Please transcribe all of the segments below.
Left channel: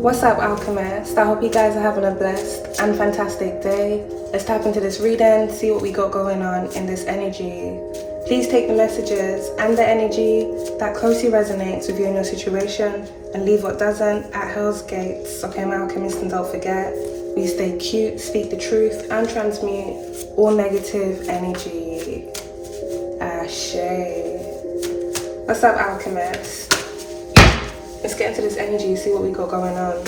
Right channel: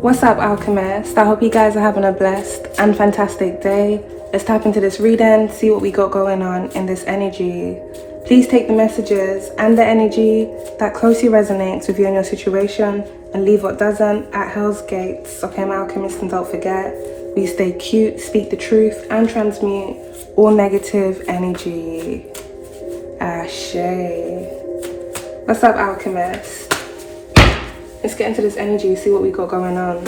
What's up, alchemists? I hope you guys are having a blessed and fantastic day. Let's tap into this reading, see what we got going on in this energy. Please take the messages and the energy that closely resonates with you and your situation and leave what doesn't at hell's gates. Okay, my alchemists, and don't forget, we stay cute, speak the truth, and transmute all negative energy. Ashe. What's up, alchemists? Let's get into this energy, see what we got going on.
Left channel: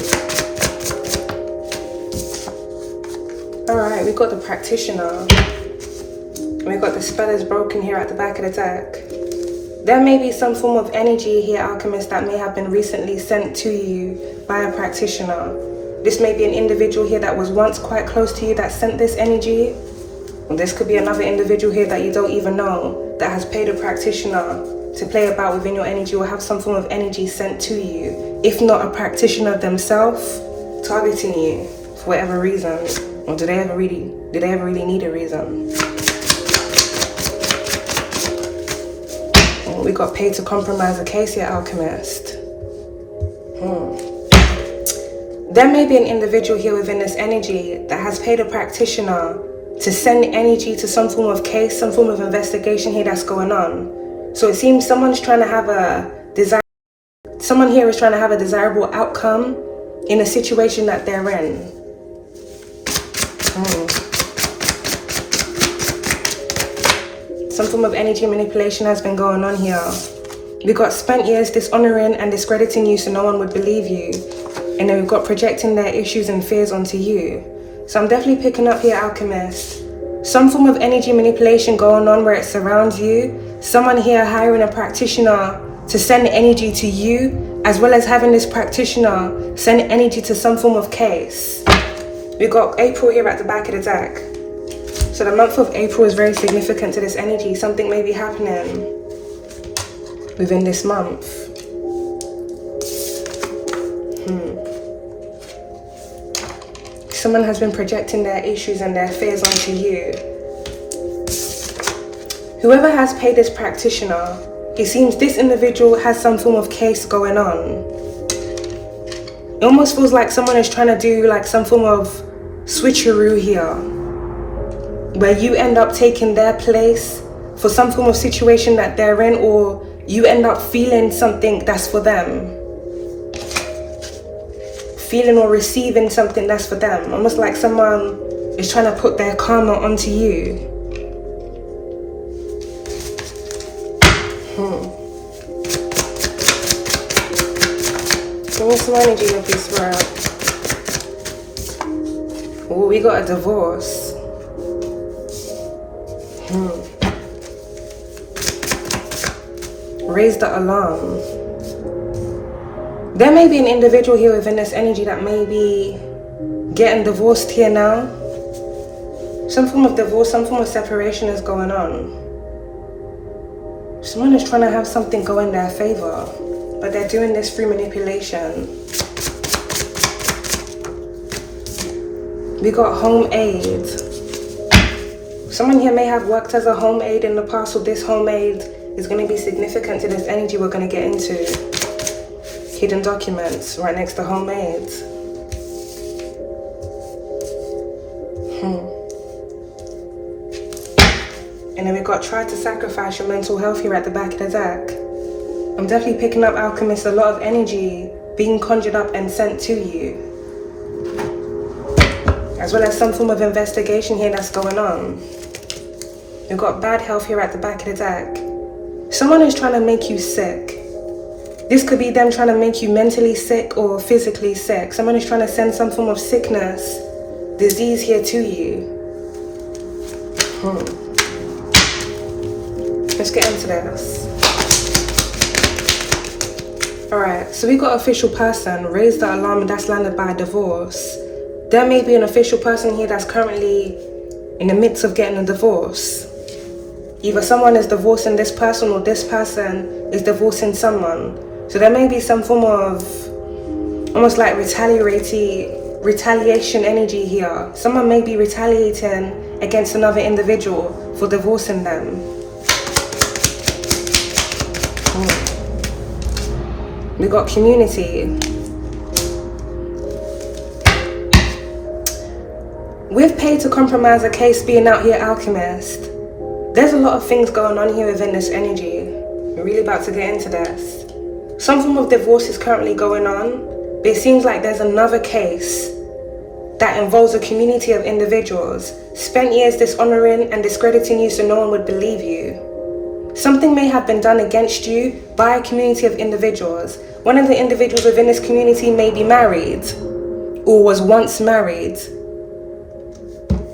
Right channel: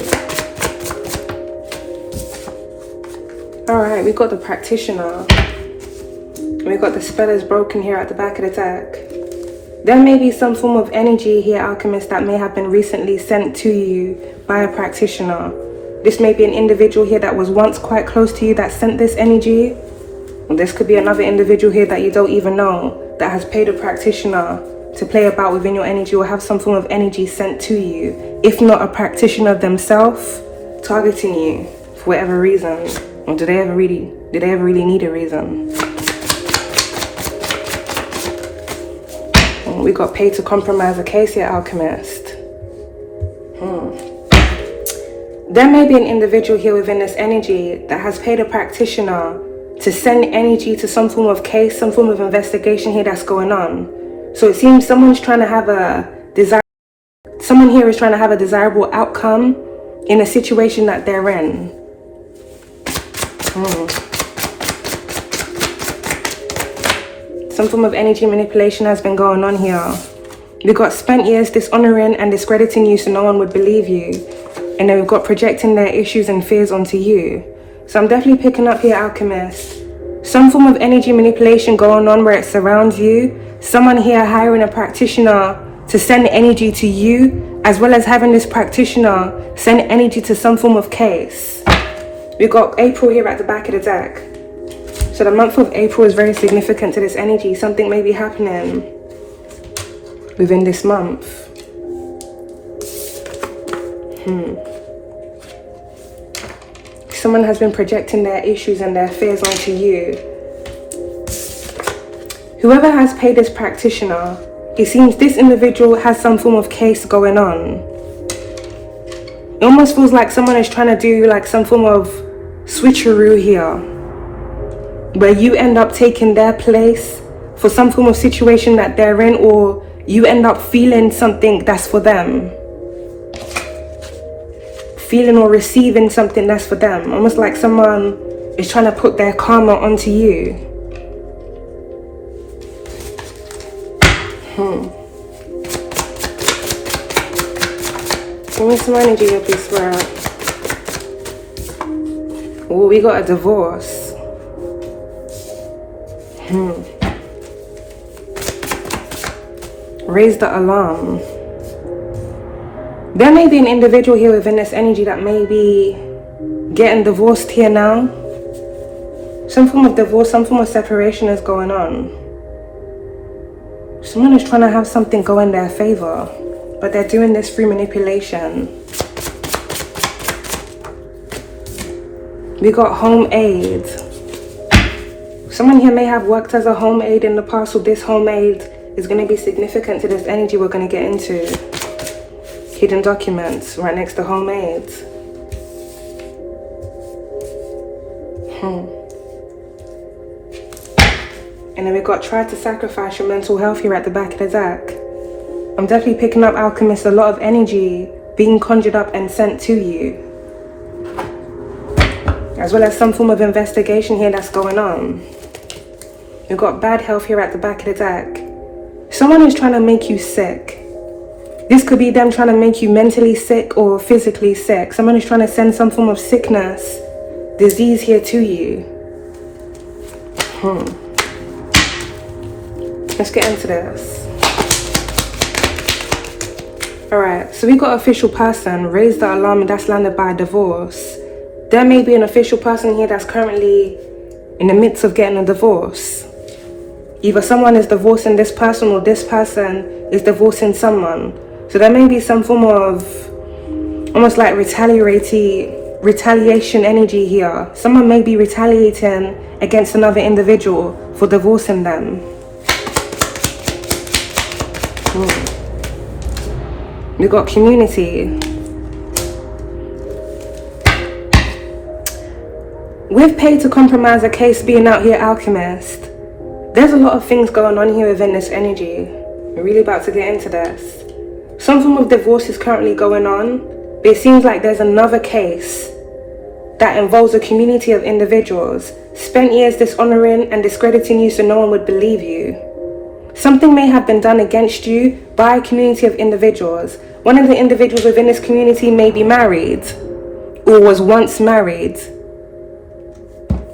Alright, we got the practitioner. We got the spell is broken here at the back of the deck. There may be some form of energy here, alchemist, that may have been recently sent to you by a practitioner. This may be an individual here that was once quite close to you that sent this energy. This could be another individual here that you don't even know that has paid a practitioner to play about within your energy or have some form of energy sent to you, if not a practitioner themselves targeting you for whatever reason. Or did they ever really need a reason? We got paid to compromise a case here, alchemist. There may be an individual here within this energy that has paid a practitioner to send energy to some form of case, some form of investigation here that's going on. So it seems someone here is trying to have a desirable outcome in a situation that they're in. Some form of energy manipulation has been going on here. We got spent years dishonoring and discrediting you so no one would believe you. And then we've got projecting their issues and fears onto you. So I'm definitely picking up here, alchemist. Some form of energy manipulation going on where it surrounds you. Someone here hiring a practitioner to send energy to you, as well as having this practitioner send energy to some form of case. We got April here at the back of the deck. So the month of April is very significant to this energy. Something may be happening within this month. Someone has been projecting their issues and their fears onto you. Whoever has paid this practitioner, it seems this individual has some form of case going on. It almost feels like someone is trying to do like some form of switcheroo here, where you end up taking their place for some form of situation that they're in, or you end up feeling something that's for them. Feeling or receiving something that's for them. Almost like someone is trying to put their karma onto you. Give me some energy of this world. Oh, we got a divorce. Raise the alarm. There may be an individual here within this energy that may be getting divorced here now. Some form of divorce, some form of separation is going on. Someone is trying to have something go in their favor, but they're doing this through manipulation. We got home aid. Someone here may have worked as a home aid in the past, so this home aid is going to be significant to this energy we're going to get into. Hidden documents right next to home aid. And then we got try to sacrifice your mental health here at the back of the deck. I'm definitely picking up, alchemist, a lot of energy being conjured up and sent to you, as well as some form of investigation here that's going on. You've got bad health here at the back of the deck. Someone is trying to make you sick. This could be them trying to make you mentally sick or physically sick. Someone is trying to send some form of sickness, disease here to you. Let's get into this. Alright, so we got official person, raise the alarm, and that's landed by divorce. There may be an official person here that's currently in the midst of getting a divorce. Either someone is divorcing this person or this person is divorcing someone. So there may be some form of almost like retaliation energy here. Someone may be retaliating against another individual for divorcing them. We got community. With pay to compromise a case being out here, Alchemist, there's a lot of things going on here within this energy. We're really about to get into this. Some form of divorce is currently going on, but it seems like there's another case that involves a community of individuals spent years dishonoring and discrediting you so no one would believe you. Something may have been done against you by a community of individuals. One of the individuals within this community may be married or was once married,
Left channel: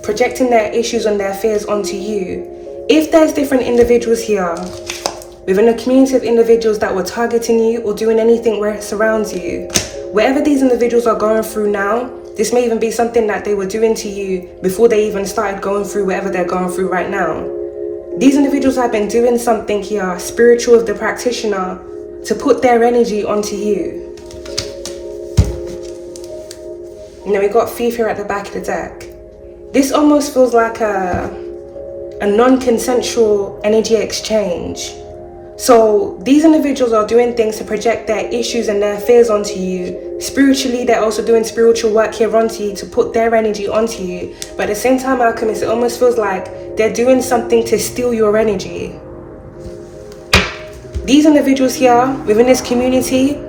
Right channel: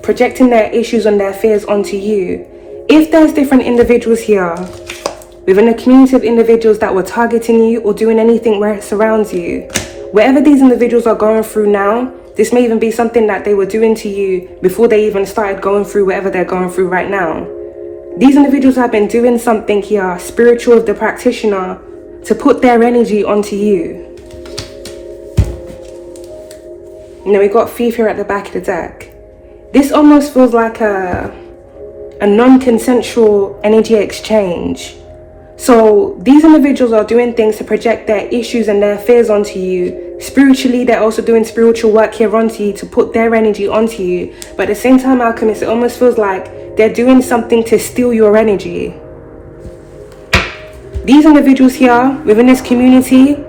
projecting their issues and their fears onto you. If there's different individuals here within a community of individuals that were targeting you or doing anything where it surrounds you, whatever these individuals are going through now, this may even be something that they were doing to you before they even started going through whatever they're going through right now. These individuals have been doing something here, spiritual with the practitioner, to put their energy onto you. You know, we got Thief here at the back of the deck. This almost feels like a non-consensual energy exchange. So these individuals are doing things to project their issues and their fears onto you. Spiritually, they're also doing spiritual work here onto you to put their energy onto you. But at the same time, Alchemist, it almost feels like they're doing something to steal your energy. These individuals here within this community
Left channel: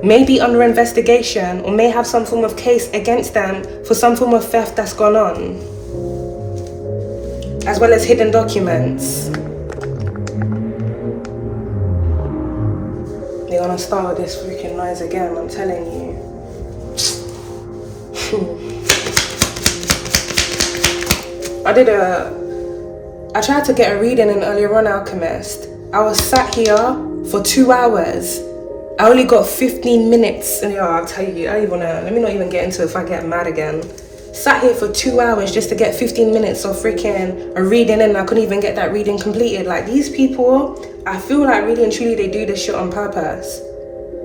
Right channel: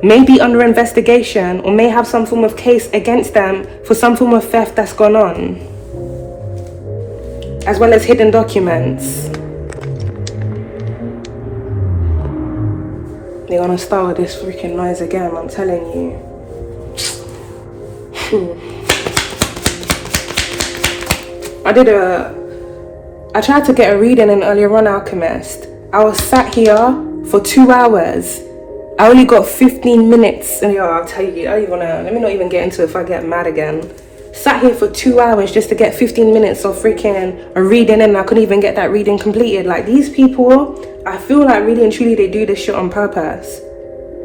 may be under investigation or may have some form of case against them for some form of theft that's gone on, as well as hidden documents. They're gonna start with this freaking noise again, I'm telling you. I tried to get a reading in earlier on, Alchemist. I was sat here for 2 hours. I only got 15 minutes, and I'll tell you, let me not even get into it if I get mad again. Sat here for 2 hours just to get 15 minutes of freaking a reading, and I couldn't even get that reading completed. Like, these people, I feel like really and truly they do this shit on purpose.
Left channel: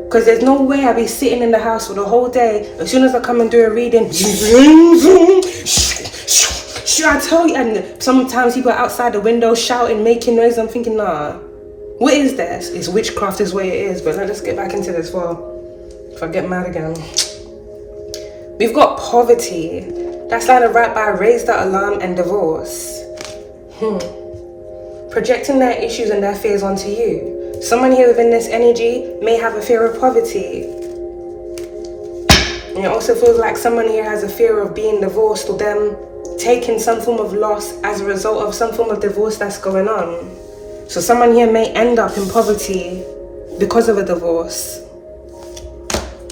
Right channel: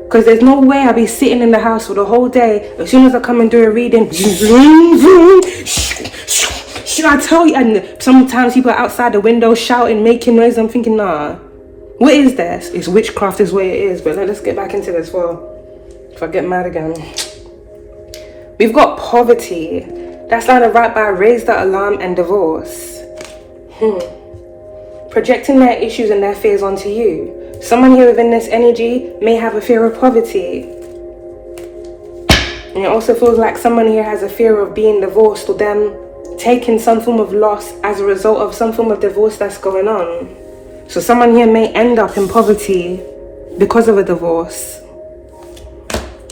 Because there's no way I'll be sitting in the house for the whole day. As soon as I come and do a reading, should I tell you? And sometimes people are outside the window shouting, making noise. I'm thinking, nah. What is this? It's witchcraft is what it is. But let's get back into this. Well, if I get mad again. We've got poverty. That's lined right by raise the alarm and divorce. Projecting their issues and their fears onto you. Someone here within this energy may have a fear of poverty. And it also feels like someone here has a fear of being divorced or them taking some form of loss as a result of some form of divorce that's going on. So someone here may end up in poverty because of a divorce.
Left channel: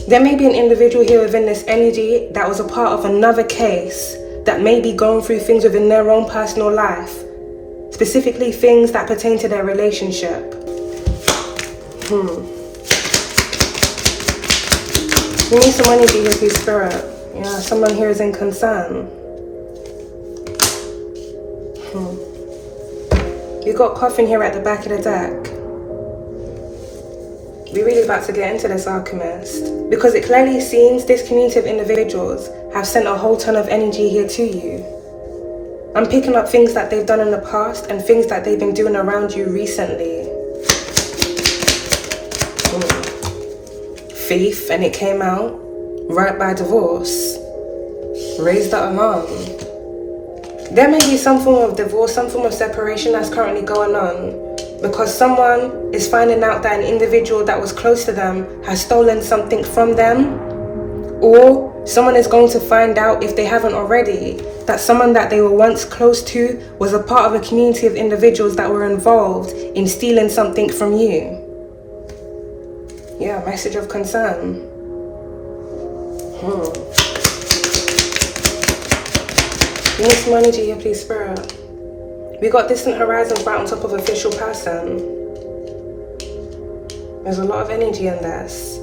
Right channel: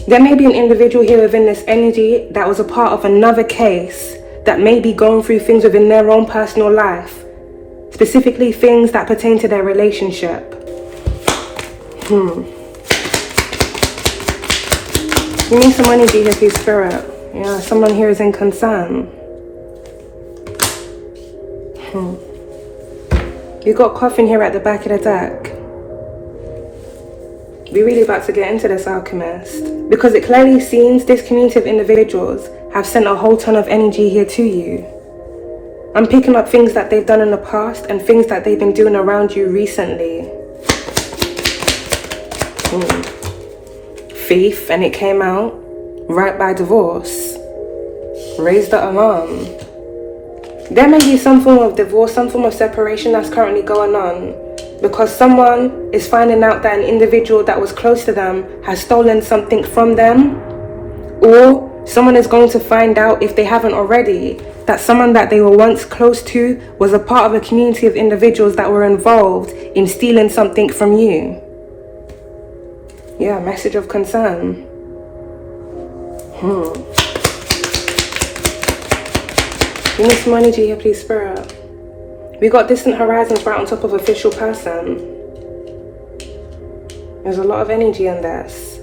There may be an individual here within this energy that was a part of another case that may be going through things within their own personal life, specifically things that pertain to their relationship. You need some energy here, please, Spirit. You know, someone here is in concern. You got Coffin here at the back of the deck. We're really about to get into this, Alchemist, because it clearly seems this community of individuals have sent a whole ton of energy here to you. I'm picking up things that they've done in the past and things that they've been doing around you recently. Thief, and it came out right by divorce. Raise the alarm. There may be some form of divorce, some form of separation that's currently going on because someone is finding out that an individual that was close to them has stolen something from them, or someone is going to find out, if they haven't already, that someone that they were once close to was a part of a community of individuals that were involved in stealing something from you. Yeah, message of concern. We need some energy here, please, Spirit. We got distant horizons right on top of official person. There's a lot of energy in this.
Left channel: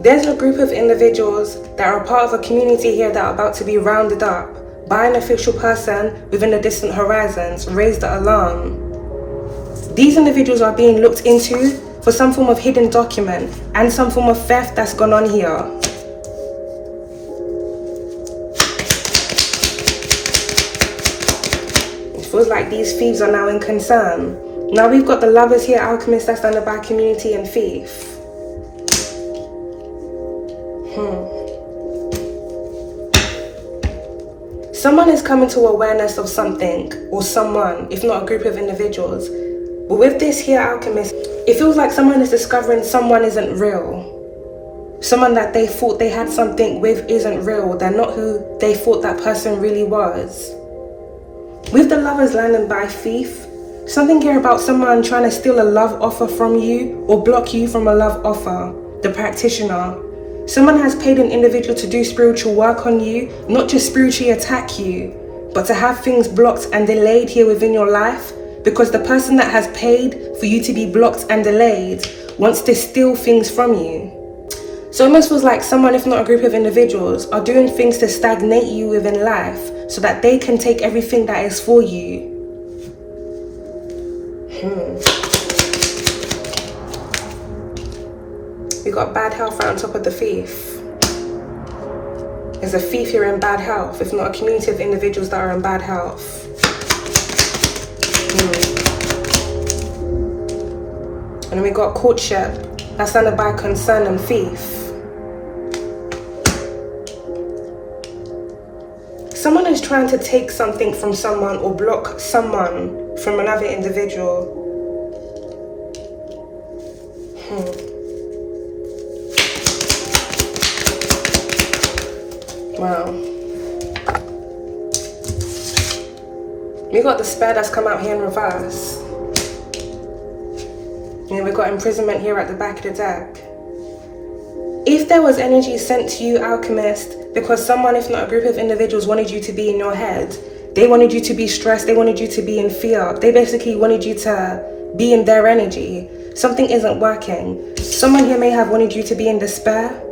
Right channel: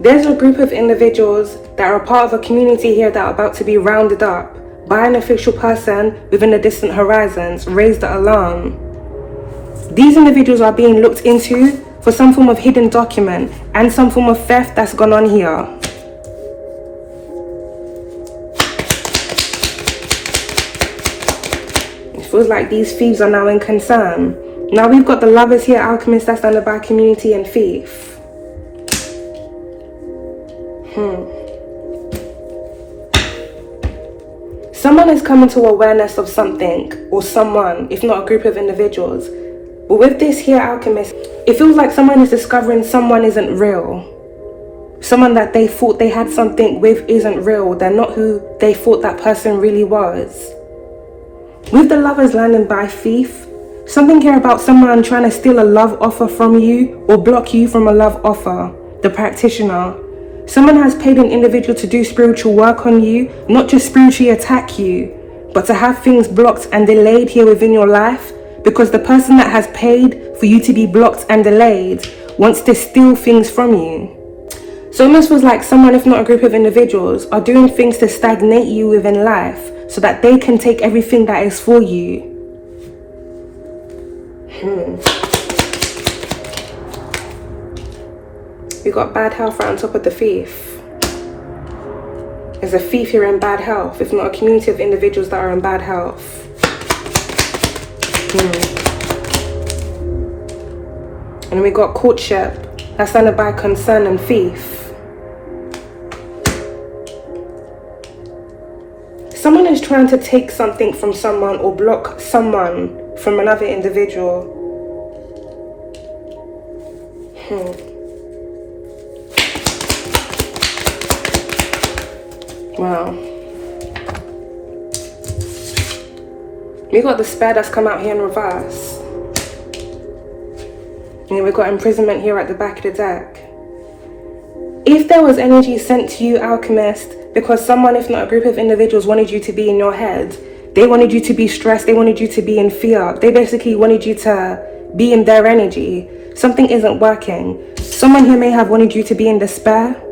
There's a group of individuals that are part of a community here that are about to be rounded up by an official person within the distant horizons. Raise the alarm. These individuals are being looked into for some form of hidden document and some form of theft that's gone on here. It feels like these thieves are now in concern. Now we've got the lovers here, Alchemist, that's under by community, and thief. Someone is coming to awareness of something or someone, if not a group of individuals. But with this here alchemist, it feels like someone is discovering someone isn't real. Someone that they thought they had something with isn't real. They're not who they thought that person really was. With the lovers landing by thief, something here about someone trying to steal a love offer from you or block you from a love offer. The practitioner. Someone has paid an individual to do spiritual work on you, not just spiritually attack you, but to have things blocked and delayed here within your life, because the person that has paid for you to be blocked and delayed wants to steal things from you. So it almost feels like someone, if not a group of individuals, are doing things to stagnate you within life so that they can take everything that is for you. We got bad health right on top of the thief. There's a thief here in bad health, if not a community of individuals that are in bad health. And then we got courtship, that's standard by concern and thief. Someone is trying to take something from someone or block someone from another individual. Wow. We got the spare that's come out here in reverse. Yeah, we got imprisonment here at the back of the deck. If there was energy sent to you, alchemist, because someone, if not a group of individuals, wanted you to be in your head, they wanted you to be stressed, they wanted you to be in fear, they basically wanted you to be in their energy, something isn't working. Someone here may have wanted you to be in despair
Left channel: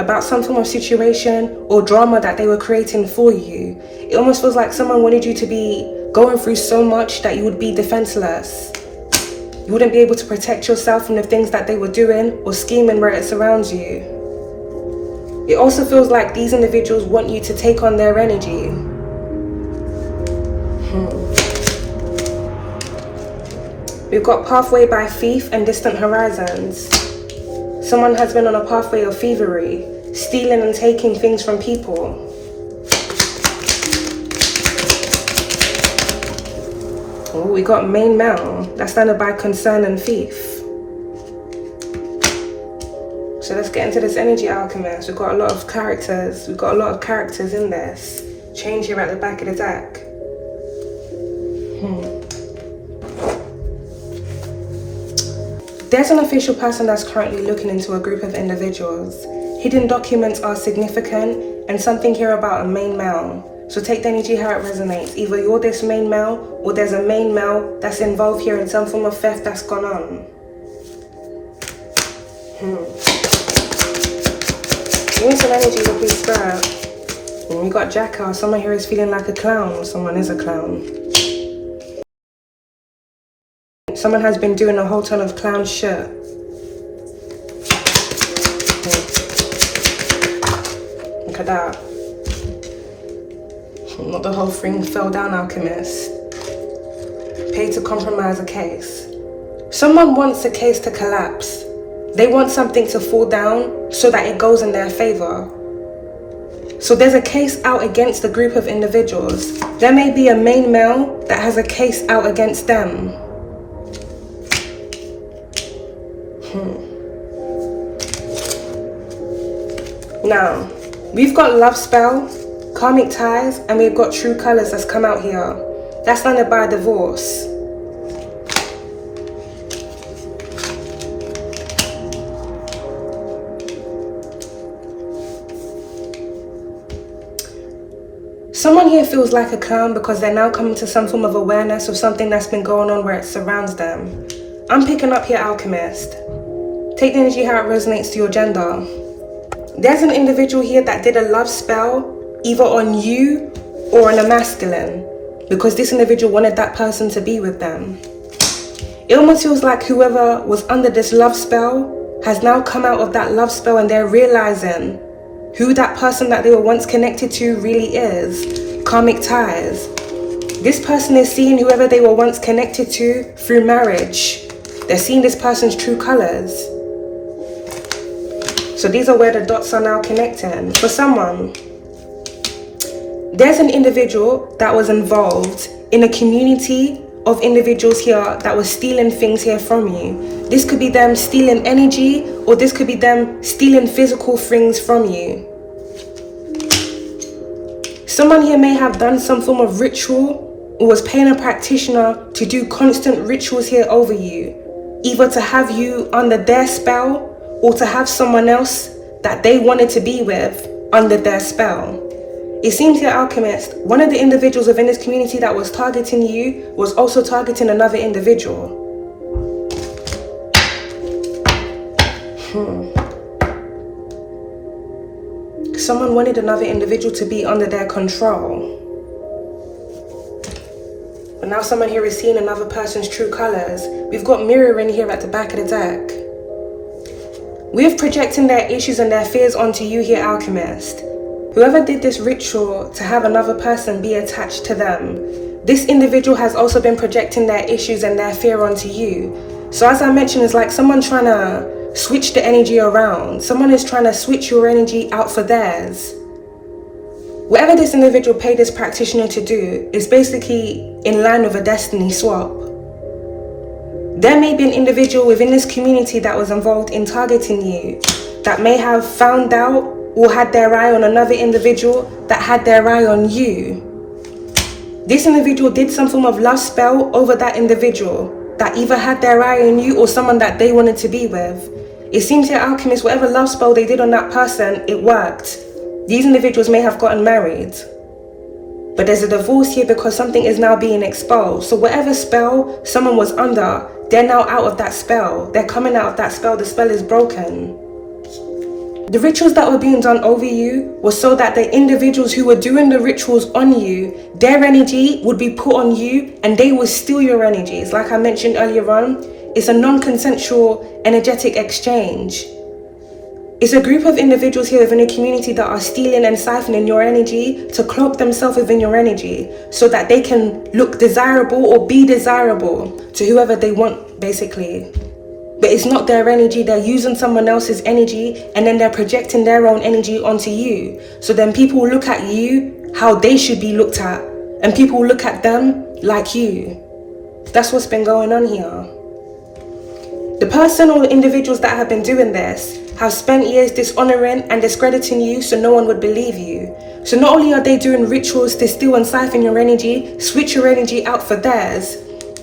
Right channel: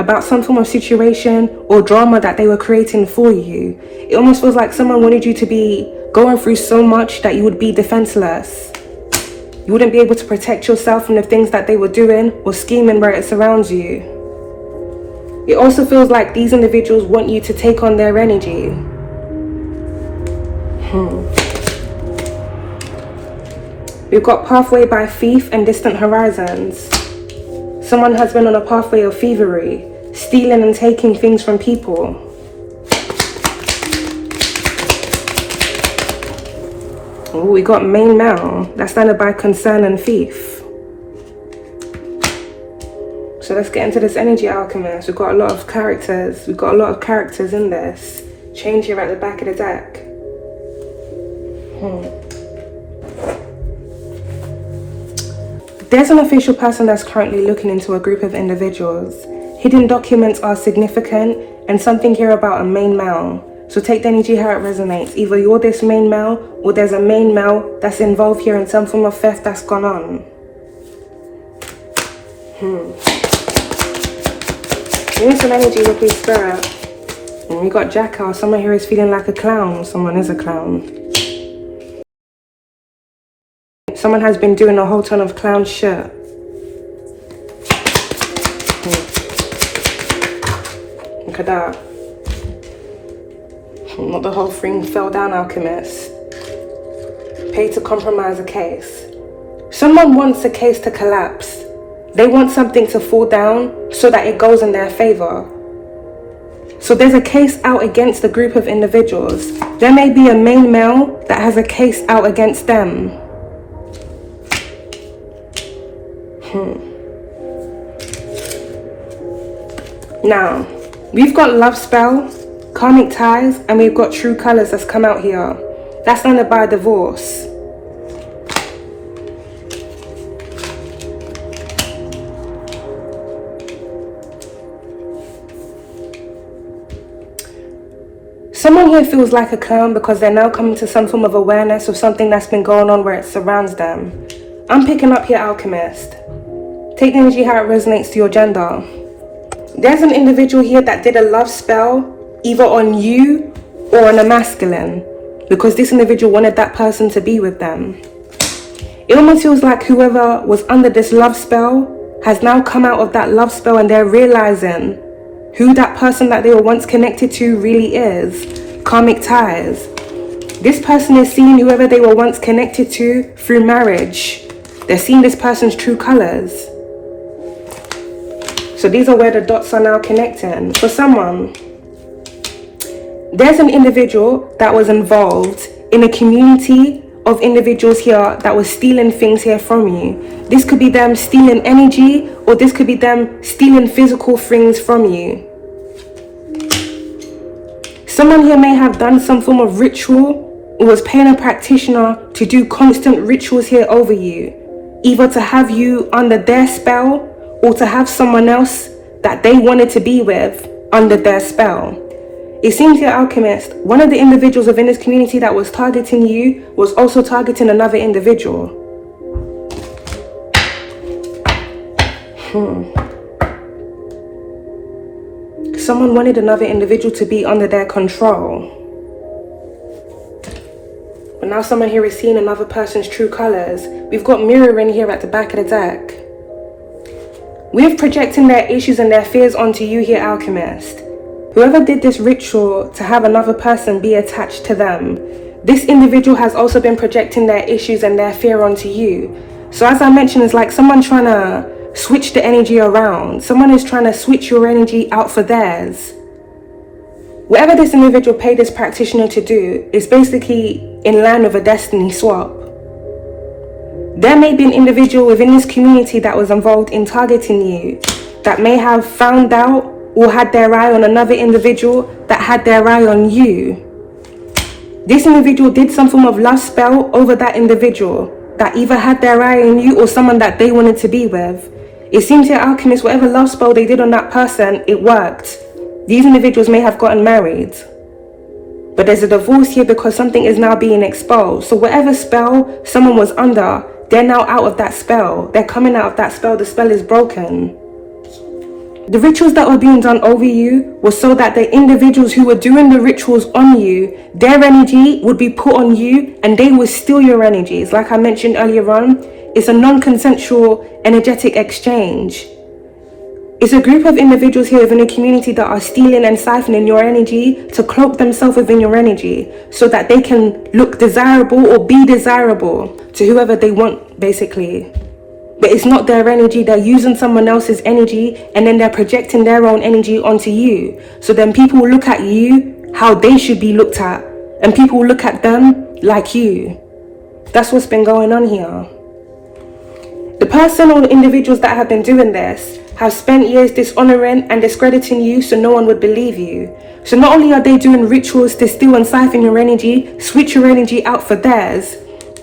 about some form of situation or drama that they were creating for you. It almost feels like someone wanted you to be going through so much that you would be defenseless. You wouldn't be able to protect yourself from the things that they were doing or scheming where it surrounds you. It also feels like these individuals want you to take on their energy. We've got pathway by thief and distant horizons. Someone has been on a pathway of thievery, stealing and taking things from people. Ooh, we got main male, that's standard by concern and thief. So let's get into this energy, alchemist. We've got a lot of characters. We've got a lot of characters in this. Change here at the back of the deck. There's an official person that's currently looking into a group of individuals. Hidden documents are significant, and something here about a main male. So take the energy how it resonates. Either you're this main male, or there's a main male that's involved here in some form of theft that's gone on. Give me some energy, lovely spirit. And we got jackal. Someone here is feeling like a clown. Someone is a clown. Someone has been doing a whole ton of clown shit. Look at that. Not the whole thing fell down, alchemist. Pay to compromise a case. Someone wants a case to collapse. They want something to fall down so that it goes in their favor. So there's a case out against a group of individuals. There may be a main male that has a case out against them. Now, we've got love spell, karmic ties, and we've got true colors that's come out here. That's landed by divorce. Someone here feels like a clown because they're now coming to some form of awareness of something that's been going on where it surrounds them. I'm picking up here, alchemist. Take the energy how it resonates to your gender. There's an individual here that did a love spell either on you or on a masculine because this individual wanted that person to be with them. It almost feels like whoever was under this love spell has now come out of that love spell and they're realizing who that person that they were once connected to really is. Karmic ties. This person is seeing whoever they were once connected to through marriage. They're seeing this person's true colors. So these are where the dots are now connecting for someone. There's an individual that was involved in a community of individuals here that was stealing things here from you. This could be them stealing energy, or this could be them stealing physical things from you. Someone here may have done some form of ritual or was paying a practitioner to do constant rituals here over you, either to have you under their spell or to have someone else that they wanted to be with under their spell. It seems here, Alchemist, one of the individuals within this community that was targeting you was also targeting another individual. Someone wanted another individual to be under their control. But now someone here is seeing another person's true colors. We've got mirroring here at the back of the deck. We're projecting their issues and their fears onto you here, Alchemist. Whoever did this ritual to have another person be attached to them, this individual has also been projecting their issues and their fear onto you. So as I mentioned, it's like someone trying to switch the energy around. Someone is trying to switch your energy out for theirs. Whatever this individual paid this practitioner to do is basically in line with a destiny swap. There may be an individual within this community that was involved in targeting you that may have found out or had their eye on another individual that had their eye on you. This individual did some form of love spell over that individual that either had their eye on you or someone that they wanted to be with. It seems here, Alchemist, whatever love spell they did on that person, it worked. These individuals may have gotten married. But there's a divorce here because something is now being exposed. So whatever spell someone was under, they're now out of that spell. They're coming out of that spell. The spell is broken. The rituals that were being done over you was so that the individuals who were doing the rituals on you, their energy would be put on you and they would steal your energies. Like I mentioned earlier on, it's a non-consensual energetic exchange. It's a group of individuals here within a community that are stealing and siphoning your energy to cloak themselves within your energy so that they can look desirable or be desirable to whoever they want, basically. But it's not their energy. They're using someone else's energy and then they're projecting their own energy onto you. So then people will look at you how they should be looked at, and people will look at them like you. That's what's been going on here. The person or the individuals that have been doing this have spent years dishonoring and discrediting you so no one would believe you. So not only are they doing rituals to steal and siphon your energy, switch your energy out for theirs,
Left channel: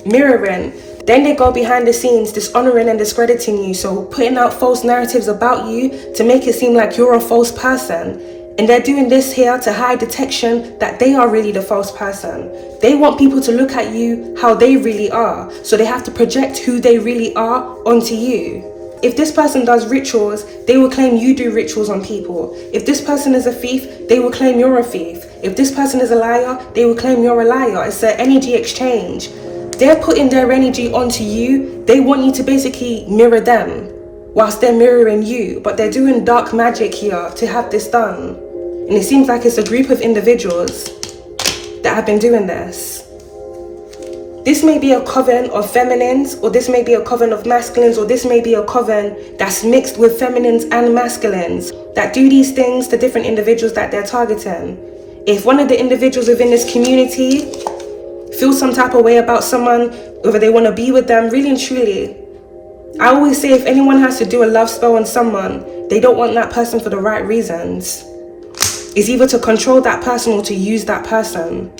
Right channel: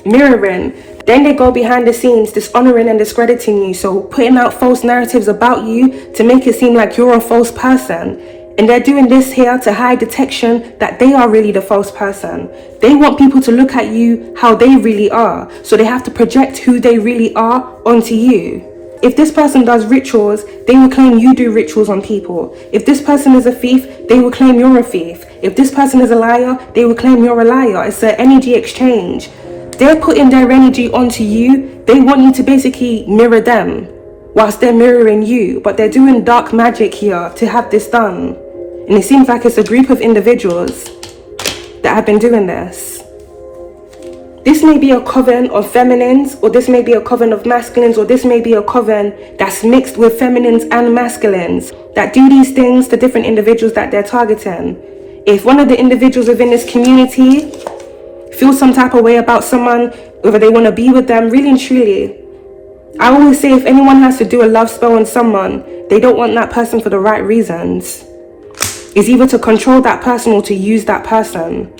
mirroring, then they go behind the scenes dishonoring and discrediting you, so putting out false narratives about you to make it seem like you're a false person. And they're doing this here to hide detection that they are really the false person. They want people to look at you how they really are, so they have to project who they really are onto you. If this person does rituals, they will claim you do rituals on people. If this person is a thief, they will claim you're a thief. If this person is a liar, they will claim you're a liar. It's an energy exchange. They're putting their energy onto you. They want you to basically mirror them whilst they're mirroring you. But they're doing dark magic here to have this done. And it seems like it's a group of individuals that have been doing this. This may be a coven of feminines, or this may be a coven of masculines, or this may be a coven that's mixed with feminines and masculines that do these things to different individuals that they're targeting. If one of the individuals within this community feel some type of way about someone, whether they want to be with them, really and truly, I always say if anyone has to do a love spell on someone, they don't want that person for the right reasons. It's either to control that person or to use that person.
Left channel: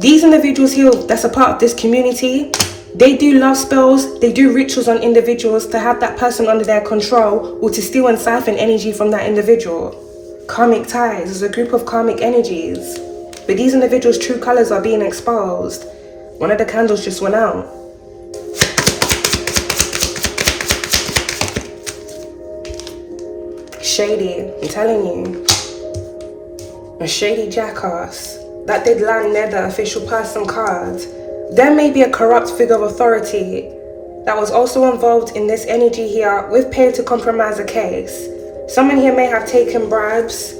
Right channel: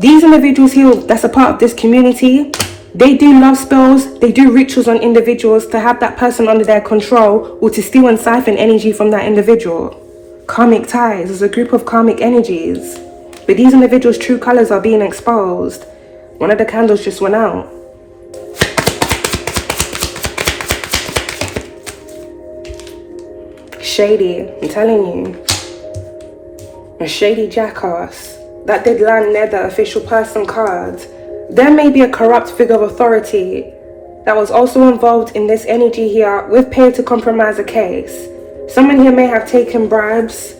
These individuals here that's a part of this community, they do love spells, they do rituals on individuals to have that person under their control or to steal and siphon energy from that individual. Karmic ties is a group of karmic energies. But these individuals' true colors are being exposed. One of the candles just went out. Shady, I'm telling you. A shady jackass. That did land near the official person card. There may be a corrupt figure of authority that was also involved in this energy here with pay to compromise a case. Someone here may have taken bribes.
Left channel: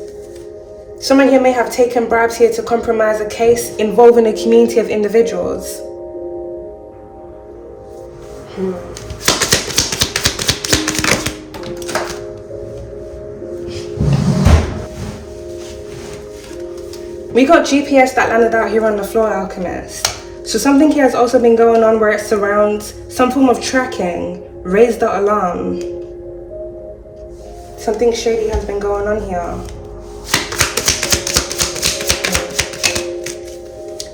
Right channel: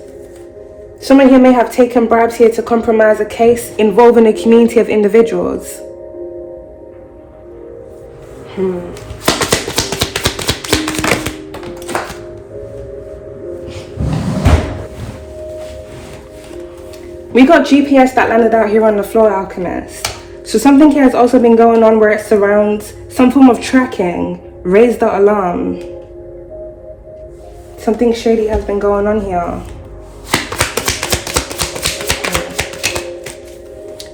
Someone here may have taken bribes here to compromise a case involving a community of individuals. We got GPS that landed out here on the floor, Alchemist. So something here has also been going on where it surrounds some form of tracking. Raise the alarm. Something shady has been going on here.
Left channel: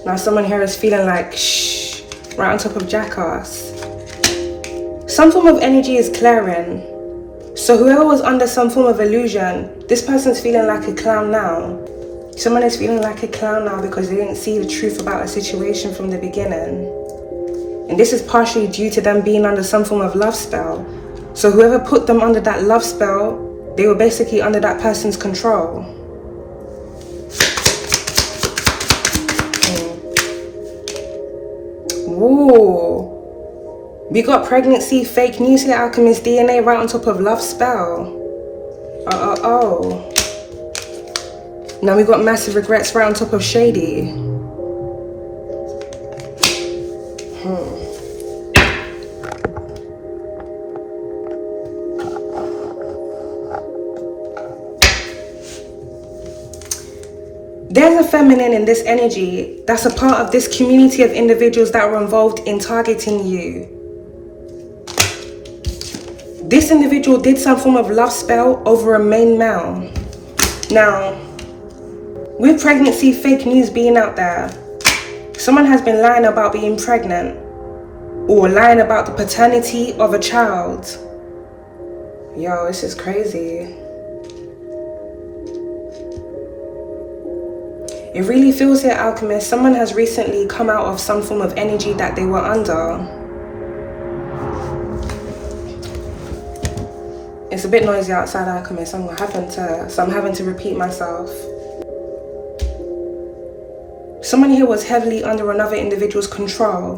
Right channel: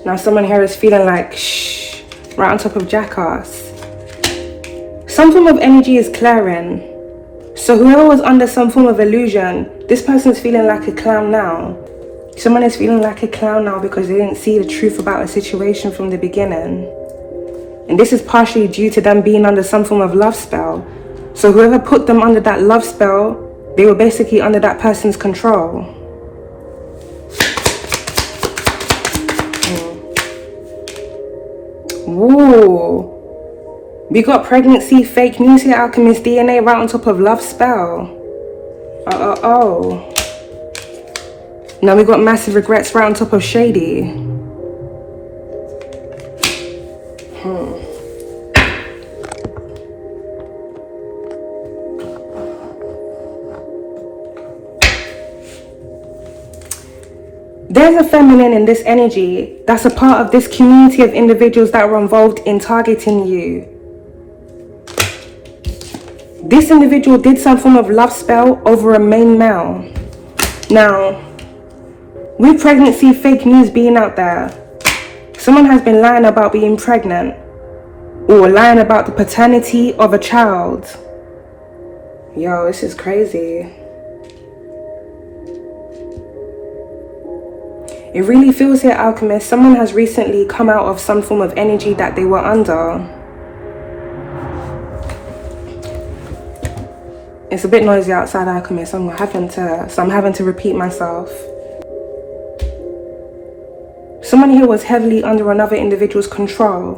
Now someone here is feeling like shh, right on top of jackass. Some form of energy is clearing. So whoever was under some form of illusion, this person's feeling like a clown now. Someone is feeling like a clown now because they didn't see the truth about a situation from the beginning. And this is partially due to them being under some form of love spell. So whoever put them under that love spell, they were basically under that person's control. Ooh. We got pregnancy, fake news here, Alchemist, DNA right on top of love spell. Oh. Now we got massive regrets right on top of shady. There's a feminine in this energy that's a part of this community of individuals that were involved in targeting you. This individual did some form of love spell over a main male. Now, with pregnancy fake news being out there, someone has been lying about being pregnant or lying about the paternity of a child. Yo, this is crazy. It really feels here, Alchemist, someone has recently come out of some form of energy that they were under. It's a bit noisy outside, Alchemist, so I'm having to repeat myself. Someone here was heavily under another individual's control.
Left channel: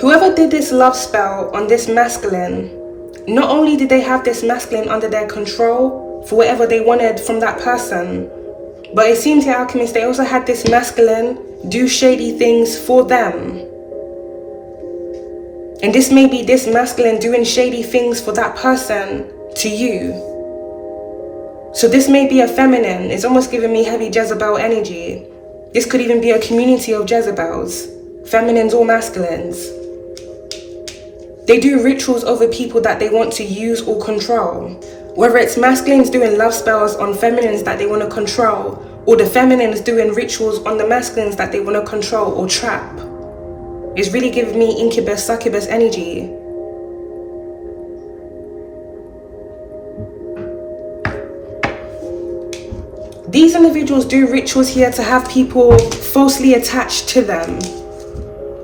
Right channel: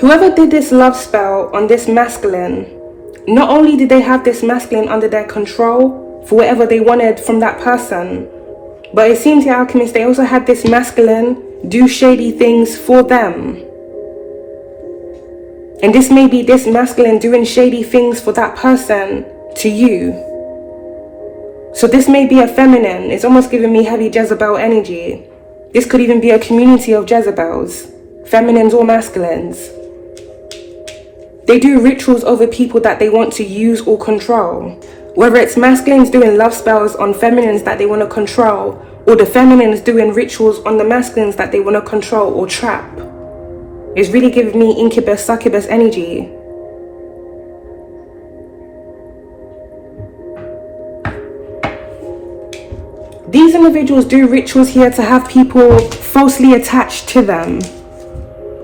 Whoever did this love spell on this masculine, not only did they have this masculine under their control for whatever they wanted from that person, but it seems the Alchemist, they also had this masculine do shady things for them. And this may be this masculine doing shady things for that person to you. So this may be a feminine. It's almost giving me heavy Jezebel energy. This could even be a community of Jezebels, feminines or masculines. They do rituals over people that they want to use or control. Whether it's masculines doing love spells on feminines that they want to control, or the feminines doing rituals on the masculines that they want to control or trap. It's really giving me incubus, succubus energy. These individuals do rituals here to have people falsely attached to them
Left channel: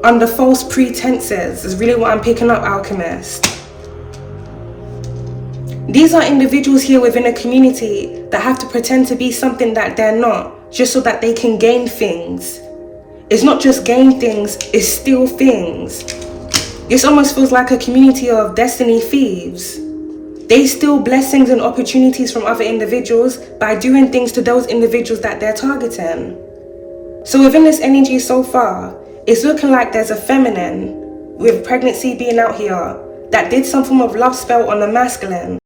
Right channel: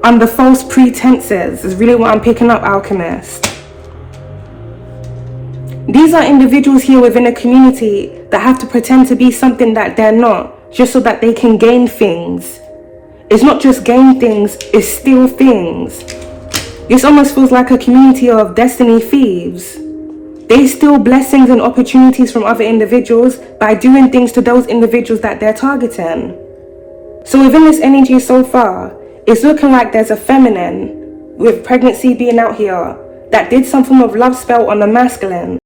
under false pretenses, is really what I'm picking up, Alchemist. These are individuals here within a community that have to pretend to be something that they're not, just so that they can gain things. It's not just gain things, it's steal things. This almost feels like a community of destiny thieves. They steal blessings and opportunities from other individuals by doing things to those individuals that they're targeting. So within this energy so far, it's looking like there's a feminine, with pregnancy being out here, that did some form of love spell on the masculine.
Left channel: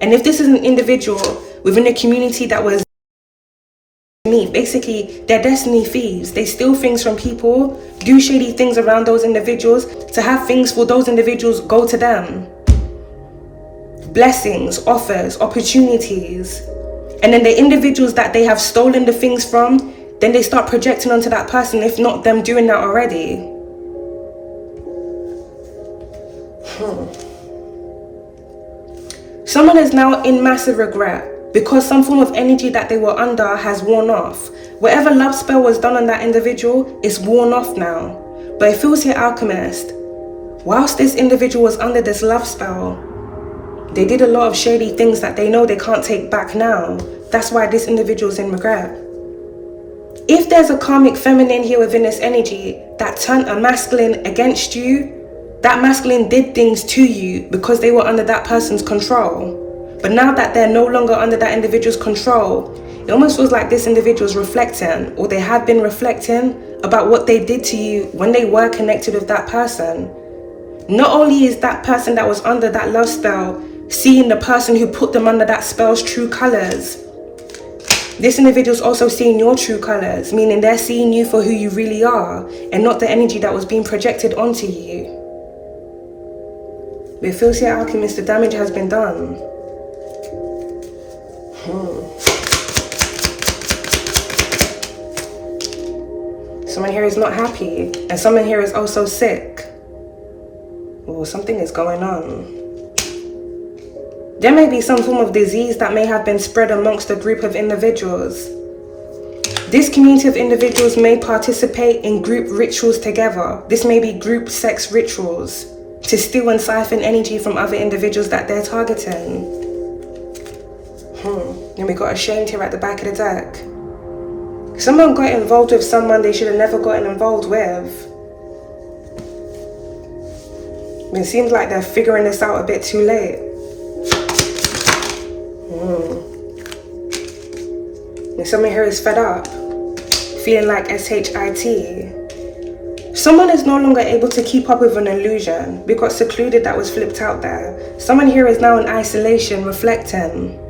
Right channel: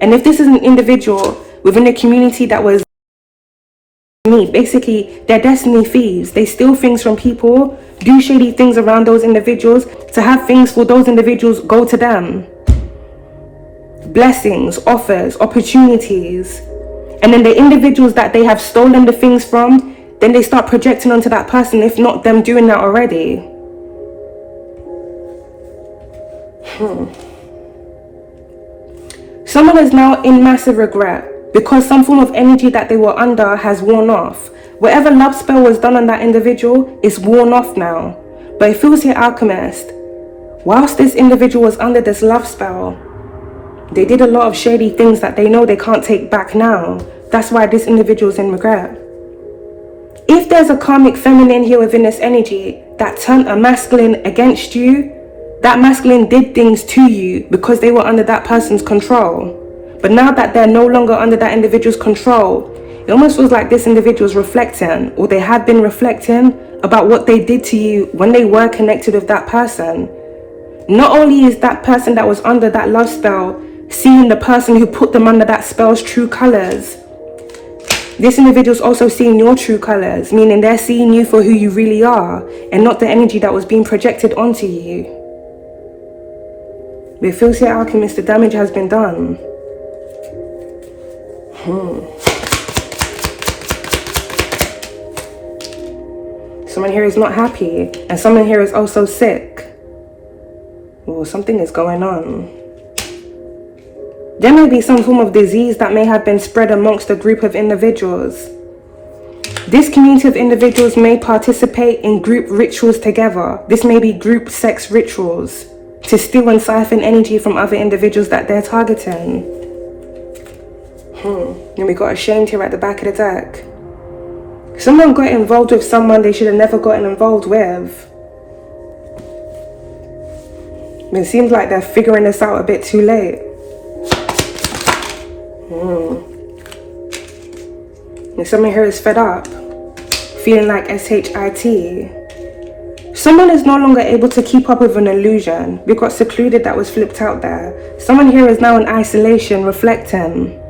And if this is an individual within a community that was basically, they're destiny thieves. They steal things from people, do shady things around those individuals to have things for those individuals go to them. Blessings, offers, opportunities. And then the individuals that they have stolen the things from, then they start projecting onto that person, if not them doing that already. Someone is now in massive regret because some form of energy that they were under has worn off. Whatever love spell was done on that individual is worn off now. But it feels here, Alchemist, whilst this individual was under this love spell, they did a lot of shady things that they know they can't take back now. That's why this individual is in regret. If there's a karmic feminine here within this energy that turned a masculine against you, that masculine did things to you because they were under that person's control. But now that they're no longer under that individual's control, it almost feels like this individual's reflecting, or they have been reflecting about what they did to you when they were connected with that person. Not only is that person that was under that love spell seeing the person who put them under that spell's true colors, this individual's also seeing your true colors, meaning they're seeing you for who you really are and not the energy that was being projected onto you. But it feels here, Alchemist, the damage has been done. Someone here is not happy, and someone here is also sick. Oh, something is going on. There may be some form of disease that may have been spread amongst a group of individuals. This community of individuals may participate in group rituals together. This may be group sex rituals to steal and siphon energy from other individuals that they're targeting. And we got ashamed here at the back of the deck. Someone got involved with someone they should have never gotten involved with. But it seems like they're figuring this out a bit too late. And someone here is fed up, feeling like SHIT. Someone is no longer able to keep up with an illusion. We got secluded, that was flipped out there. Someone here is now in isolation, reflecting.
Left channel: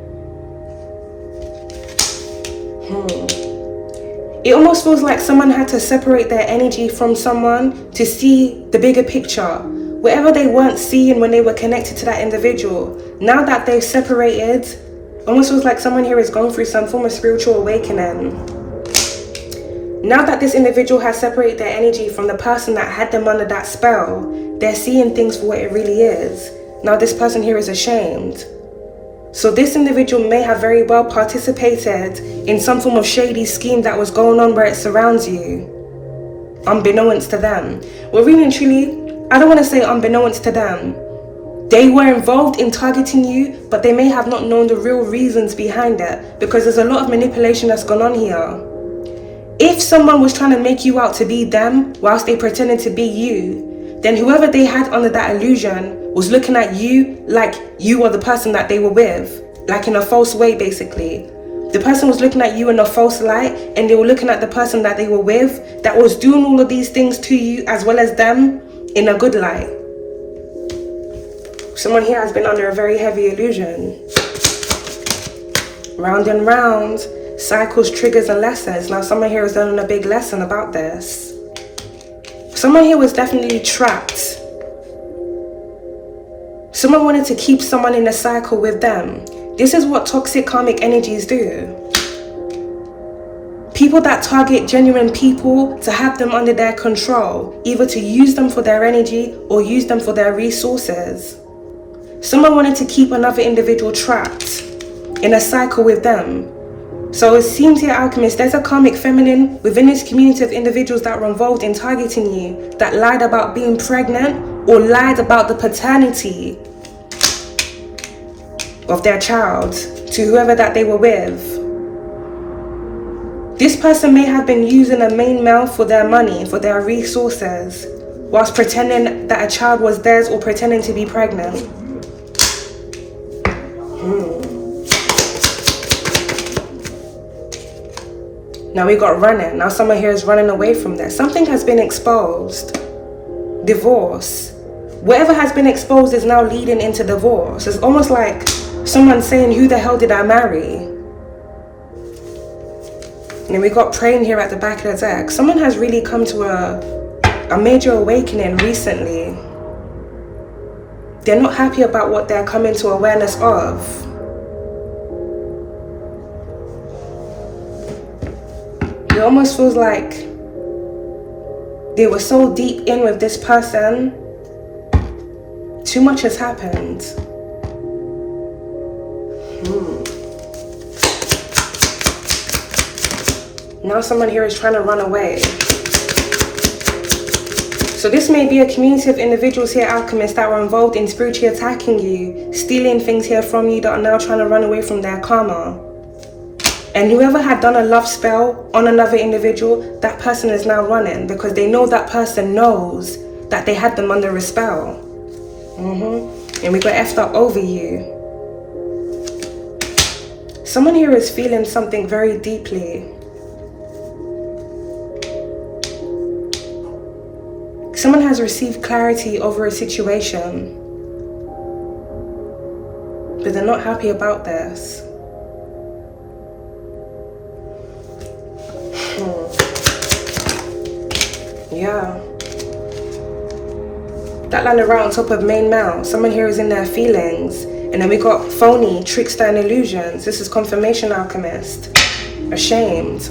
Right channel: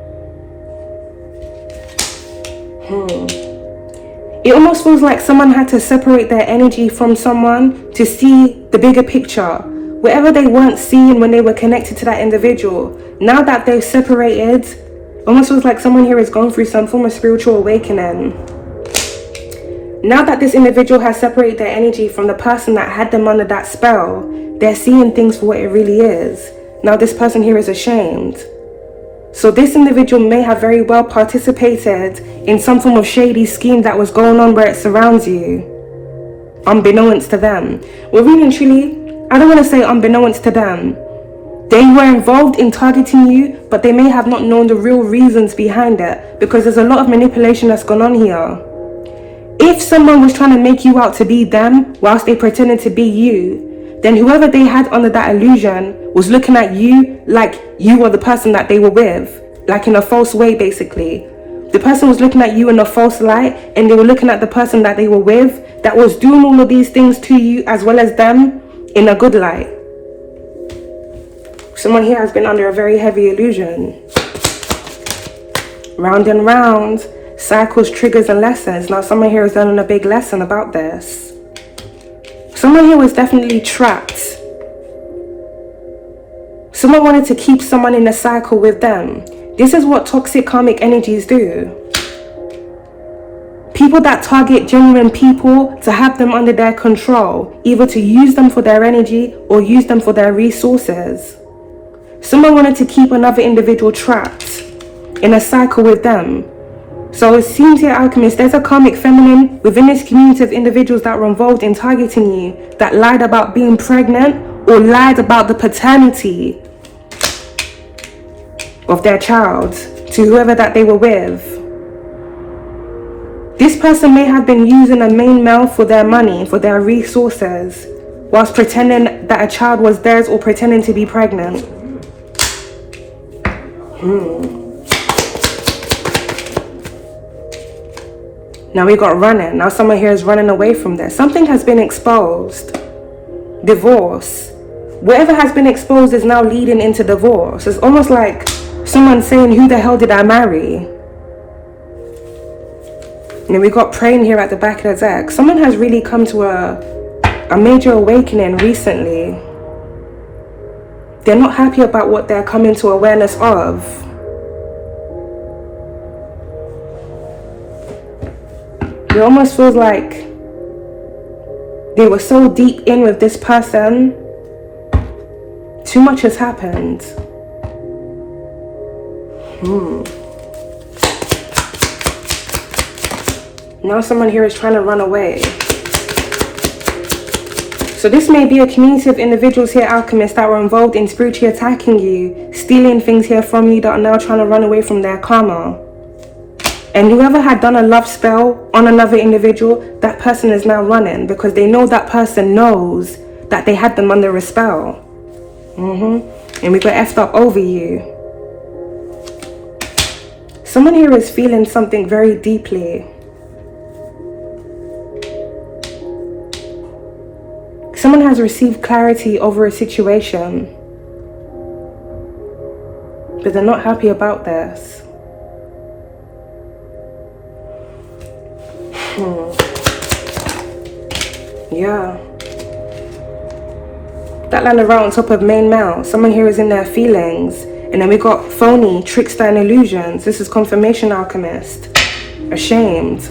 It almost feels like someone had to separate their energy from someone to see the bigger picture. Whatever they weren't seeing when they were connected to that individual, now that they've separated, almost feels like someone here has gone through some form of spiritual awakening. Now that this individual has separated their energy from the person that had them under that spell, they're seeing things for what it really is. Now this person here is ashamed. So this individual may have very well participated in some form of shady scheme that was going on where it surrounds you, unbeknownst to them. Well, really and truly, I don't want to say unbeknownst to them. They were involved in targeting you, but they may have not known the real reasons behind it, because there's a lot of manipulation that's gone on here. If someone was trying to make you out to be them whilst they pretended to be you, then whoever they had under that illusion was looking at you like you were the person that they were with, like in a false way basically. The person was looking at you in a false light, and they were looking at the person that they were with that was doing all of these things to you as well as them in a good light. Someone here has been under a very heavy illusion. Round and round, cycles, triggers and lessons. Now someone here is learning a big lesson about this. Someone here was definitely trapped. Someone wanted to keep someone in a cycle with them. This is what toxic karmic energies do. People that target genuine people to have them under their control, either to use them for their energy or use them for their resources. Someone wanted to keep another individual trapped in a cycle with them. So it seems here, Alchemist, there's a karmic feminine within this community of individuals that were involved in targeting you, that lied about being pregnant or lied about the paternity of their child to whoever that they were with. This person may have been using a main male for their money, for their resources, whilst pretending that a child was theirs or pretending to be pregnant. Now we got running. Now someone here is running away from this. Something has been exposed. Divorce. Whatever has been exposed is now leading into divorce. It's almost like someone saying, who the hell did I marry? And then we got praying here at the back of the deck. Someone has really come to a major awakening recently. They're not happy about what they're coming to awareness of. It almost feels like they were so deep in with this person, too much has happened. Now someone here is trying to run away. So this may be a community of individuals here, Alchemists, that were involved in spiritually attacking you, stealing things here from you, that are now trying to run away from their karma. And whoever had done a love spell on another individual, that person is now running because they know that person knows that they had them under a spell. And we got effed up over you. Someone here is feeling something very deeply. Someone has received clarity over a situation, but they're not happy about this. Yeah. That landed right on top of main male. Someone here is in their feelings. And then we got phony, trickster and illusions. This is confirmation alchemist. Ashamed.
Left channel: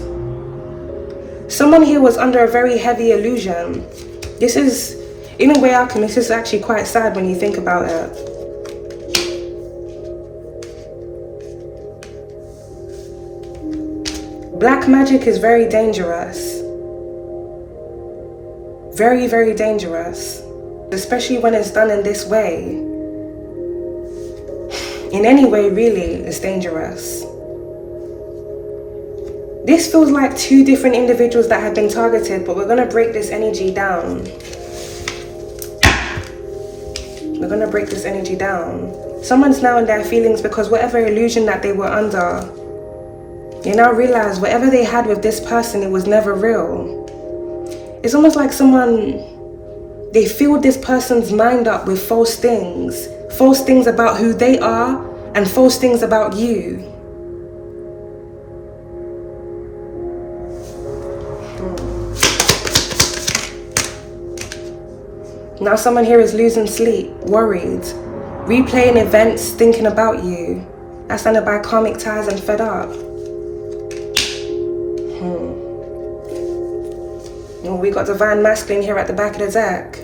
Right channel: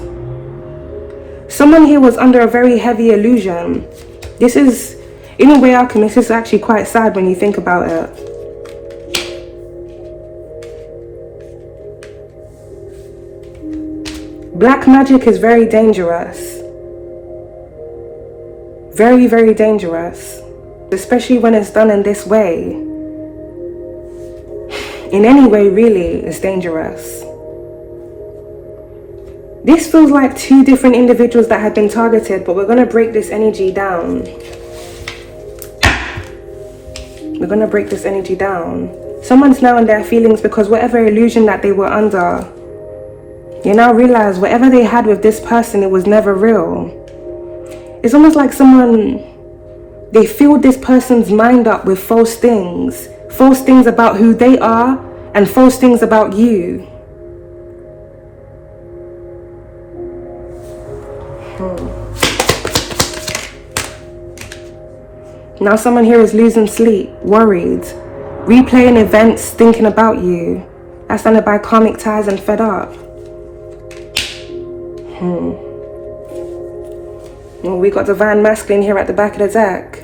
Someone here was under a very heavy illusion. This is, in a way, alchemist, this is actually quite sad when you think about it. Black magic is very dangerous. Very, very dangerous. Especially when it's done in this way. In any way, really, it's dangerous. This feels like two different individuals that have been targeted, but we're going to break this energy down. We're going to break this energy down. Someone's now in their feelings because whatever illusion that they were under, you now realize whatever they had with this person, it was never real. It's almost like someone, they filled this person's mind up with false things about who they are and false things about you. Now someone here is losing sleep, worried, replaying events, thinking about you. That's under by karmic ties and fed up. Well, we got divine masculine here at the back of the deck.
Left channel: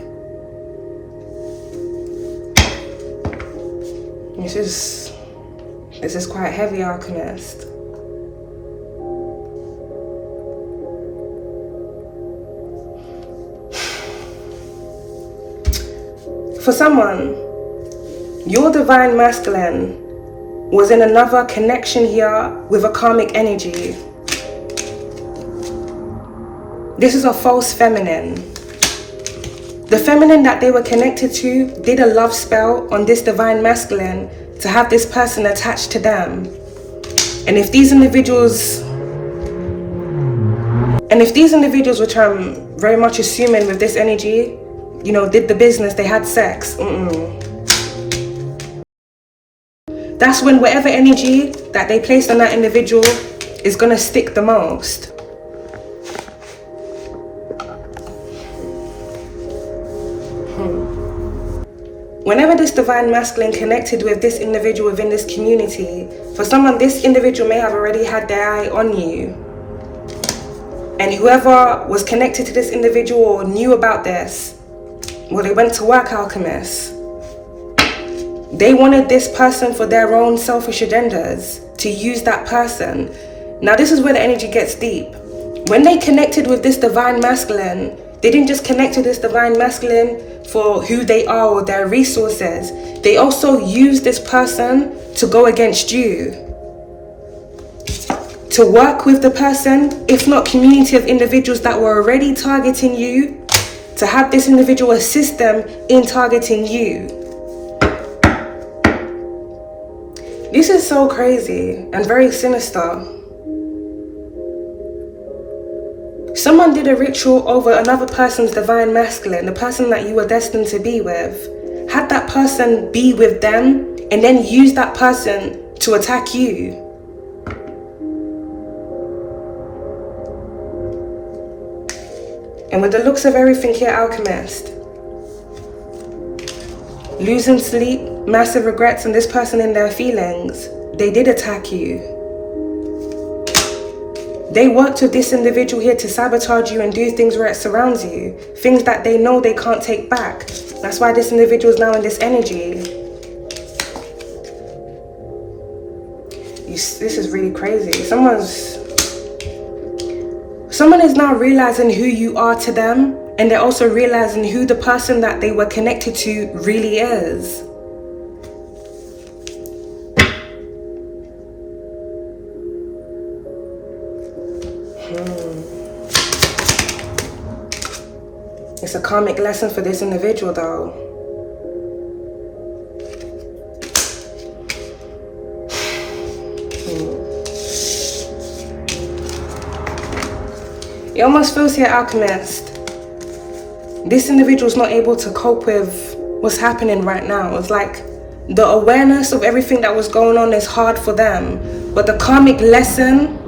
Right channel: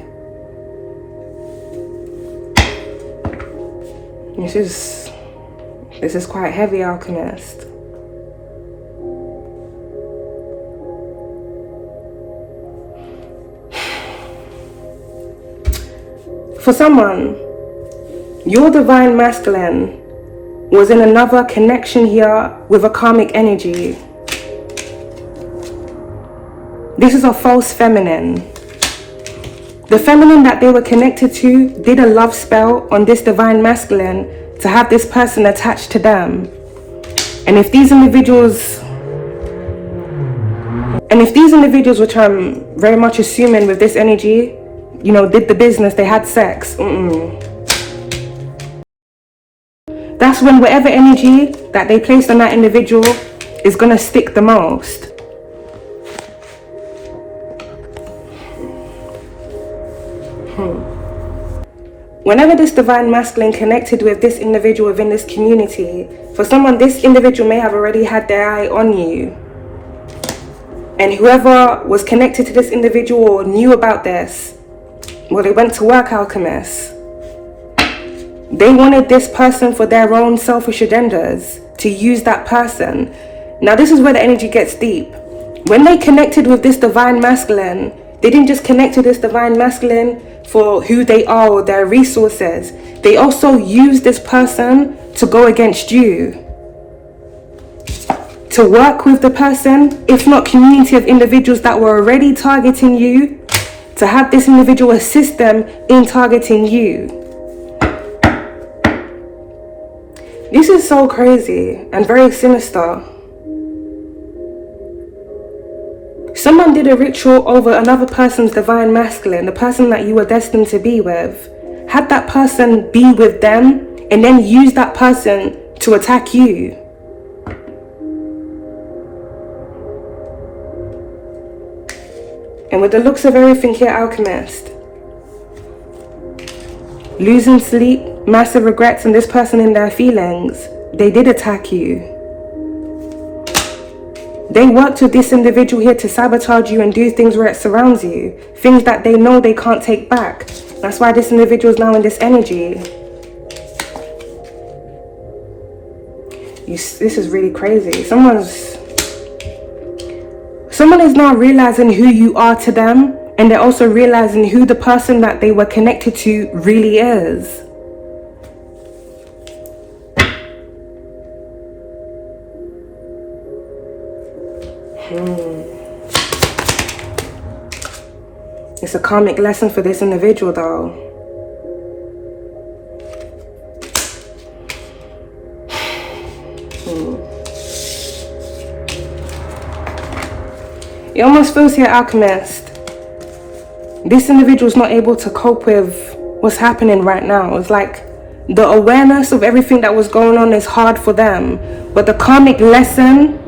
This is quite heavy, alchemist. For someone, your divine masculine was in another connection here with a karmic energy. This is a false feminine. The feminine that they were connected to did a love spell on this divine masculine to have this person attached to them. And if these individuals, which I'm very much assuming with this energy, you know, did the business, they had sex. That's when whatever energy that they placed on that individual is gonna stick the most. Whenever this divine masculine connected with this individual within this community, for someone, this individual may have already had their eye on you. And whoever was connected to this individual or knew about this, well, they went to work, alchemists. They wanted this person for their own selfish agendas, to use that person. Now this is where the energy gets deep. When they connected with this divine masculine, they didn't just connect to this divine masculine for who they are or their resources. They also used this person to go against you. To work with the person, if not community of individuals that were already targeting you, to have this individual assist them in targeting you. This is so crazy and very sinister. Someone did a ritual over another person's divine masculine, the person that you were destined to be with. Had that person be with them and then use that person to attack you. And with the looks of everything here, alchemist, losing sleep, massive regrets, and this person in their feelings, they did attack you. They worked with this individual here to sabotage you and do things where it surrounds you. Things that they know they can't take back. That's why this individual is now in this energy. This is really crazy. Someone is now realizing who you are to them, and they're also realizing who the person that they were connected to really is. It's a karmic lesson for this individual though. It almost feels here, alchemist, this individual's not able to cope with what's happening right now. It's like the awareness of everything that was going on is hard for them, but the karmic lesson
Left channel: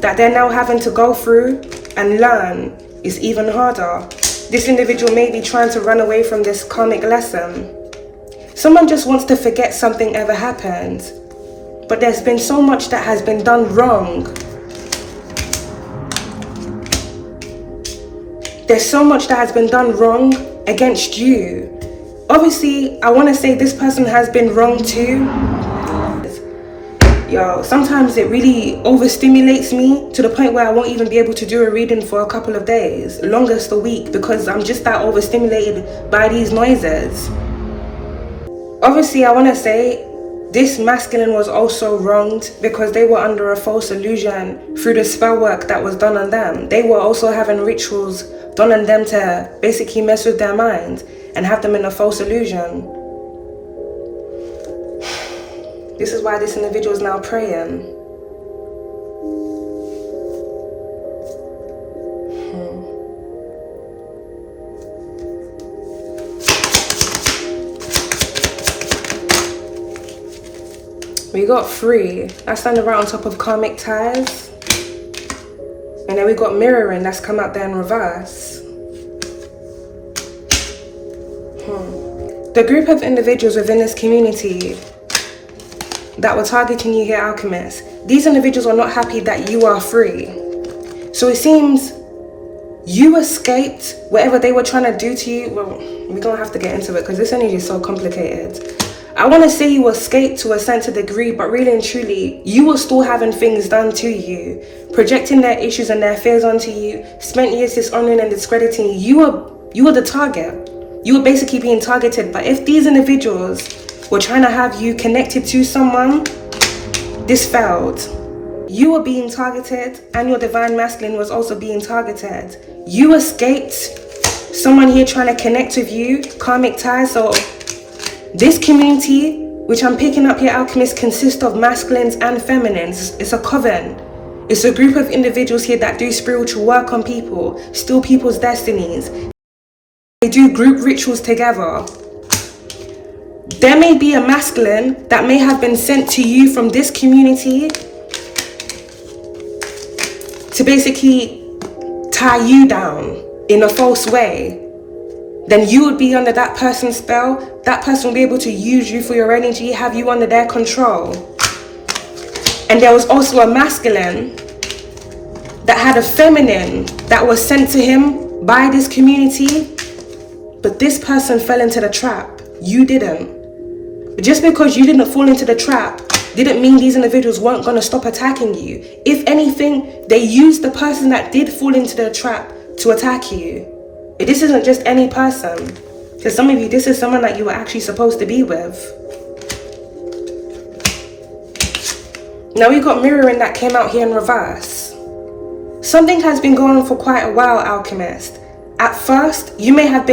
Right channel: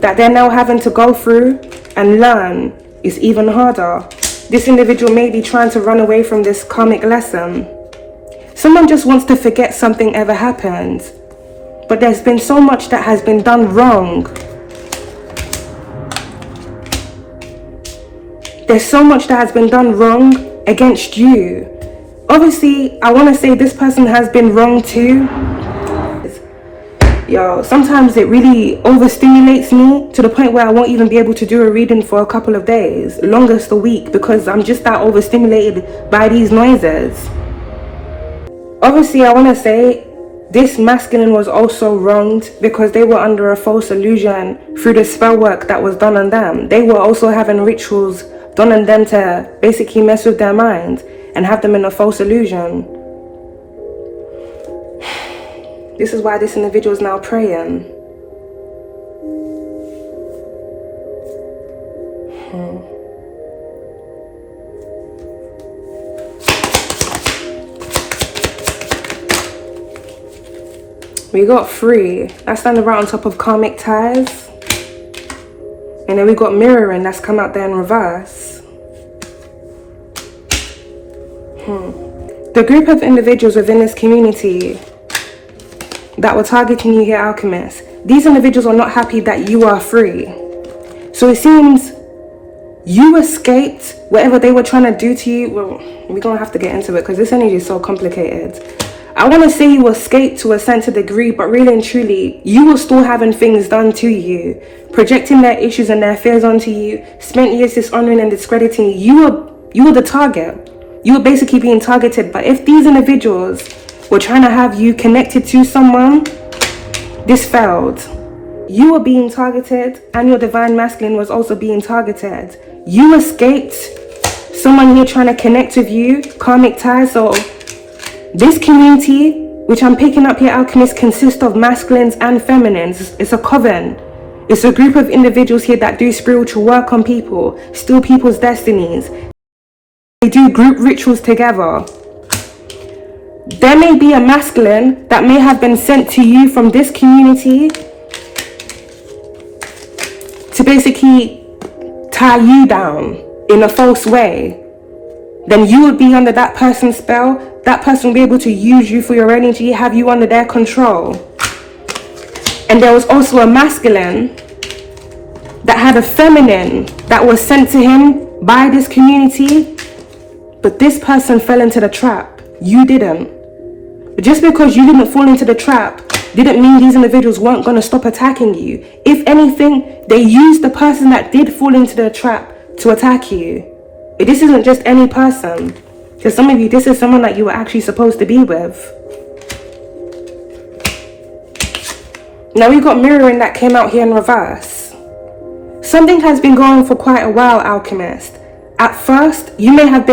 that they're now having to go through and learn is even harder. This individual may be trying to run away from this karmic lesson. Someone just wants to forget something ever happened, but there's been so much that has been done wrong. There's so much that has been done wrong against you. Obviously, I want to say this person has been wrong too. Yo, sometimes it really overstimulates me to the point where I won't even be able to do a reading for a couple of days, longest a week, because I'm just that overstimulated by these noises. Obviously, I want to say this masculine was also wronged because they were under a false illusion through the spell work that was done on them. They were also having rituals done on them to basically mess with their mind and have them in a false illusion. This is why this individual is now praying. We got 3. That's standing right on top of karmic ties. And then we got mirroring, that's come out there in reverse. The group of individuals within this community that were targeting you here, Alchemist, these individuals are not happy that you are free. So it seems you escaped whatever they were trying to do to you. Well, we're going to have to get into it because this energy is so complicated. I want to say you escaped to a sense of degree, but really and truly, you were still having things done to you, projecting their issues and their fears onto you, spent years dishonoring and discrediting you. You were the target. You were basically being targeted. But if these individuals were trying to have you connected to someone, this failed. You were being targeted, and your divine masculine was also being targeted. You escaped someone here trying to connect with you, karmic ties. So this community, which I'm picking up here, Alchemist, consists of masculines and feminines. It's a coven. It's a group of individuals here that do spiritual work on people, steal people's destinies. They do group rituals together. There may be a masculine that may have been sent to you from this community to basically tie you down in a false way. Then you would be under that person's spell. That person will be able to use you for your energy, have you under their control. And there was also a masculine that had a feminine that was sent to him by this community, but this person fell into the trap. You didn't. But just because you didn't fall into the trap didn't mean these individuals weren't going to stop attacking you. If anything, they used the person that did fall into the trap to attack you. This isn't just any person. For some of you, this is someone that you were actually supposed to be with. Now we got mirroring that came out here in reverse. Something has been going on for quite a while, Alchemist. At first, you may have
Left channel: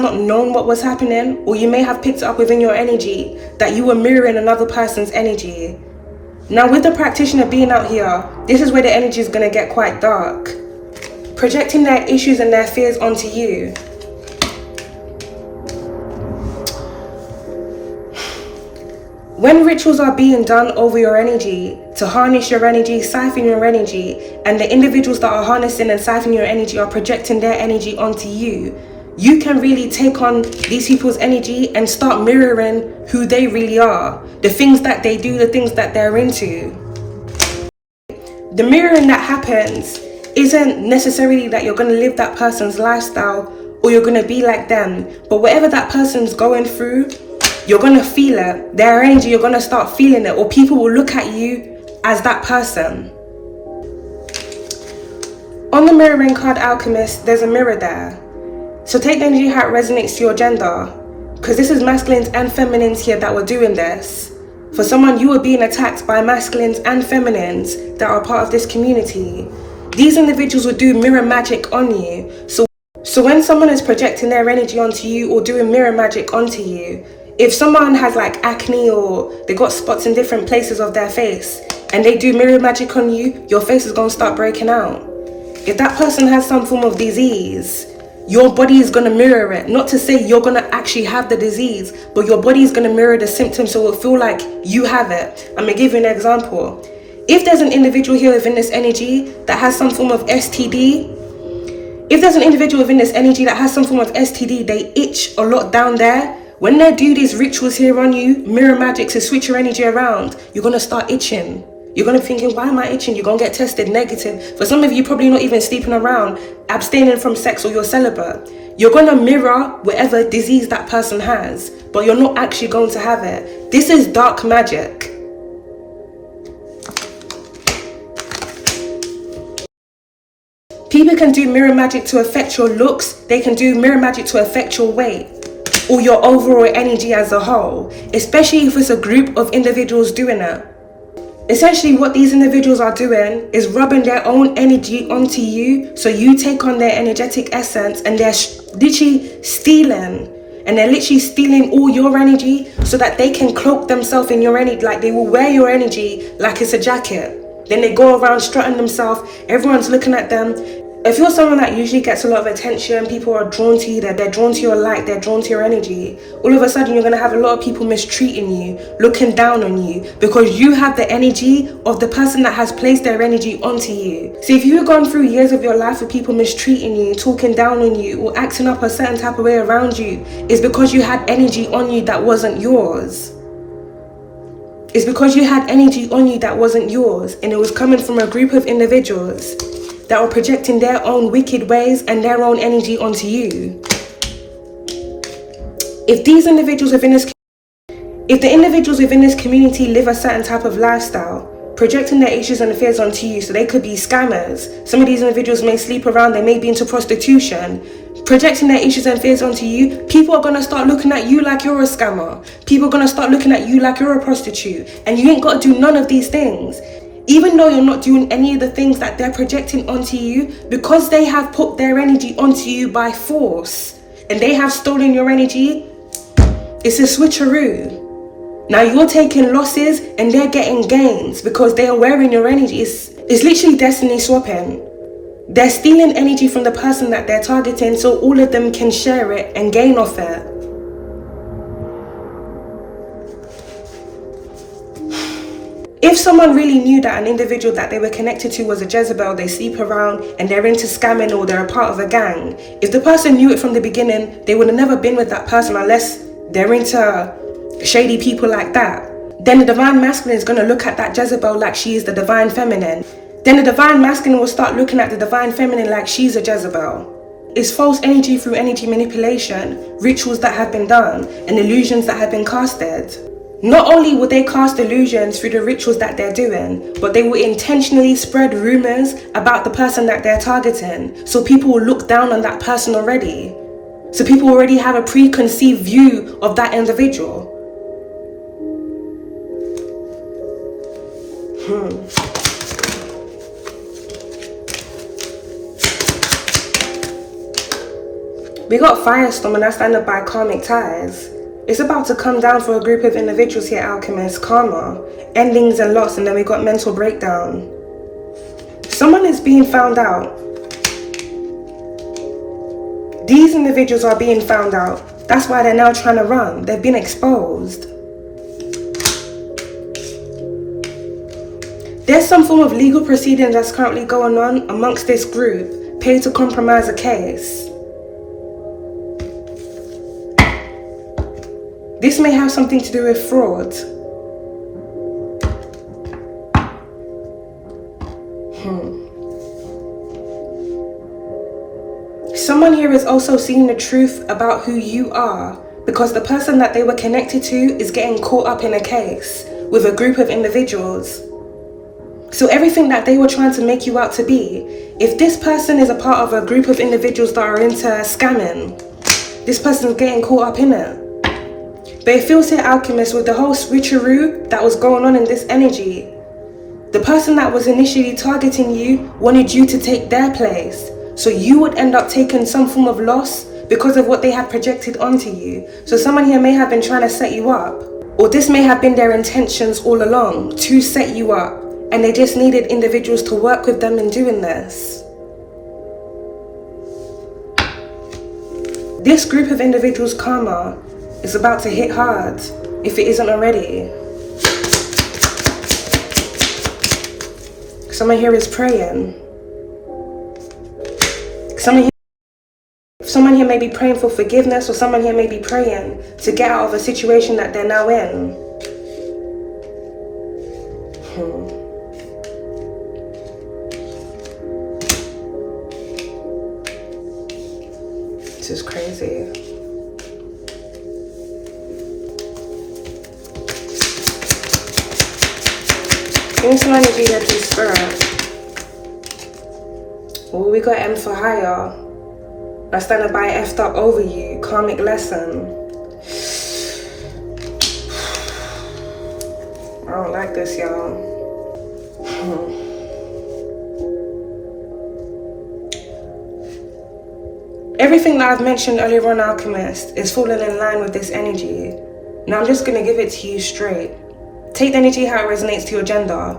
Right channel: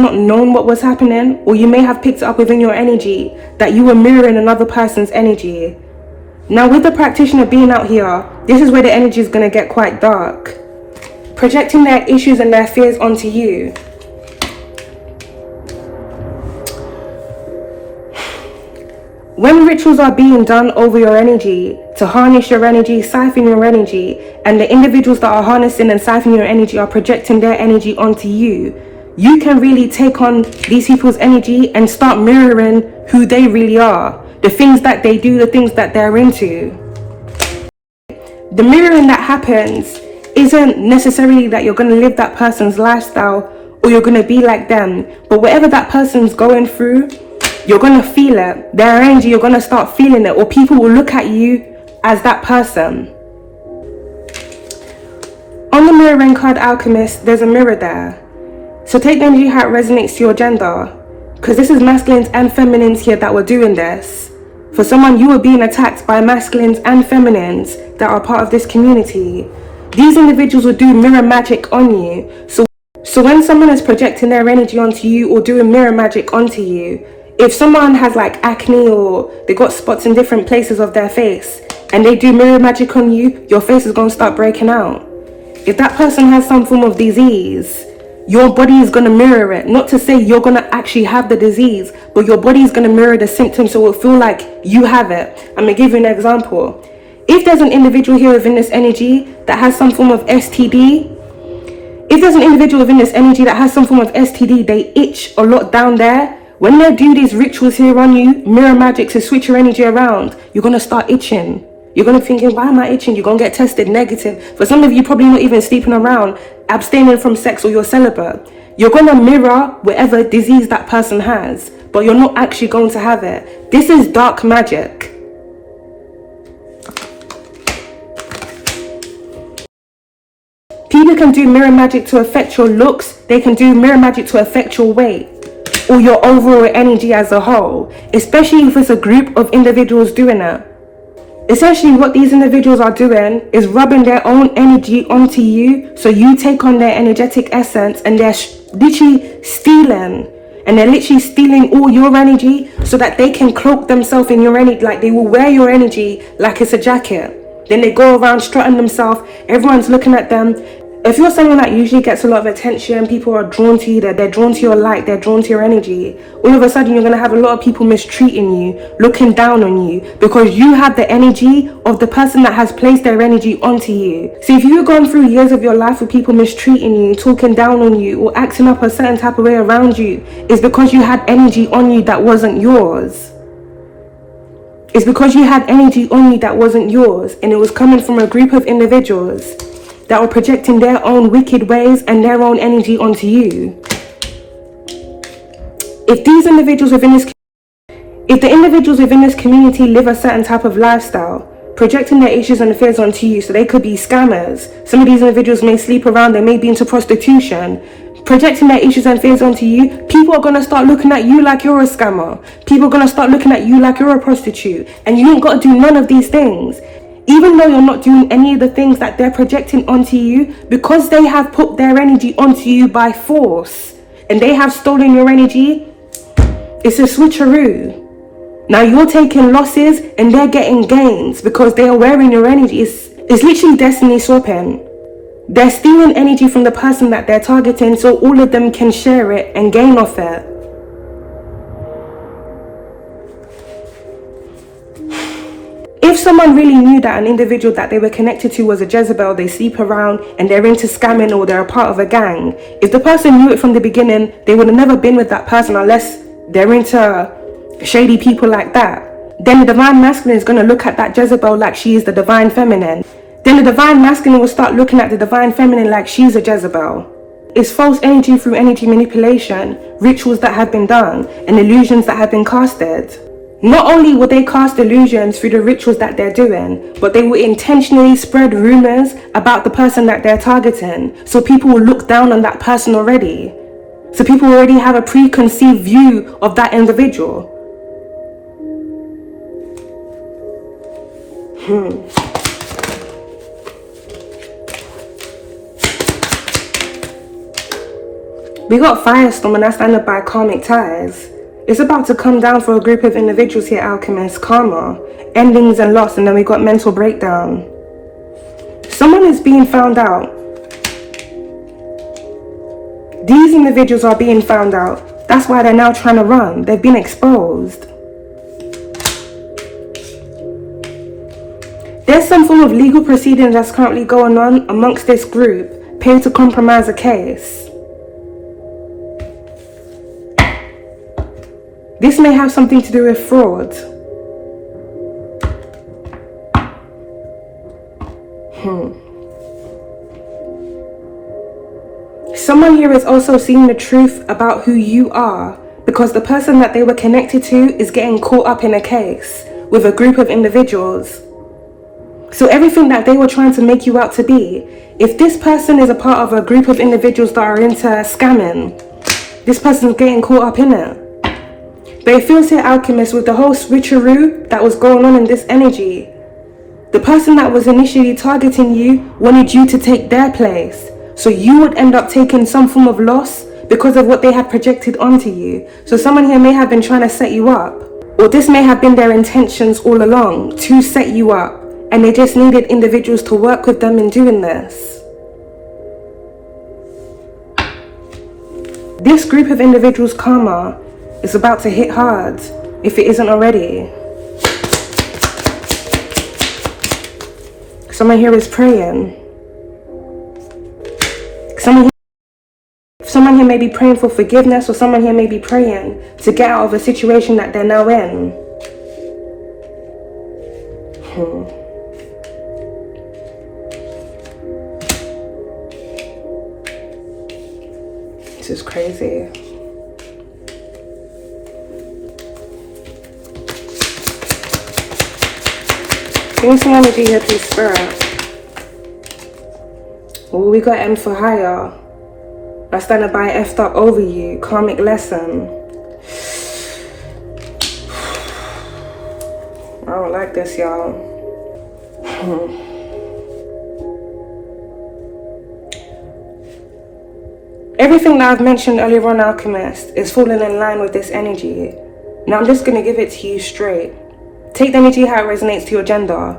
not known what was happening, or you may have picked it up within your energy that you were mirroring another person's energy. Now with the practitioner being out here, this is where the energy is going to get quite dark. Projecting their issues and their fears onto you. When rituals are being done over your energy, to harness your energy, siphon your energy, and the individuals that are harnessing and siphoning your energy are projecting their energy onto you, you can really take on these people's energy and start mirroring who they really are. The things that they do, the things that they're into. The mirroring that happens isn't necessarily that you're going to live that person's lifestyle or you're going to be like them, but whatever that person's going through, you're going to feel it. Their energy, you're going to start feeling it, or people will look at you as that person. On the mirroring card, Alchemist, there's a mirror there. So take the energy how it resonates to your gender, because this is masculines and feminines here that were doing this. For someone, you were being attacked by masculines and feminines that are part of this community. These individuals will do mirror magic on you. So when someone is projecting their energy onto you or doing mirror magic onto you, if someone has like acne or they got spots in different places of their face and they do mirror magic on you, your face is going to start breaking out. If that person has some form of disease, your body is going to mirror it. Not to say you're going to actually have the disease, but your body is going to mirror the symptoms, so it will feel like you have it. I'm going to give you an example. If there's an individual here within this energy that has some form of STD, if there's an individual within this energy that has some form of STD, they itch a lot down there. When they do these rituals here on you, mirror magic to switch your energy around, you're going to start itching. You're going to thinking, why am I itching? You're going to get tested negative. For some of you, probably not even sleeping around, abstaining from sex, or you're celibate. You're going to mirror whatever disease that person has, but you're not actually going to have it. This is dark magic. People can do mirror magic to affect your looks. They can do mirror magic to affect your weight or your overall energy as a whole, especially if it's a group of individuals doing it. Essentially, what these individuals are doing is rubbing their own energy onto you, so you take on their energetic essence, and they're literally stealing. And they're literally stealing all your energy so that they can cloak themselves in your energy. Like, they will wear your energy like it's a jacket. Then they go around strutting themselves. Everyone's looking at them. If you're someone that usually gets a lot of attention, people are drawn to you, they're drawn to your light, they're drawn to your energy, all of a sudden you're going to have a lot of people mistreating you, looking down on you, because you have the energy of the person that has placed their energy onto you. So if you've gone through years of your life with people mistreating you, talking down on you, or acting up a certain type of way around you, it's because you had energy on you that wasn't yours. It's because you had energy on you that wasn't yours, and it was coming from a group of individuals that were projecting their own wicked ways and their own energy onto you. If the individuals within this community live a certain type of lifestyle, projecting their issues and fears onto you, so they could be scammers. Some of these individuals may sleep around, they may be into prostitution. Projecting their issues and fears onto you, people are going to start looking at you like you're a scammer. People are going to start looking at you like you're a prostitute. And you ain't got to do none of these things. Even though you're not doing any of the things that they're projecting onto you, because they have put their energy onto you by force and they have stolen your energy, it's a switcheroo. Now you're taking losses and they're getting gains because they are wearing your energy. It's literally destiny swapping. They're stealing energy from the person that they're targeting so all of them can share it and gain off it. If someone really knew that an individual that they were connected to was a Jezebel, they sleep around and they're into scamming or they're a part of a gang, if the person knew it from the beginning, they would have never been with that person unless they're into shady people like that. Then the divine masculine is going to look at that Jezebel like she is the divine feminine. Then the divine masculine will start looking at the divine feminine like she's a Jezebel. It's false energy through energy manipulation, rituals that have been done, and illusions that have been casted. Not only will they cast illusions through the rituals that they're doing, but they will intentionally spread rumors about the person that they're targeting. So people will look down on that person already. So people already have a preconceived view of that individual. We got Firestorm, and that's ended by karmic ties. It's about to come down for a group of individuals here, Alchemist. Karma, endings and loss, and then we got mental breakdown. Someone is being found out. These individuals are being found out. That's why they're now trying to run. They've been exposed. There's some form of legal proceeding that's currently going on amongst this group, paid to compromise a case. This may have something to do with fraud. Someone here is also seeing the truth about who you are, because the person that they were connected to is getting caught up in a case with a group of individuals. So everything that they were trying to make you out to be, if this person is a part of a group of individuals that are into scamming, this person's getting caught up in it. But it feels here, Alchemist, with the whole switcheroo that was going on in this energy, the person that was initially targeting you wanted you to take their place. So you would end up taking some form of loss because of what they had projected onto you. So someone here may have been trying to set you up, or this may have been their intentions all along, to set you up, and they just needed individuals to work with them in doing this. this group of individuals' karma is about to hit hard, if it isn't already. Someone here is praying. Someone here may be praying for forgiveness, or someone here may be praying to get out of a situation that they're now in. This is crazy. Give me some energy here, please, Spirit. Oh, we got M for higher. I stand by effed up over you. Karmic lesson. I don't like this, y'all. Everything that I've mentioned earlier on, Alchemist, is falling in line with this energy. Now I'm just going to give it to you straight. Take the energy how it resonates to your gender.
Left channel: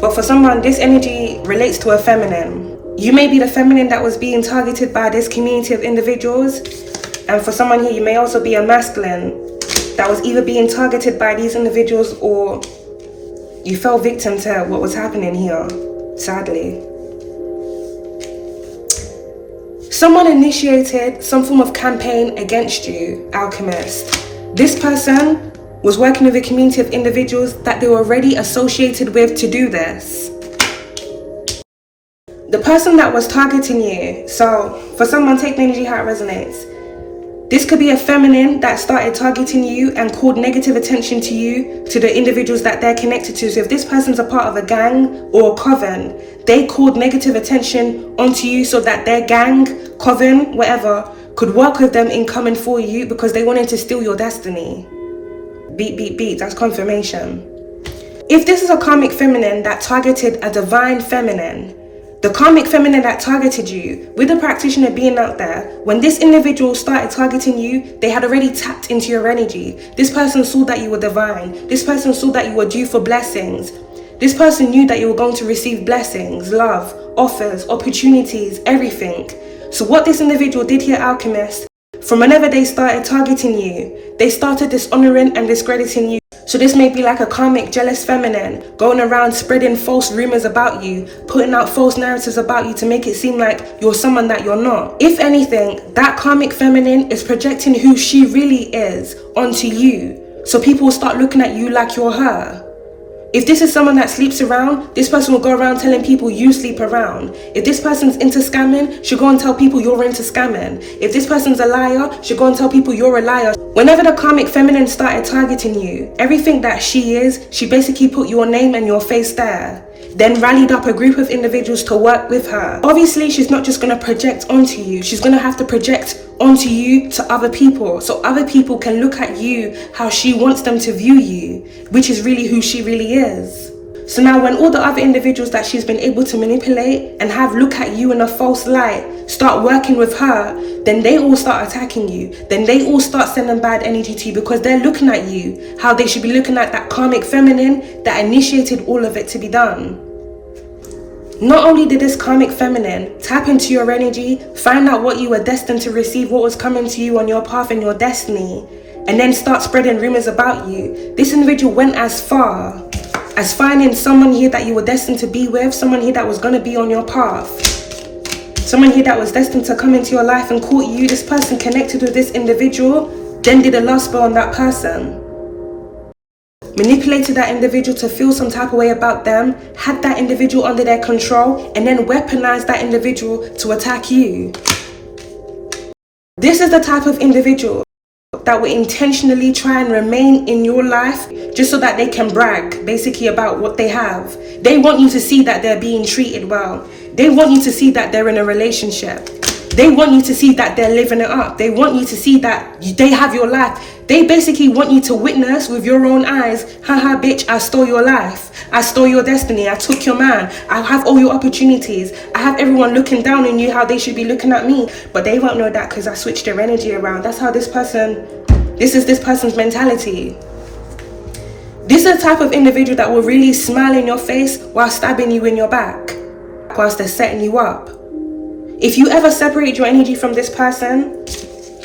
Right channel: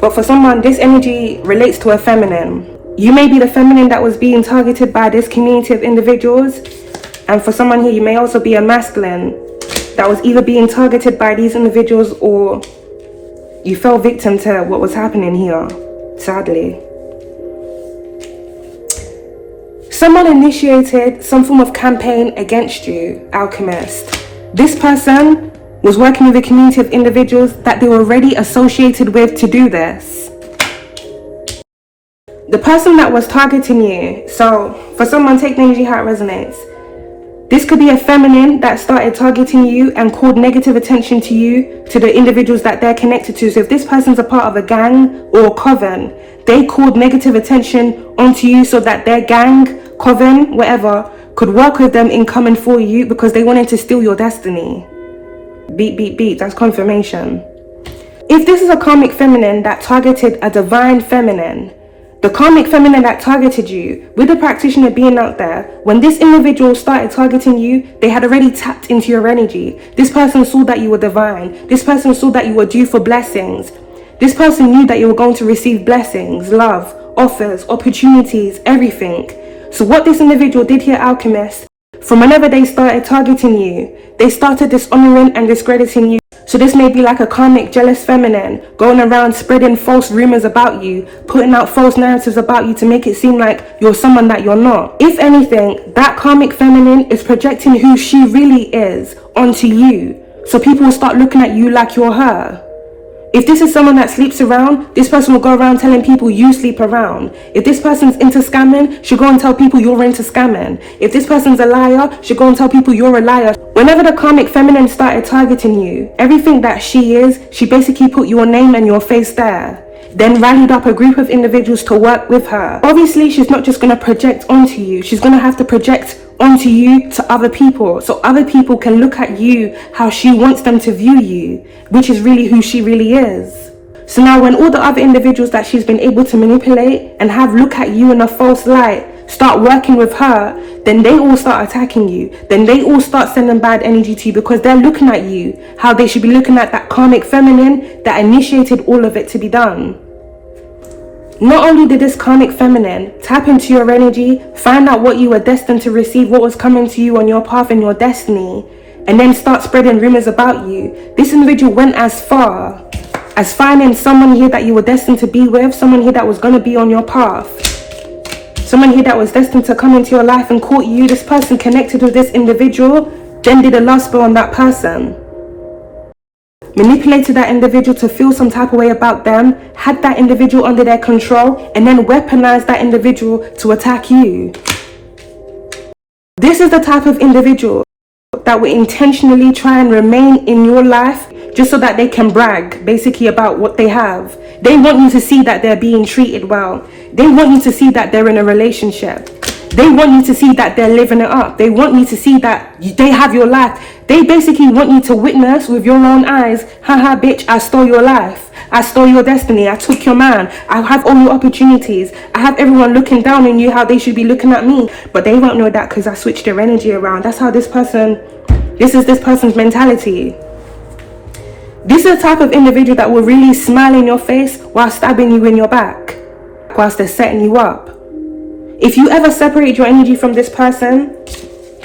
But for someone, this energy relates to a feminine. You may be the feminine that was being targeted by this community of individuals. And for someone here, you may also be a masculine that was either being targeted by these individuals, or you fell victim to what was happening here, sadly. Someone initiated some form of campaign against you, Alchemist. This person was working with a community of individuals that they were already associated with to do this. The person that was targeting you, so for someone, take the energy how it resonates. This could be a feminine that started targeting you and called negative attention to you, to the individuals that they're connected to. So if this person's a part of a gang or a coven, they called negative attention onto you so that their gang, coven, whatever, could work with them in coming for you because they wanted to steal your destiny. Beep, beep, beep, that's confirmation. If this is a karmic feminine that targeted a divine feminine, the karmic feminine that targeted you, with the practitioner being out there, when this individual started targeting you, they had already tapped into your energy. This person saw that you were divine. This person saw that you were due for blessings. This person knew that you were going to receive blessings, love, offers, opportunities, everything. So what this individual did here, Alchemist, from whenever they started targeting you, they started dishonoring and discrediting you. So this may be like a karmic jealous feminine going around spreading false rumors about you, putting out false narratives about you to make it seem like you're someone that you're not. If anything, that karmic feminine is projecting who she really is onto you. So people will start looking at you like you're her. If this is someone that sleeps around, this person will go around telling people you sleep around. If this person's into scamming, she'll go and tell people you're into scamming. If this person's a liar, she'll go and tell people you're a liar. Whenever the karmic feminine started targeting you, everything that she is, she basically put your name and your face there. Then rallied up a group of individuals to work with her. Obviously, she's not just going to project onto you. She's going to have to project onto you to other people, so other people can look at you how she wants them to view you, which is really who she really is. So now when all the other individuals that she's been able to manipulate and have look at you in a false light start working with her, then they all start attacking you. Then they all start sending bad energy to you because they're looking at you how they should be looking at that karmic feminine that initiated all of it to be done. Not only did this karmic feminine tap into your energy, find out what you were destined to receive, what was coming to you on your path and your destiny, and then start spreading rumors about you, this individual went as far as finding someone here that you were destined to be with, someone here that was going to be on your path, someone here that was destined to come into your life and court you. This person connected with this individual, then did a lust spell on that person. Manipulated that individual to feel some type of way about them, had that individual under their control, and then weaponized that individual to attack you. This is the type of individual that will intentionally try and remain in your life just so that they can brag basically about what they have. They want you to see that they're being treated well. They want you to see that they're in a relationship. They want you to see that they're living it up. They want you to see that they have your life. They basically want you to witness with your own eyes, haha bitch, I stole your life. I stole your destiny. I took your man. I have all your opportunities. I have everyone looking down on you how they should be looking at me. But they won't know that because I switched their energy around. That's how this is this person's mentality. This is the type of individual that will really smile in your face while stabbing you in your back, whilst they're setting you up. If you ever separate your energy from this person,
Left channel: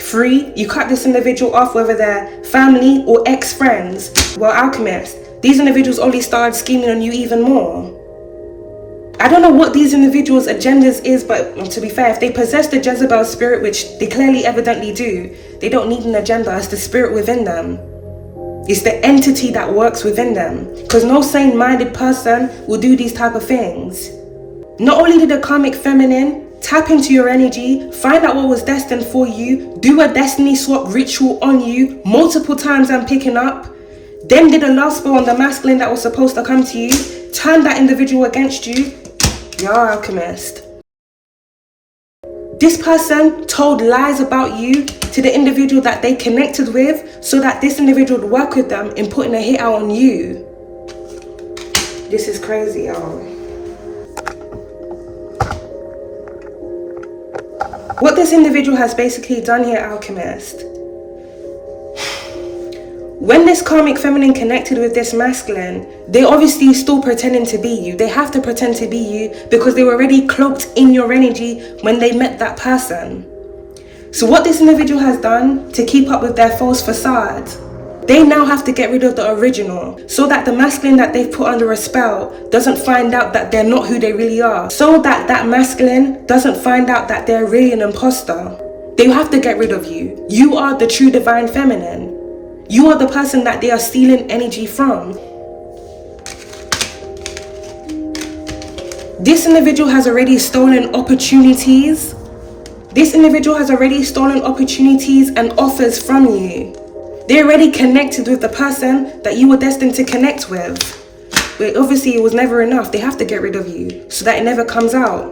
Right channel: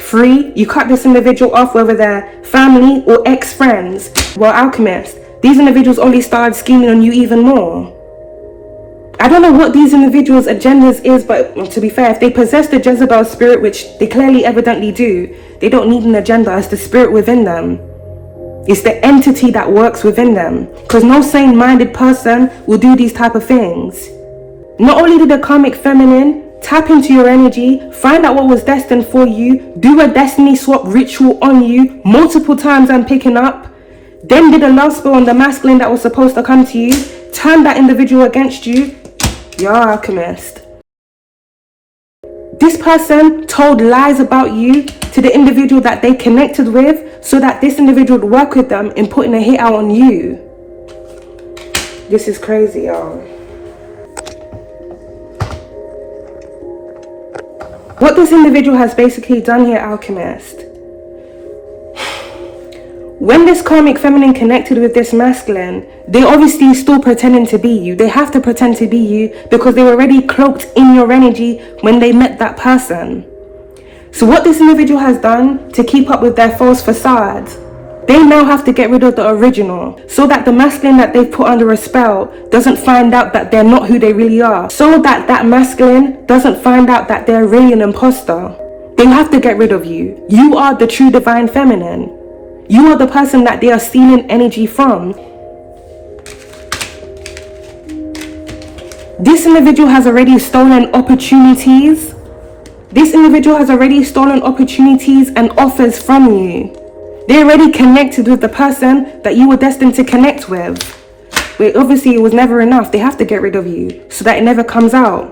free. You cut this individual off, whether they're family or ex-friends. Well, Alchemist, these individuals only started scheming on you even more. I don't know what these individuals' agendas is, but to be fair, if they possess the Jezebel spirit, which they clearly evidently do, they don't need an agenda. It's the spirit within them. It's the entity that works within them. Because no sane-minded person will do these type of things. Not only did the karmic feminine tap into your energy, find out what was destined for you, do a destiny swap ritual on you multiple times I'm picking up, then did a love spell on the masculine that was supposed to come to you, turn that individual against you, you're Alchemist. This person told lies about you to the individual that they connected with so that this individual would work with them in putting a hit out on you. This is crazy, y'all. What this individual has basically done here, Alchemist, when this karmic feminine connected with this masculine, they obviously still pretending to be you. They have to pretend to be you because they were already cloaked in your energy when they met that person. So what this individual has done to keep up with their false facade, they now have to get rid of the original so that the masculine that they've put under a spell doesn't find out that they're not who they really are. So that that masculine doesn't find out that they're really an imposter. They have to get rid of you. You are the true divine feminine. You are the person that they are stealing energy from. This individual has already stolen opportunities. This individual has already stolen opportunities and offers from you. They already connected with the person that you were destined to connect with. But obviously it was never enough. They have to get rid of you so that it never comes out.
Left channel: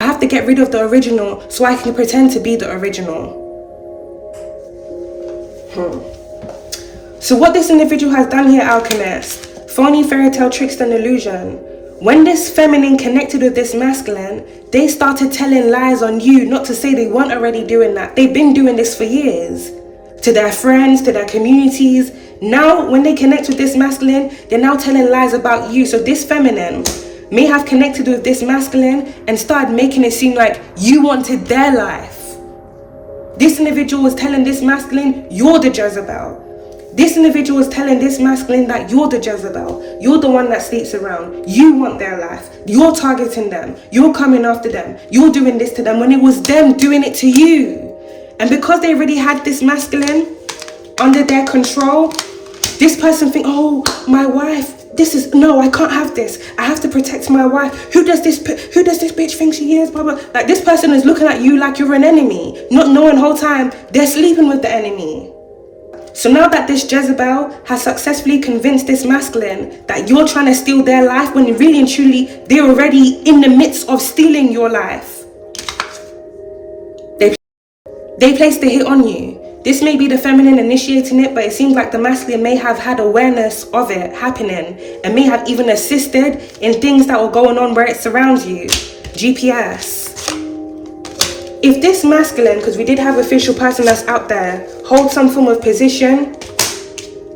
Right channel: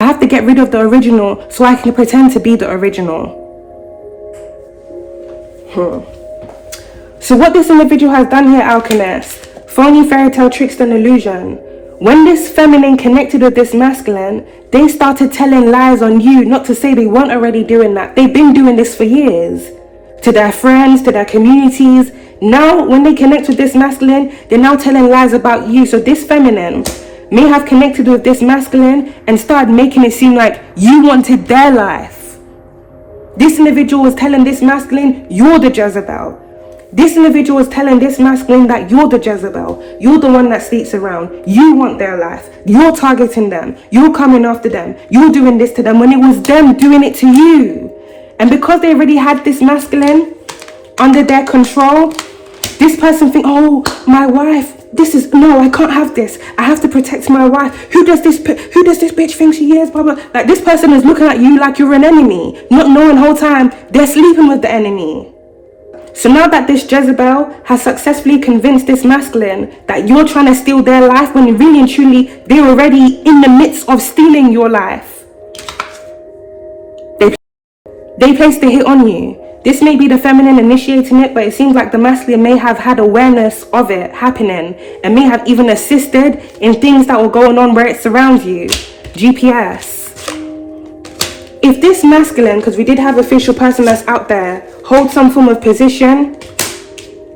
I have to get rid of the original so I can pretend to be the original. So what this individual has done here, Alchemist, phony fairy tale tricks and illusion. When this feminine connected with this masculine, they started telling lies on you, not to say they weren't already doing that. They've been doing this for years. To their friends, to their communities. Now, when they connect with this masculine, they're now telling lies about you. So this feminine may have connected with this masculine and started making it seem like you wanted their life. This individual was telling this masculine, you're the Jezebel. This individual was telling this masculine that you're the Jezebel. You're the one that sleeps around. You want their life. You're targeting them. You're coming after them. You're doing this to them when it was them doing it to you. And because they already had this masculine under their control, this person think, oh, my wife, no, I can't have this. I have to protect my wife. Who does this bitch think she is? Blah, blah. Like, this person is looking at you like you're an enemy, not knowing the whole time they're sleeping with the enemy. So now that this Jezebel has successfully convinced this masculine that you're trying to steal their life when really and truly they're already in the midst of stealing your life, they placed a hit on you. This may be the feminine initiating it, but it seems like the masculine may have had awareness of it happening and may have even assisted in things that were going on where it surrounds you. GPS. If this masculine, because we did have official person that's out there, holds some form of position,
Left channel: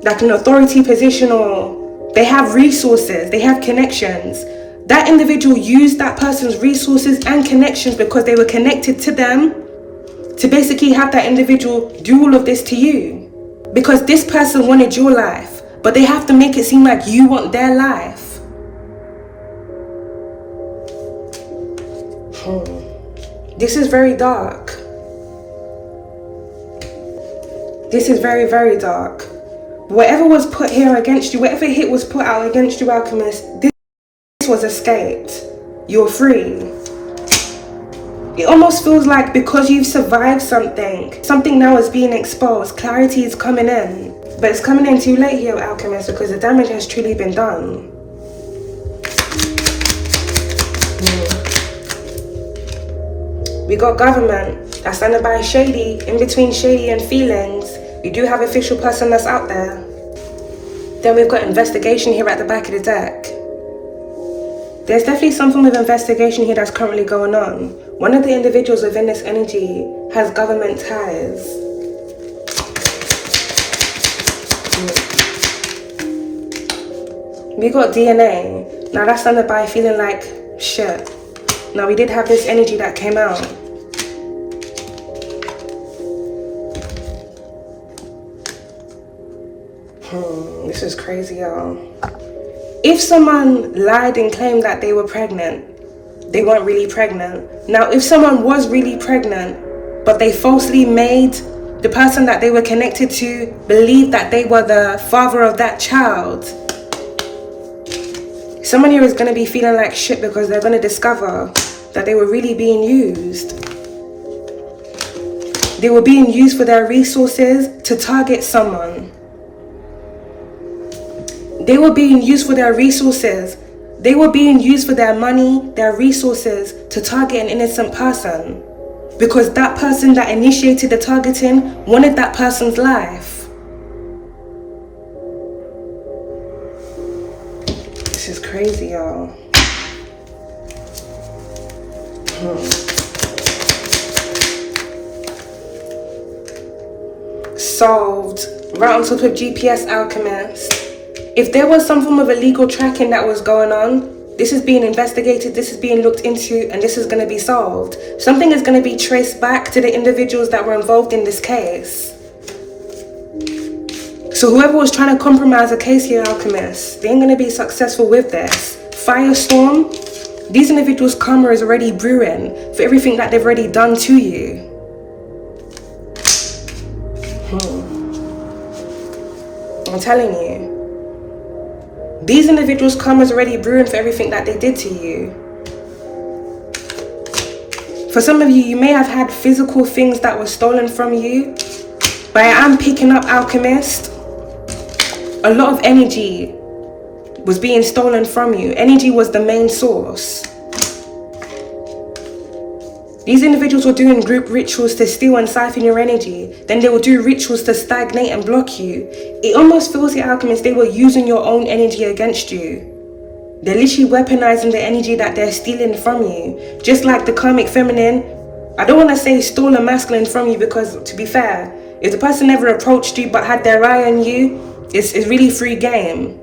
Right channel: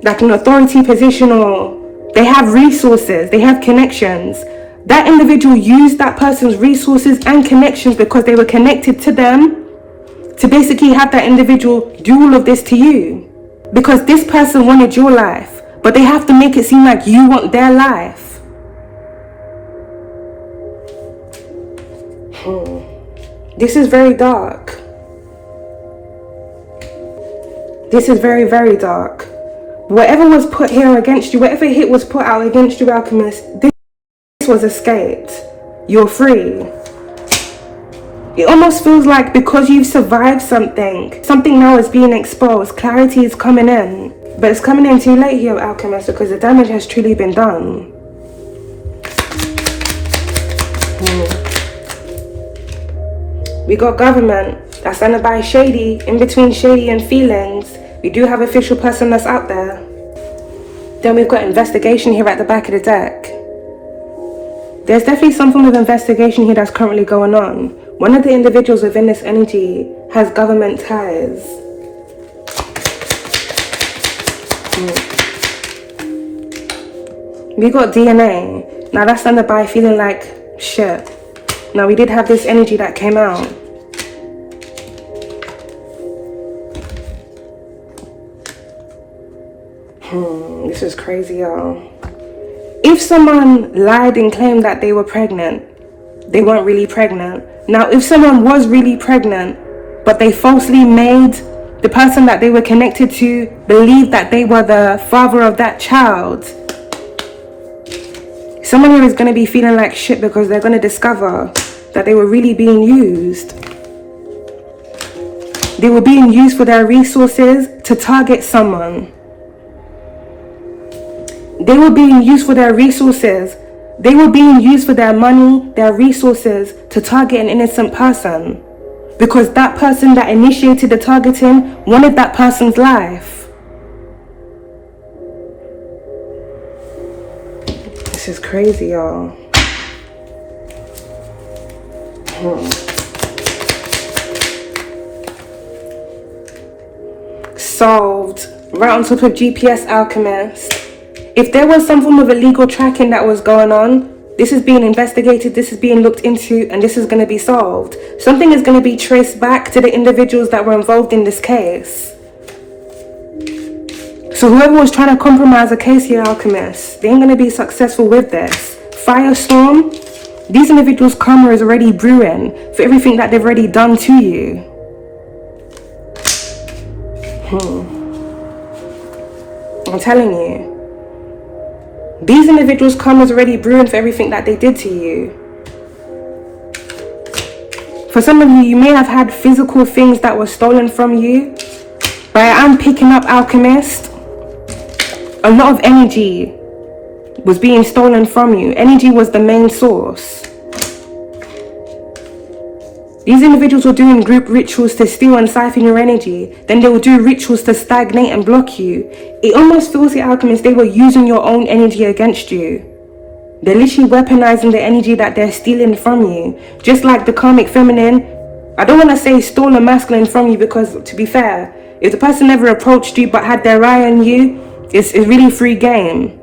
like an authority position, or they have resources, they have connections, that individual used that person's resources and connections because they were connected to them to basically have that individual do all of this to you. Because this person wanted your life, but they have to make it seem like you want their life. This is very dark. This is very, very dark. Whatever was put here against you, whatever hit was put out against you, Alchemist, this was escaped. You're free. It almost feels like because you've survived something now is being exposed. Clarity is coming in. But it's coming in too late here, Alchemist, because the damage has truly been done. We got government that's standing by shady, in between shady and feelings. We do have official person that's out there. Then we've got investigation here at the back of the deck. There's definitely some form of investigation here that's currently going on. One of the individuals within this energy has government ties. We got DNA. Now that's standing by feeling like shit. Now we did have this energy that came out. This is crazy, y'all. If someone lied and claimed that they were pregnant, they weren't really pregnant. Now, if someone was really pregnant, but they falsely made the person that they were connected to believe that they were the father of that child, someone here is going to be feeling like shit because they're going to discover that they were really being used. They were being used for their resources to target someone. They were being used for their resources. They were being used for their money, their resources to target an innocent person. Because that person that initiated the targeting wanted that person's life. This is crazy, y'all. Solved. Right on top of GPS Alchemist. If there was some form of illegal tracking that was going on, this is being investigated, this is being looked into, and this is going to be solved. Something is going to be traced back to the individuals that were involved in this case. So whoever was trying to compromise a case here, Alchemist, they ain't going to be successful with this. Firestorm, these individuals' karma is already brewing for everything that they've already done to you. I'm telling you. These individuals' karma is already brewing for everything that they did to you. For some of you, you may have had physical things that were stolen from you. But I am picking up, Alchemist. A lot of energy was being stolen from you. Energy was the main source. These individuals were doing group rituals to steal and siphon your energy. Then they would do rituals to stagnate and block you. It almost feels like, Alchemist, they were using your own energy against you. They're literally weaponizing the energy that they're stealing from you. Just like the karmic feminine, I don't want to say stole a masculine from you because, to be fair, if the person never approached you but had their eye on you, it's really free game.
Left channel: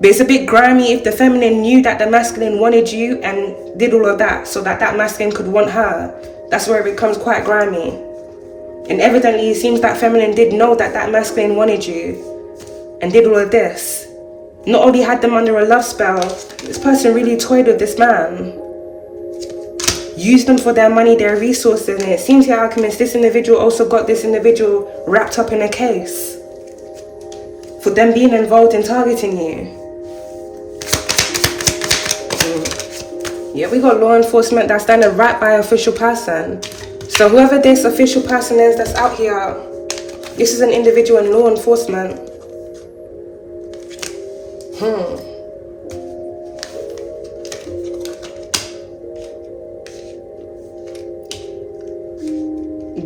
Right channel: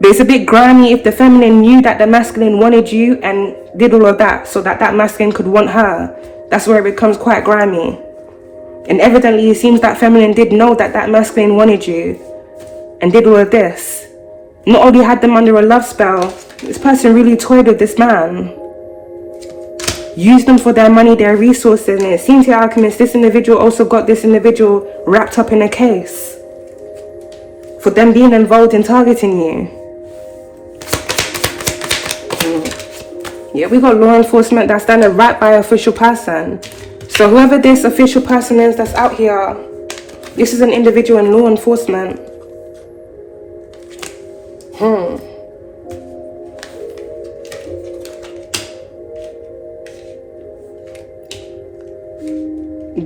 But it's a bit grimy if the feminine knew that the masculine wanted you and did all of that so that that masculine could want her. That's where it becomes quite grimy. And evidently it seems that feminine did know that that masculine wanted you and did all of this. Not only had them under a love spell, this person really toyed with this man. Used them for their money, their resources, and it seems here, Alchemist, this individual also got this individual wrapped up in a case for them being involved in targeting you. Yeah, we got law enforcement that's done it right by an official person. So whoever this official person is that's out here, this is an individual in law enforcement.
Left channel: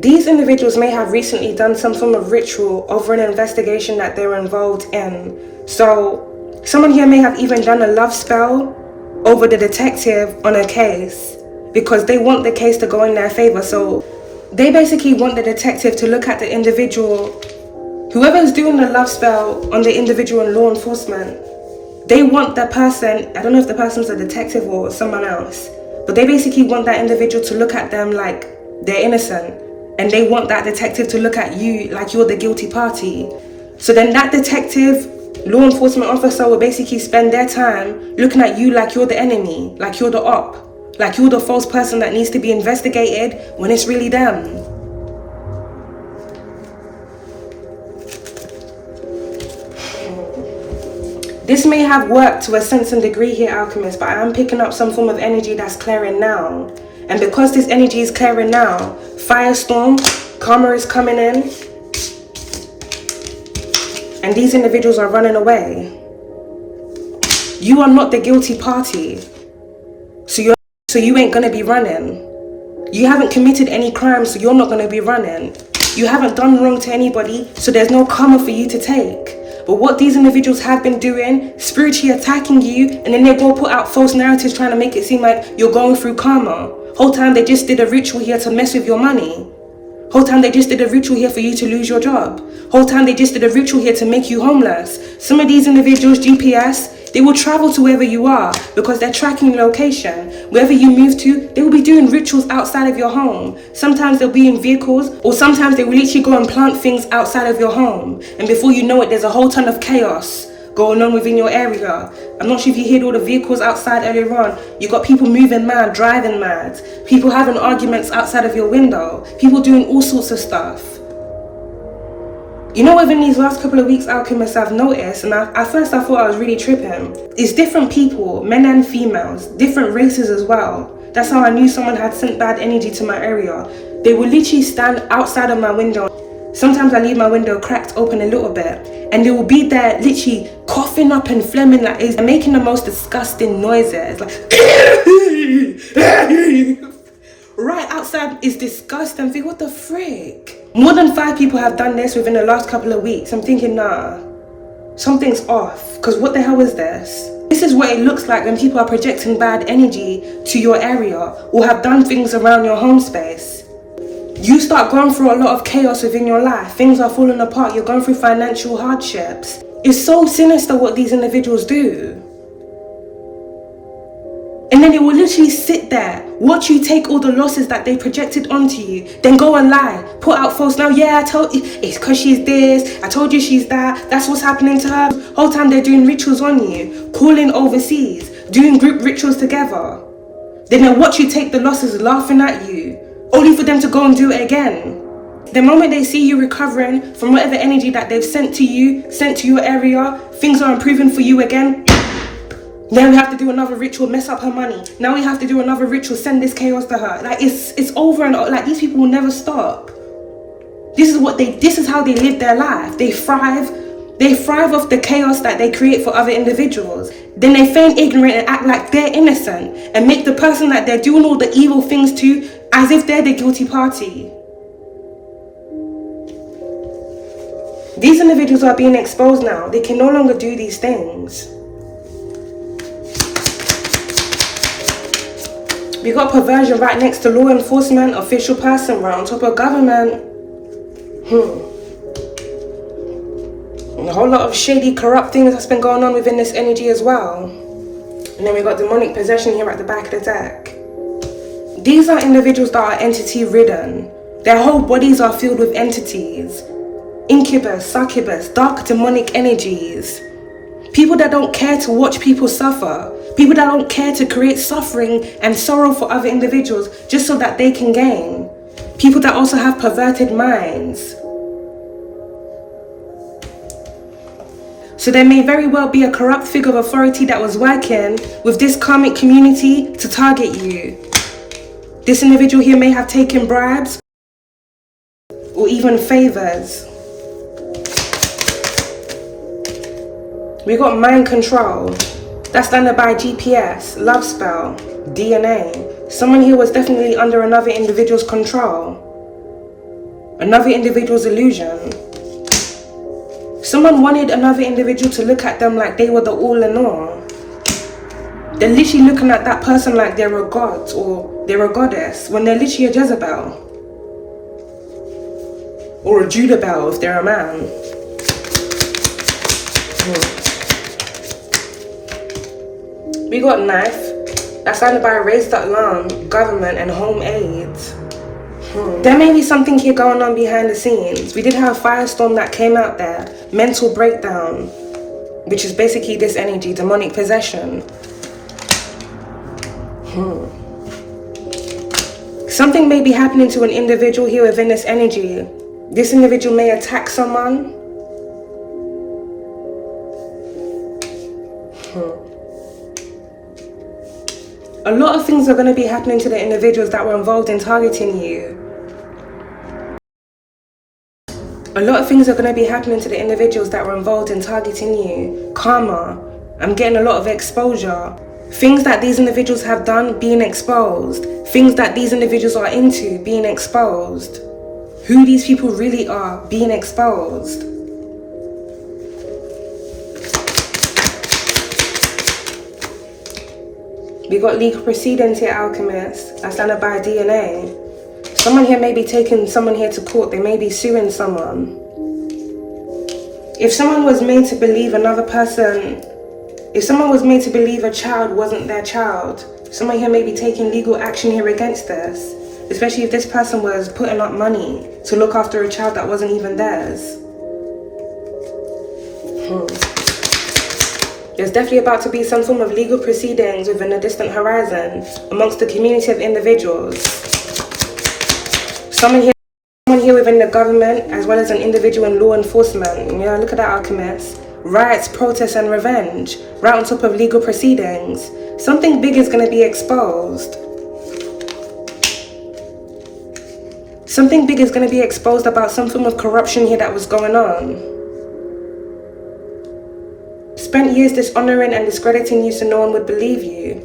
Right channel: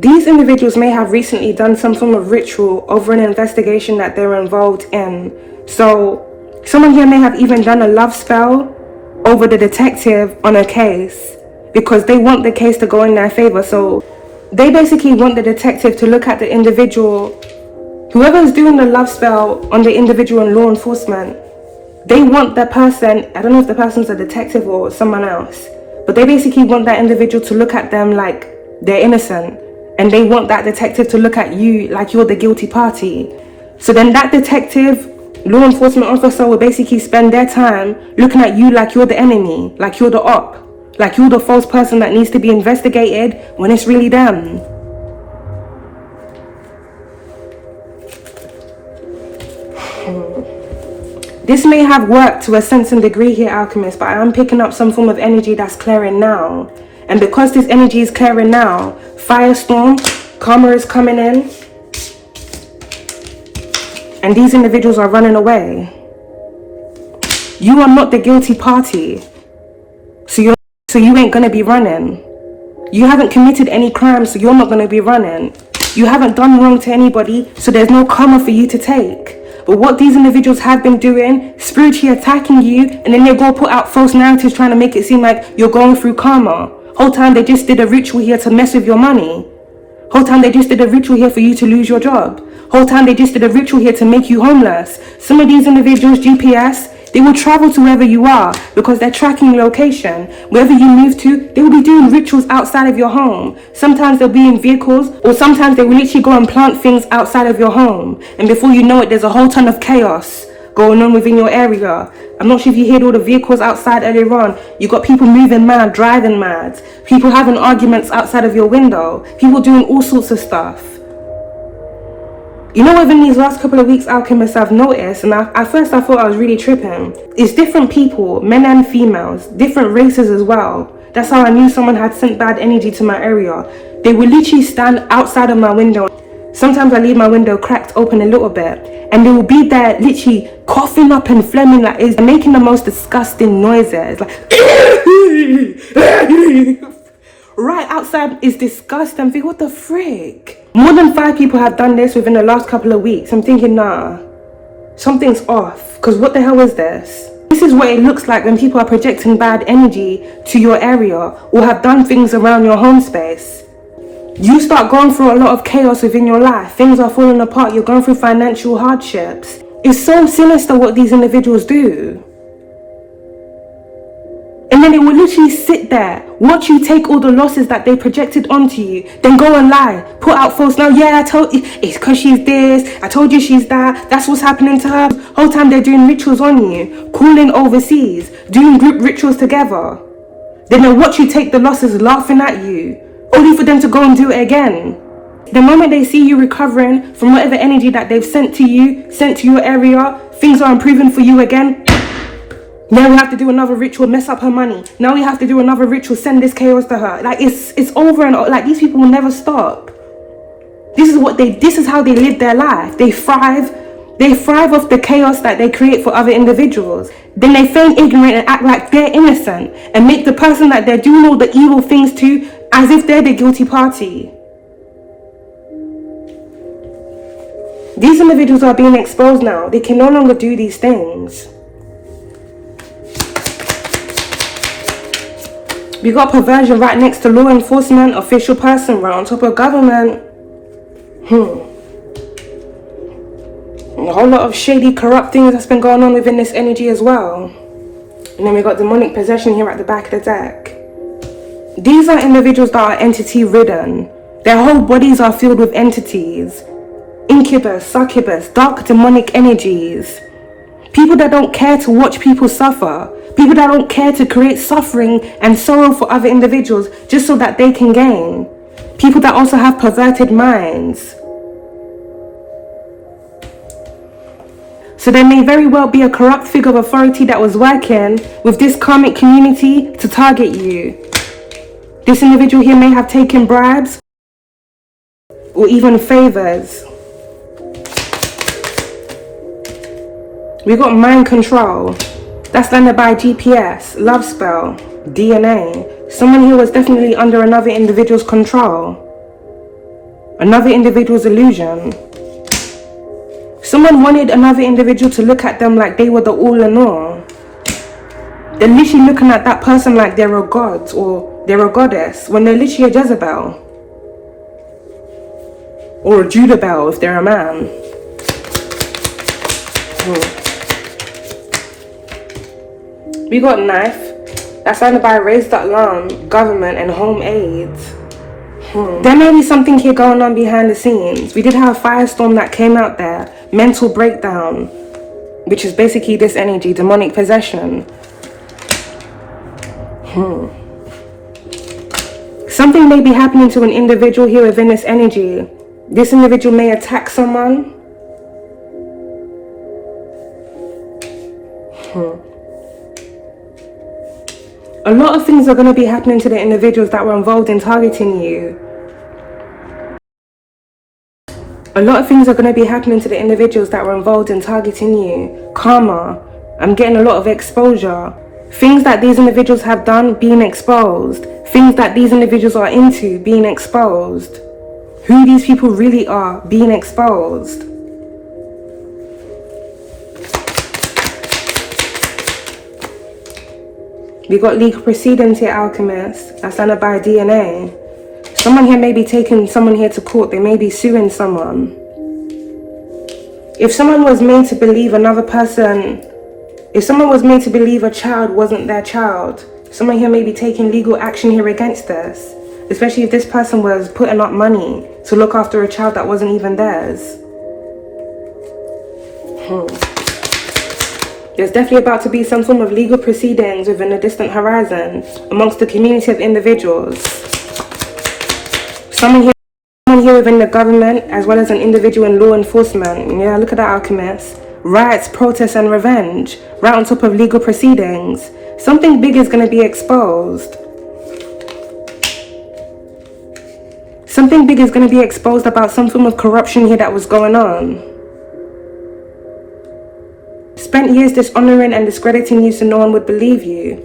These individuals may have recently done some form of ritual over an investigation that they're involved in. So someone here may have even done a love spell over the detective on a case because they want the case to go in their favor. So they basically want the detective to look at the individual, whoever's doing the love spell on the individual in law enforcement. They want the person, I don't know if the person's a detective or someone else, but they basically want that individual to look at them like they're innocent. And they want that detective to look at you like you're the guilty party. So then that detective, law enforcement officer will basically spend their time looking at you like you're the enemy, like you're the op, like you're the false person that needs to be investigated when it's really them. This may have worked to a sense and degree here, Alchemist, but I am picking up some form of energy that's clearing now. And because this energy is clearing now, firestorm, karma is coming in, and these individuals are running away. You are not the guilty party, so you ain't gonna be running. You haven't committed any crime, so you're not gonna be running. You haven't done wrong to anybody, so there's no karma for you to take. But what these individuals have been doing, spiritually attacking you, and then they go put out false narratives trying to make it seem like you're going through karma. Whole time they just did a ritual here to mess with your money. Whole time they just did a ritual here for you to lose your job. Whole time they just did a ritual here to make you homeless. Some of these individuals, GPS, They will travel to wherever you are because they're tracking your location. Wherever you move to, they will be doing rituals outside of your home. Sometimes they'll be in vehicles, or sometimes they will literally go and plant things outside of your home. And before you know it, there's a whole ton of chaos going on within your area. I'm not sure if you heard all the vehicles outside earlier on. You got people moving mad, driving mad, people having arguments outside of your window, people doing all sorts of stuff. You know, within these last couple of weeks, Alchemists, I've noticed, and at first I thought I was really tripping, it's different people, men and females, different races as well. That's how I knew someone had sent bad energy to my area. They would literally stand outside of my window. Sometimes I leave my window cracked open a little bit, and they will be there literally coughing up and phlegming, like it's making the most disgusting noises. Like right outside is disgusting. I think, what the frick? More than 5 people have done this within the last couple of weeks. I'm thinking, nah, something's off, because what the hell is this? This is what it looks like when people are projecting bad energy to your area or have done things around your home space. You start going through a lot of chaos within your life. Things are falling apart. You're going through financial hardships. It's so sinister what these individuals do. And then they will literally sit there, watch you take all the losses that they projected onto you, then go and lie, put out false lies. Yeah, I told you, it's because she's this, I told you she's that, that's what's happening to her. Whole time they're doing rituals on you, calling overseas, doing group rituals together. Then they watch you take the losses, laughing at you, only for them to go and do it again. The moment they see you recovering from whatever energy that they've sent to you, sent to your area, things are improving for you again. Now we have to do another ritual, mess up her money. Now we have to do another ritual, send this chaos to her. Like it's over and over. Like these people will never stop. This is how they live their life. They thrive off the chaos that they create for other individuals. Then they feign ignorant and act like they're innocent and make the person that they're doing all the evil things to as if they're the guilty party. These individuals are being exposed now. They can no longer do these things. We got perversion right next to law enforcement, official person, right on top of government. A whole lot of shady, corrupt things that's been going on within this energy as well. And then we got demonic possession here at the back of the deck. These are individuals that are entity ridden. Their whole bodies are filled with entities. Incubus, succubus, dark demonic energies. People that don't care to watch people suffer. People that don't care to create suffering and sorrow for other individuals just so that they can gain. People that also have perverted minds. So there may very well be a corrupt figure of authority that was working with this karmic community to target you. This individual here may have taken bribes or even favors. We got mind control. That's landed by GPS, love spell, DNA. Someone here was definitely under another individual's control. Another individual's illusion. Someone wanted another individual to look at them like they were the all in all. They're literally looking at that person like they're a god or they're a goddess when they're literally a Jezebel. Or a Judabel if they're a man. We got knife. That's landed by raised alarm, government and home aids. There may be something here going on behind the scenes. We did have a firestorm that came out there. Mental breakdown, which is basically this energy, demonic possession. Something may be happening to an individual here within this energy. This individual may attack someone. A lot of things are going to be happening to the individuals that were involved in targeting you. A lot of things are going to be happening to the individuals that were involved in targeting you. Karma. I'm getting a lot of exposure. Things that these individuals have done being exposed. Things that these individuals are into being exposed. Who these people really are being exposed. We got legal proceedings here, Alchemist. That's landed by DNA. Someone here may be taking someone here to court. They may be suing someone. If someone was made to believe another person If someone was made to believe a child wasn't their child, someone here may be taking legal action here against this, especially if this person was putting up money to look after a child that wasn't even theirs. There's definitely about to be some form of legal proceedings within a distant horizon amongst the community of individuals. Someone here within the government, as well as an individual in law enforcement. Yeah, look at that, alchemist. Riots, protests, and revenge, right on top of legal proceedings. Something big is going to be exposed. Something big is going to be exposed about some form of corruption here that was going on. Spent years dishonoring and discrediting you so no one would believe you.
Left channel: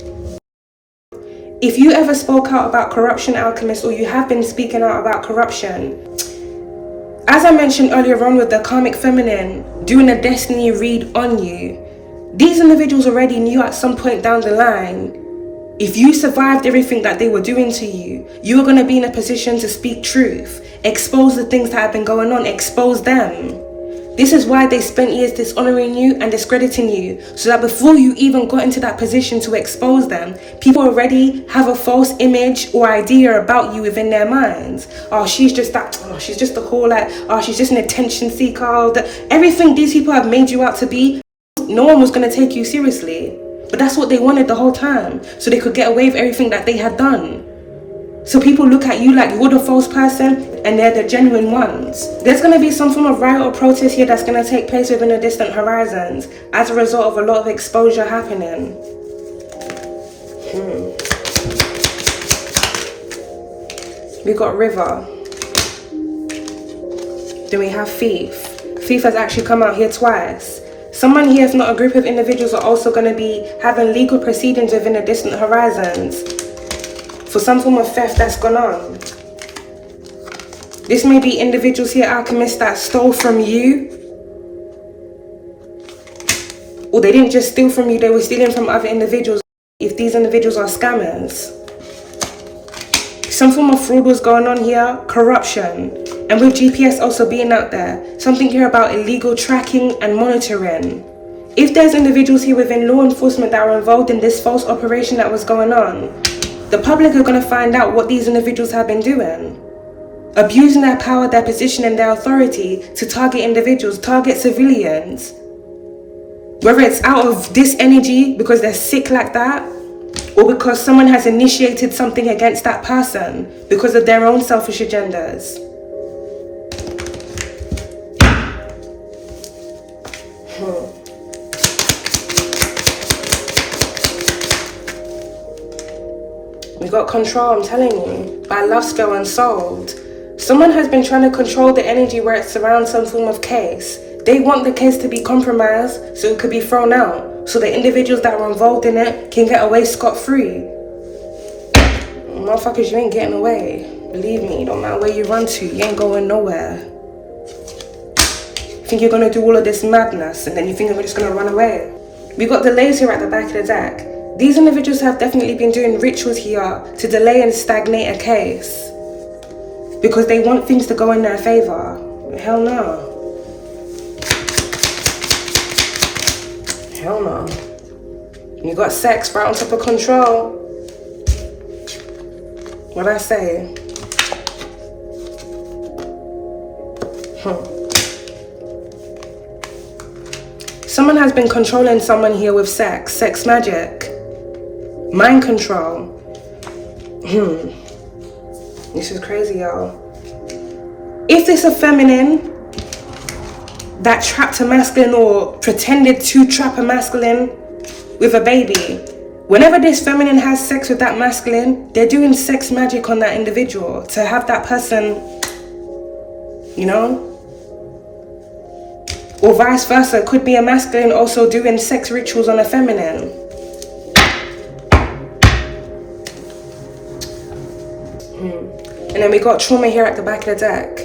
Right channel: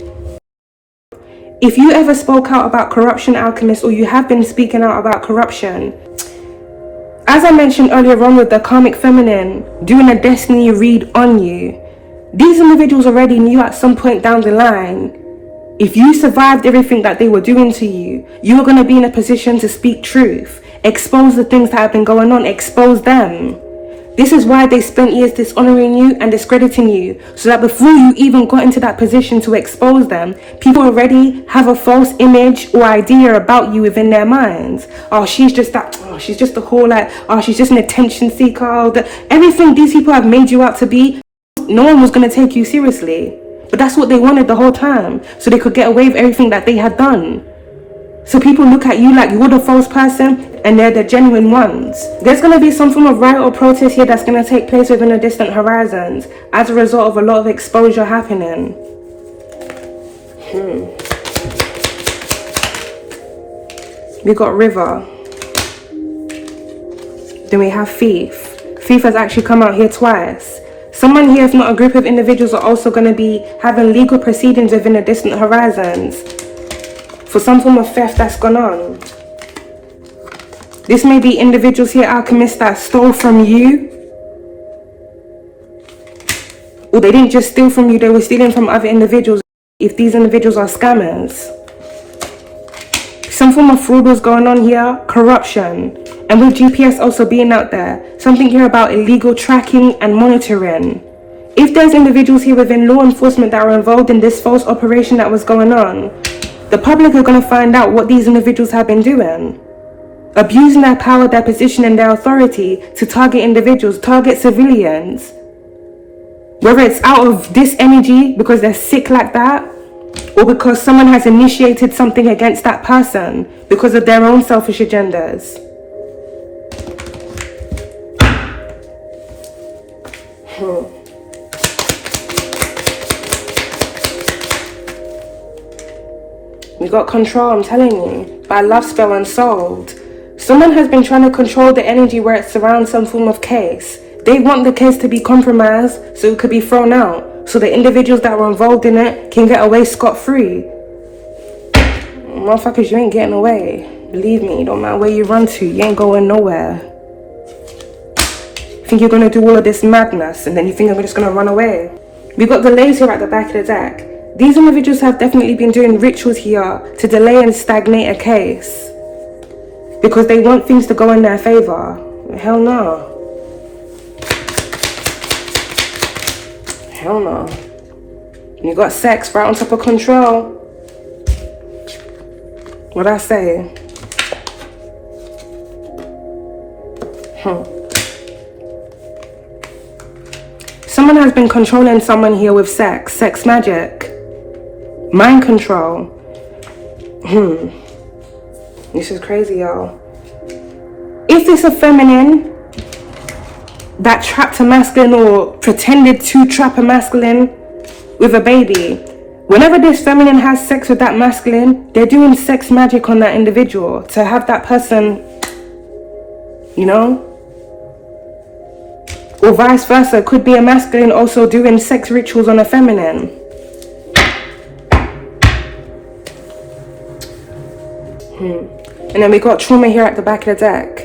If you ever spoke out about corruption, alchemist, or you have been speaking out about corruption, as I mentioned earlier on with the karmic feminine doing a destiny read on you, these individuals already knew at some point down the line, if you survived everything that they were doing to you, you were going to be in a position to speak truth, expose the things that have been going on, expose them. This is why they spent years dishonoring you and discrediting you, so that before you even got into that position to expose them, people already have a false image or idea about you within their minds. Oh, she's just that, oh, she's just a whole like, oh, she's just an attention seeker. Everything these people have made you out to be, no one was going to take you seriously. But that's what they wanted the whole time, so they could get away with everything that they had done. So people look at you like you're the false person and they're the genuine ones. There's going to be some form of riot or protest here that's going to take place within the distant horizons as a result of a lot of exposure happening. We got river. Then we have thief. Thief has actually come out here twice. Someone here, if not a group of individuals, are also going to be having legal proceedings within the distant horizons for some form of theft that's gone on. This may be individuals here, alchemists, that stole from you. Or they didn't just steal from you, they were stealing from other individuals, if these individuals are scammers. Some form of fraud was going on here, corruption. And with GPS also being out there, something here about illegal tracking and monitoring. If there's individuals here within law enforcement that are involved in this false operation that was going on, the public are going to find out what these individuals have been doing. Abusing their power, their position, and their authority to target individuals, target civilians. Whether it's out of this energy because they're sick like that, or because someone has initiated something against that person because of their own selfish agendas. We got control, I'm telling you, by love spell and sold. Someone has been trying to control the energy where it surrounds some form of case. They want the case to be compromised so it could be thrown out, so the individuals that were involved in it can get away scot-free. Motherfuckers, you ain't getting away. Believe me, don't matter where you run to, you ain't going nowhere. You think you're gonna do all of this madness and then you think I'm just gonna run away? We got the laser at the back of the deck. These individuals have definitely been doing rituals here to delay and stagnate a case because they want things to go in their favor. Hell no. Hell no. You got sex right on top of control. What'd I say? Someone has been controlling someone here with sex magic. Mind control. This is crazy, y'all. If it's a feminine that trapped a masculine or pretended to trap a masculine with a baby, whenever this feminine has sex with that masculine, they're doing sex magic on that individual to have that person, you know? Or vice versa, could be a masculine also doing sex rituals on a feminine. And then we got trauma here at the back of the deck.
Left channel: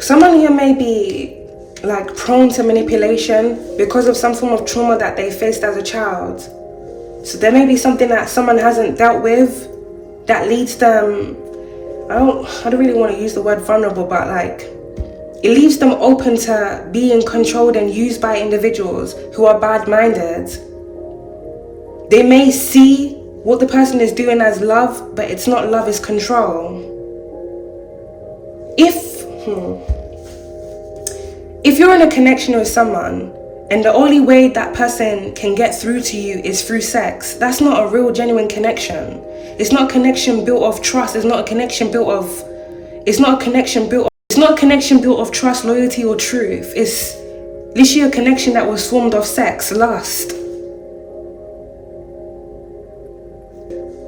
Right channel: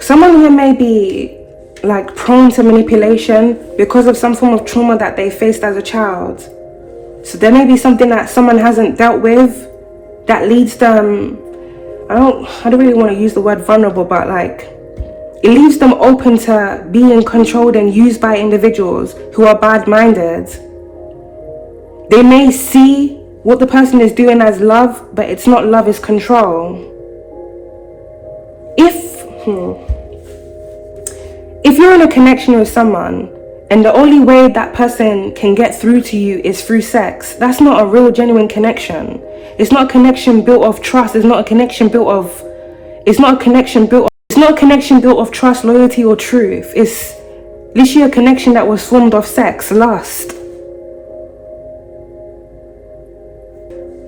Someone here may be like prone to manipulation because of some form of trauma that they faced as a child. So there may be something that someone hasn't dealt with that leads them, I don't really want to use the word vulnerable, but like It leaves them open to being controlled and used by individuals who are bad-minded. They may see what the person is doing as love, but it's not love, it's control. If you're in a connection with someone and the only way that person can get through to you is through sex, that's not a real genuine connection. It's not a connection built of trust. It's not a connection built of trust, loyalty, or truth. It's literally a connection that was formed of sex, lust.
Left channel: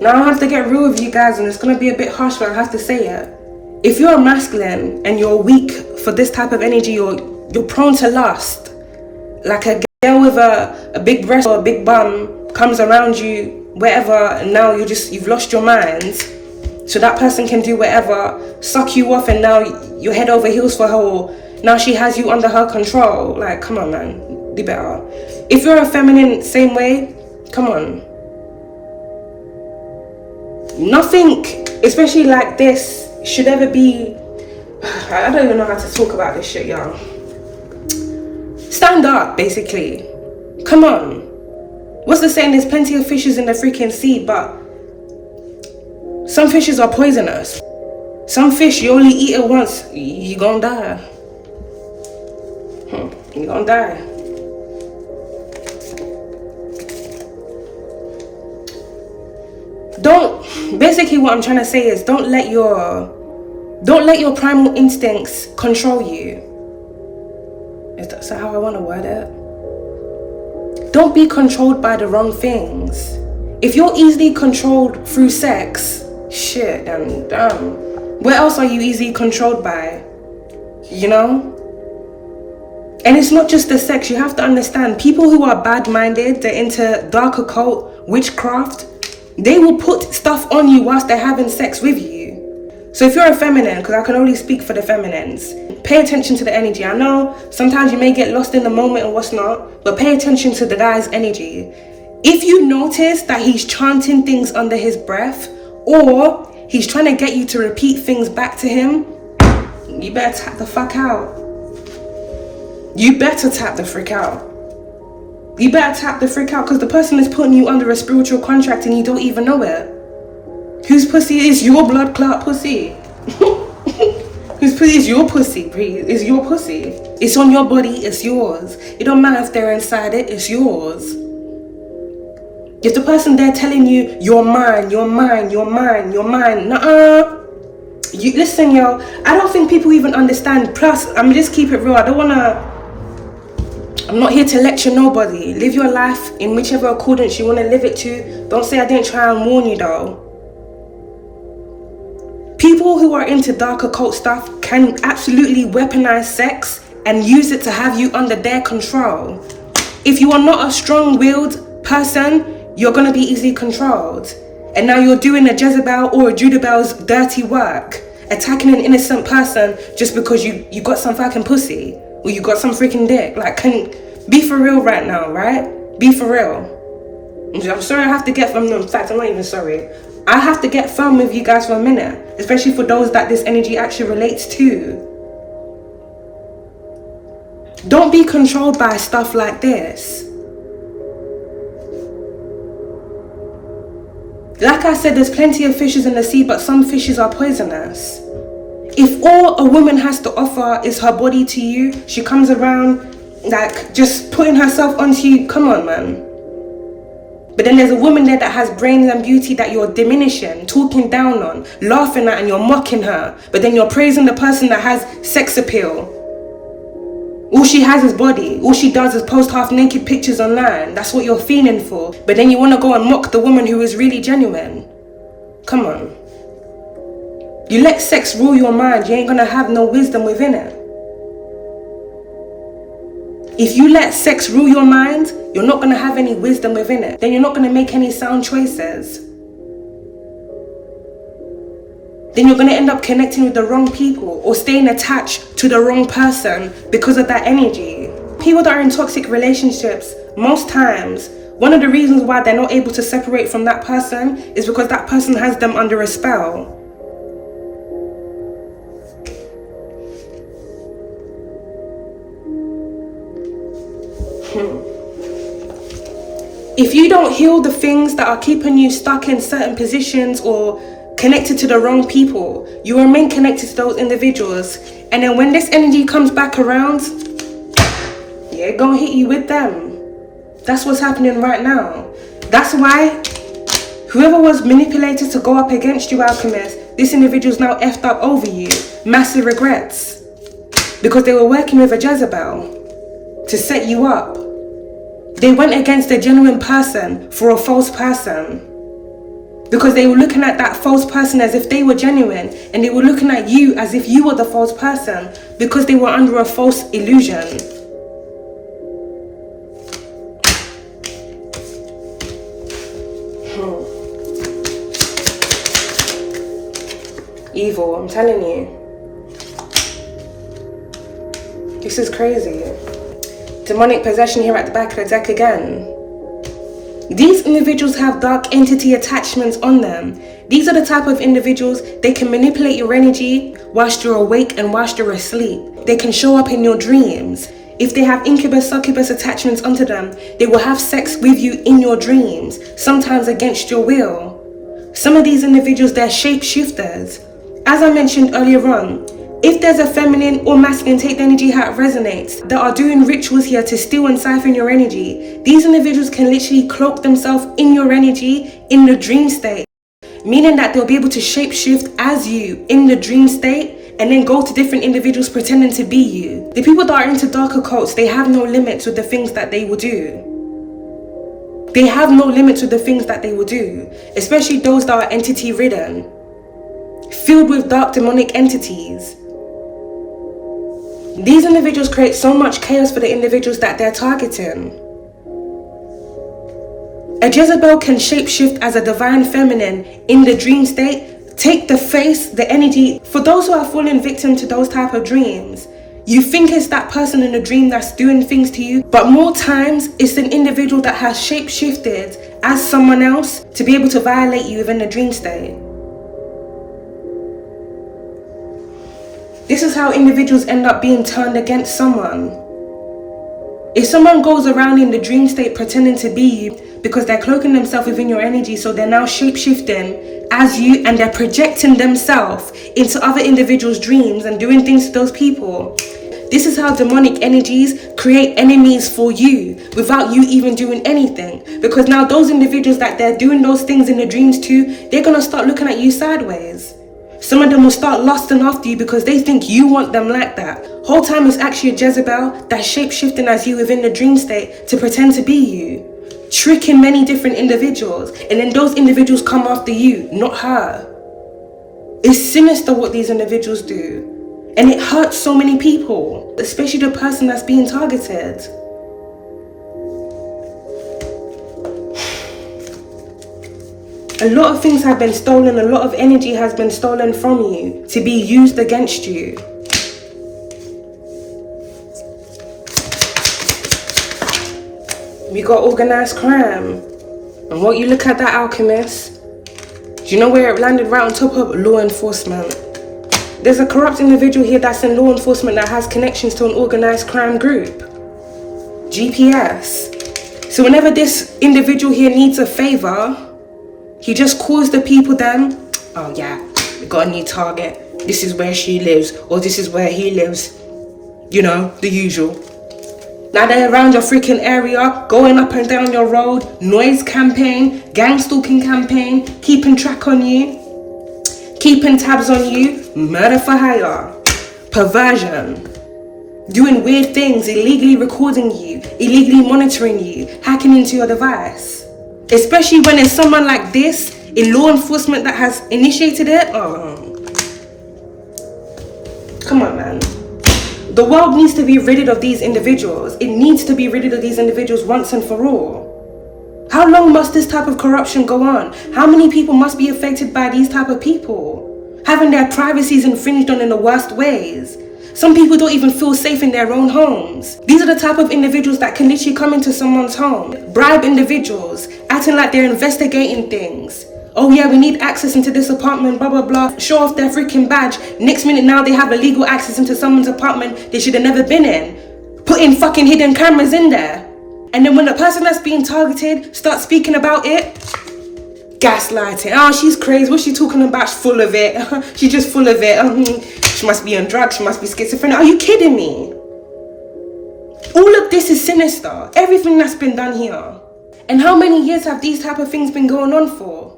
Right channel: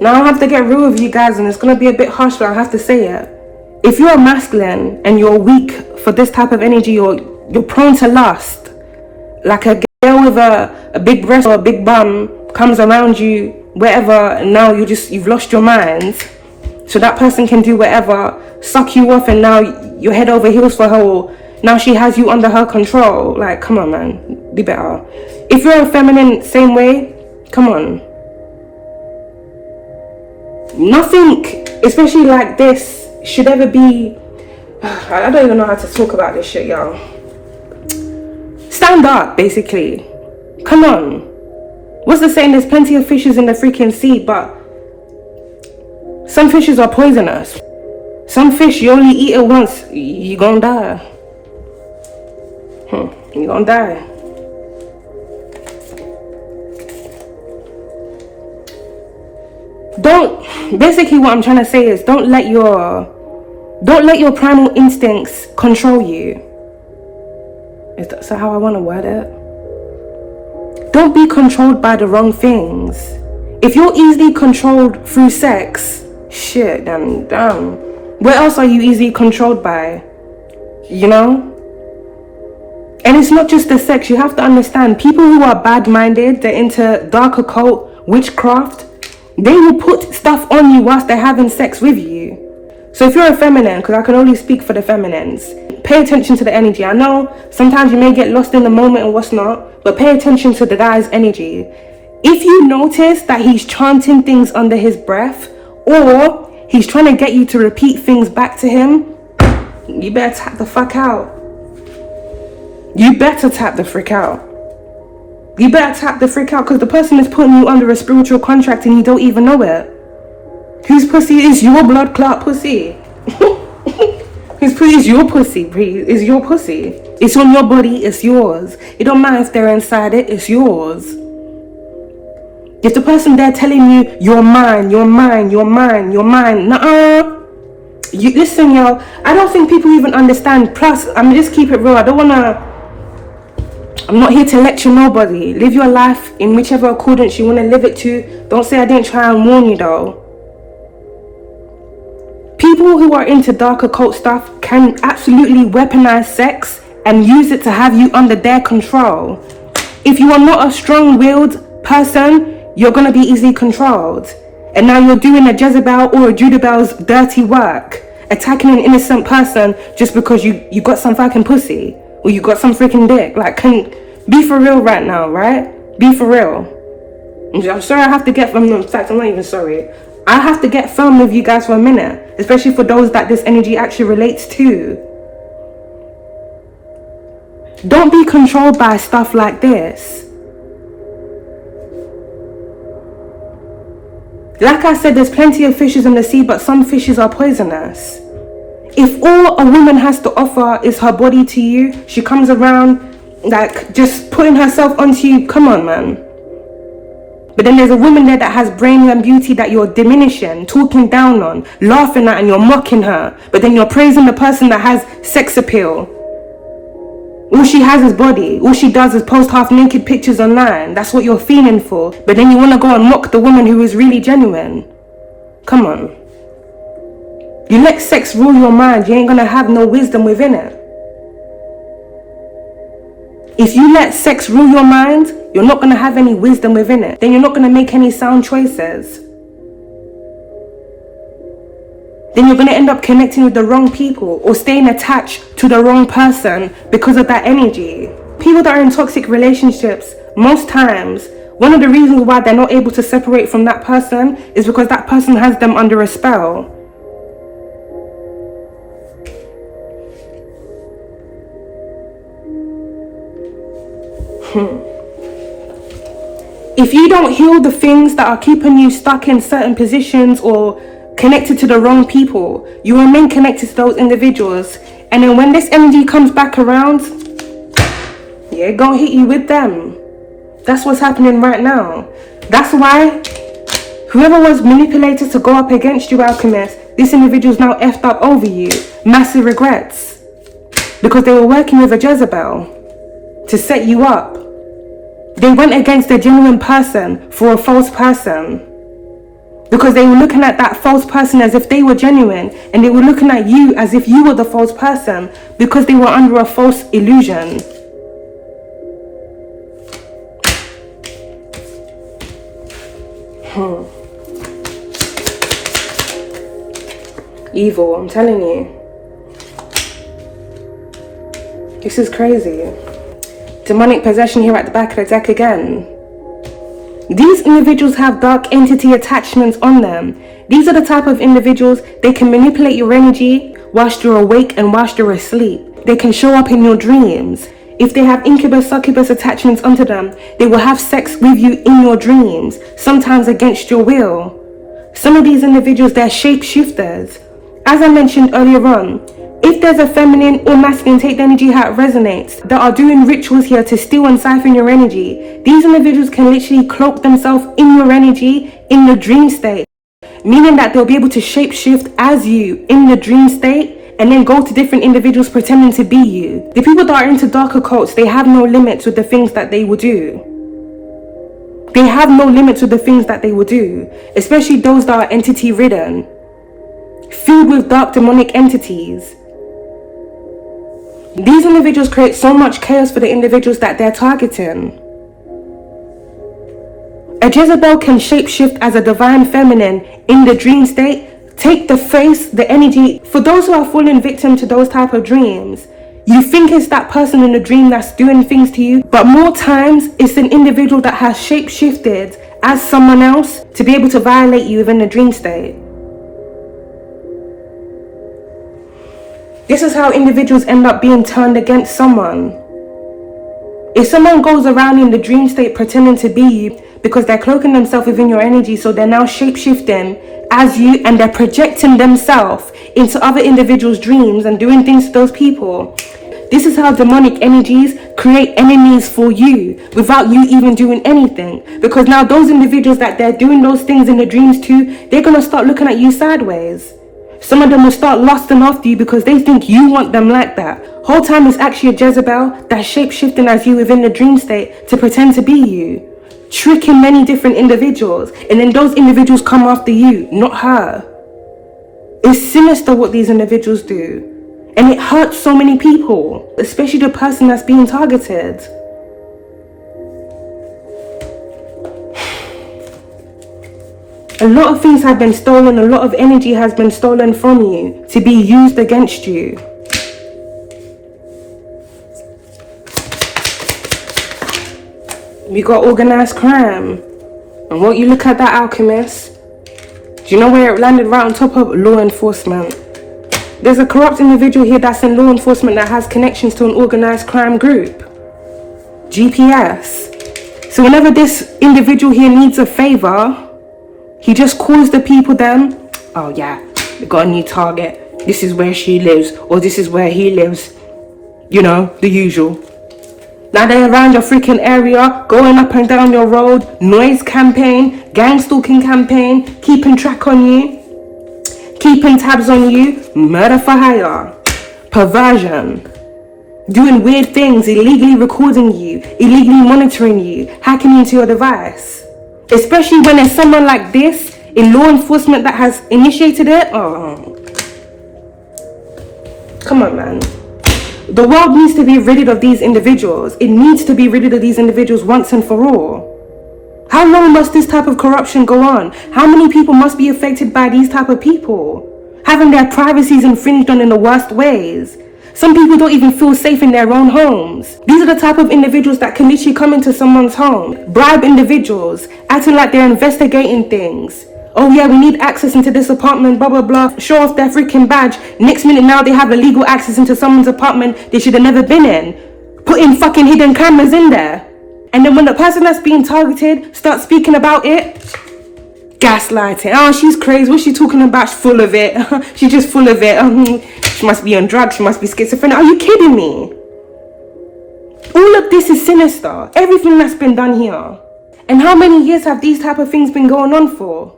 Now I have to get real with you guys, and it's gonna be a bit harsh, but I have to say it. If you're masculine and you're weak for this type of energy, you're prone to lust. Like a girl with a big breast or a big bum comes around you, wherever, and now you've lost your mind. So that person can do whatever, suck you off, and now you're head over heels for her, or now she has you under her control. Like, come on, man, do better. If you're a feminine, same way, come on. Nothing, especially like this, should ever be, I don't even know how to talk about this shit, y'all. Stand up, basically. Come on. What's the saying? There's plenty of fishes in the freaking sea, but some fishes are poisonous. Some fish, you only eat it once, you're gonna die. You're gonna die. Basically what I'm trying to say is don't let your primal instincts control you. Is that how I want to word it? Don't be controlled by the wrong things. If you're easily controlled through sex, shit, then damn. What else are you easily controlled by? You know? And it's not just the sex. You have to understand, people who are bad-minded, they're into dark occult, witchcraft, they will put stuff on you whilst they're having sex with you. So if you're a feminine, because I can only speak for the feminines, pay attention to the energy. I know sometimes you may get lost in the moment and what's not, but pay attention to the guy's energy. If you notice that he's chanting things under his breath, or he's trying to get you to repeat things back to him, you better tap the fuck out. You better tap the frick out. You better tap the freak out, because the person is putting you under a spiritual contract and you don't even know it. Whose pussy is your blood clot pussy? Whose pussy is your pussy? Is your pussy? It's on your body, it's yours. It don't matter if they're inside it, it's yours. If the person there telling you, you're mine, you're mine, you're mine, you're mine, nuh-uh. You listen, yo, I don't think people even understand. Plus, just keep it real. I'm not here to lecture nobody. Live your life in whichever accordance you want to live it to. Don't say I didn't try and warn you though. People who are into dark occult stuff can absolutely weaponize sex and use it to have you under their control. If you are not a strong-willed person, you're going to be easily controlled. And now you're doing a Jezebel or a Jezebel's dirty work, attacking an innocent person just because you got some fucking pussy. Or you got some freaking dick. Like, be for real right now, right? Be for real. I'm sorry I have to get from, in fact, I'm not even sorry. I have to get firm with you guys for a minute. Especially for those that this energy actually relates to. Don't be controlled by stuff like this. Like I said, there's plenty of fishes in the sea, but some fishes are poisonous. If all a woman has to offer is her body to you, she comes around like just putting herself onto you, come on, man. But then there's a woman there that has brain and beauty that you're diminishing, talking down on, laughing at, and you're mocking her. But then you're praising the person that has sex appeal. All she has is body. All she does is post half naked pictures online. That's what you're feeling for. But then you want to go and mock the woman who is really genuine. Come on. You let sex rule your mind, you ain't gonna have no wisdom within it. If you let sex rule your mind, you're not gonna have any wisdom within it. Then you're not gonna make any sound choices. Then you're gonna end up connecting with the wrong people or staying attached to the wrong person because of that energy. People that are in toxic relationships, most times, one of the reasons why they're not able to separate from that person is because that person has them under a spell. If you don't heal the things that are keeping you stuck in certain positions or connected to the wrong people, you remain connected to those individuals. And then when this energy comes back around, yeah, gonna hit you with them. That's what's happening right now. That's why whoever was manipulated to go up against you, Alchemist, this individual's now effed up over you. Massive regrets. Because they were working with a Jezebel to set you up. They went against a genuine person for a false person. Because they were looking at that false person as if they were genuine. And they were looking at you as if you were the false person. Because they were under a false illusion. Evil, I'm telling you. This is crazy. Demonic possession here at the back of the deck again. These individuals have dark entity attachments on them. These are the type of individuals, they can manipulate your energy whilst you're awake and whilst you're asleep. They can show up in your dreams. If they have incubus, succubus attachments onto them, they will have sex with you in your dreams, sometimes against your will. Some of these individuals, they're shapeshifters. As I mentioned earlier on, if there's a feminine or masculine, take the energy how it resonates, that are doing rituals here to steal and siphon your energy, these individuals can literally cloak themselves in your energy in the dream state. Meaning that they'll be able to shapeshift as you in the dream state and then go to different individuals pretending to be you. The people that are into dark occults, they have no limits with the things that they will do. They have no limits with the things that they will do. Especially those that are entity ridden. Filled with dark demonic entities. These individuals create so much chaos for the individuals that they're targeting. A Jezebel can shapeshift as a divine feminine in the dream state, take the face, the energy. For those who are falling victim to those type of dreams, you think it's that person in the dream that's doing things to you, but more times it's an individual that has shapeshifted as someone else to be able to violate you within the dream state. This is how individuals end up being turned against someone. If someone goes around in the dream state pretending to be you because they're cloaking themselves within your energy, so they're now shapeshifting as you and they're projecting themselves into other individuals' dreams and doing things to those people. This is how demonic energies create enemies for you without you even doing anything. Because now those individuals that they're doing those things in the dreams to, they're going to start looking at you sideways. Some of them will start lusting after you because they think you want them like that. Whole time it's actually a Jezebel that's shape-shifting as you within the dream state to pretend to be you. Tricking many different individuals. And then those individuals come after you, not her. It's sinister what these individuals do. And it hurts so many people. Especially the person that's being targeted. A lot of things have been stolen, a lot of energy has been stolen from you to be used against you. We got organized crime. And what you look at that, Alchemist, do you know where it landed? Right on top of law enforcement. There's a corrupt individual here that's in law enforcement that has connections to an organized crime group. GPS. So whenever this individual here needs a favor, he just calls the people then, oh yeah, we got a new target. This is where she lives, or this is where he lives. You know, the usual. Now they're around your freaking area, going up and down your road, noise campaign, gang stalking campaign, keeping track on you, keeping tabs on you, murder for hire, perversion, doing weird things, illegally recording you, illegally monitoring you, hacking into your device. Especially when there's someone like this in law enforcement that has initiated it. Oh, come on, man. The world needs to be rid of these individuals. It needs to be rid of these individuals once and for all. How long must this type of corruption go on? How many people must be affected by these type of people? Having their privacies infringed on in the worst ways. Some people don't even feel safe in their own homes. These are the type of individuals that can literally come into someone's home, bribe individuals, acting like they're investigating things. Oh yeah, we need access into this apartment, blah, blah, blah. Show off their freaking badge. Next minute now they have illegal access into someone's apartment they should have never been in. Putting fucking hidden cameras in there. And then when the person that's being targeted starts speaking about it, gaslighting. Oh, she's crazy. What's she talking about? She's full of it. She's just full of it. She must be on drugs. She must be schizophrenic. Are you kidding me? All of this is sinister. Everything that's been done here. And how many years have these type of things been going on for?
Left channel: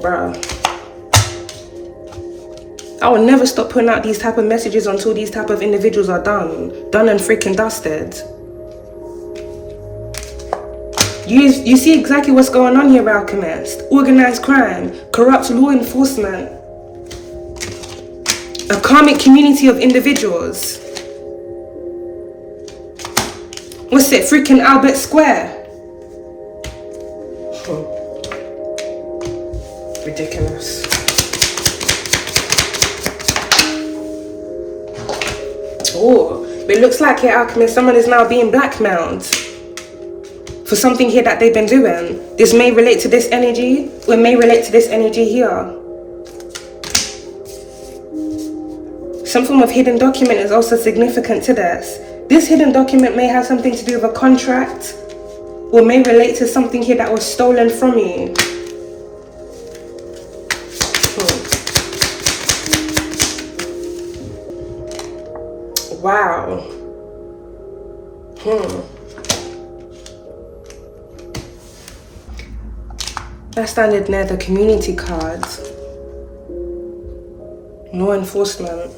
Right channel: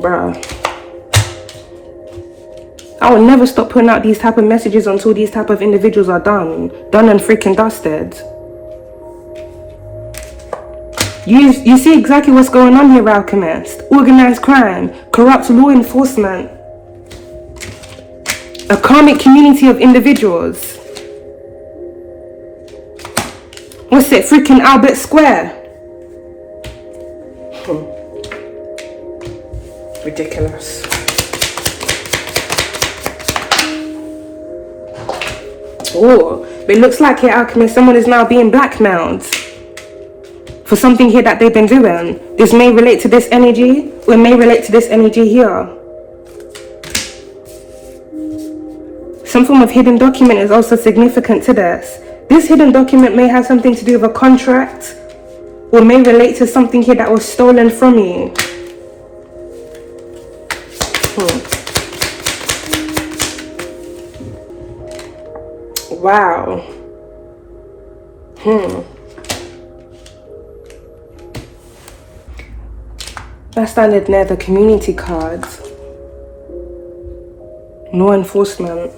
Bro. I will never stop putting out these type of messages until these type of individuals are done and freaking dusted. You see exactly what's going on here, Alchemist. Organized crime, corrupt law enforcement, a karmic community of individuals. What's it, freaking Albert Square? Ridiculous. Oh, but it looks like here, Alchemist, someone is now being blackmailed for something here that they've been doing. This may relate to this energy, or it may relate to this energy here. Some form of hidden document is also significant to this. This hidden document may have something to do with a contract, or may relate to something here that was stolen from you. Wow. That standard near the community cards. Law enforcement.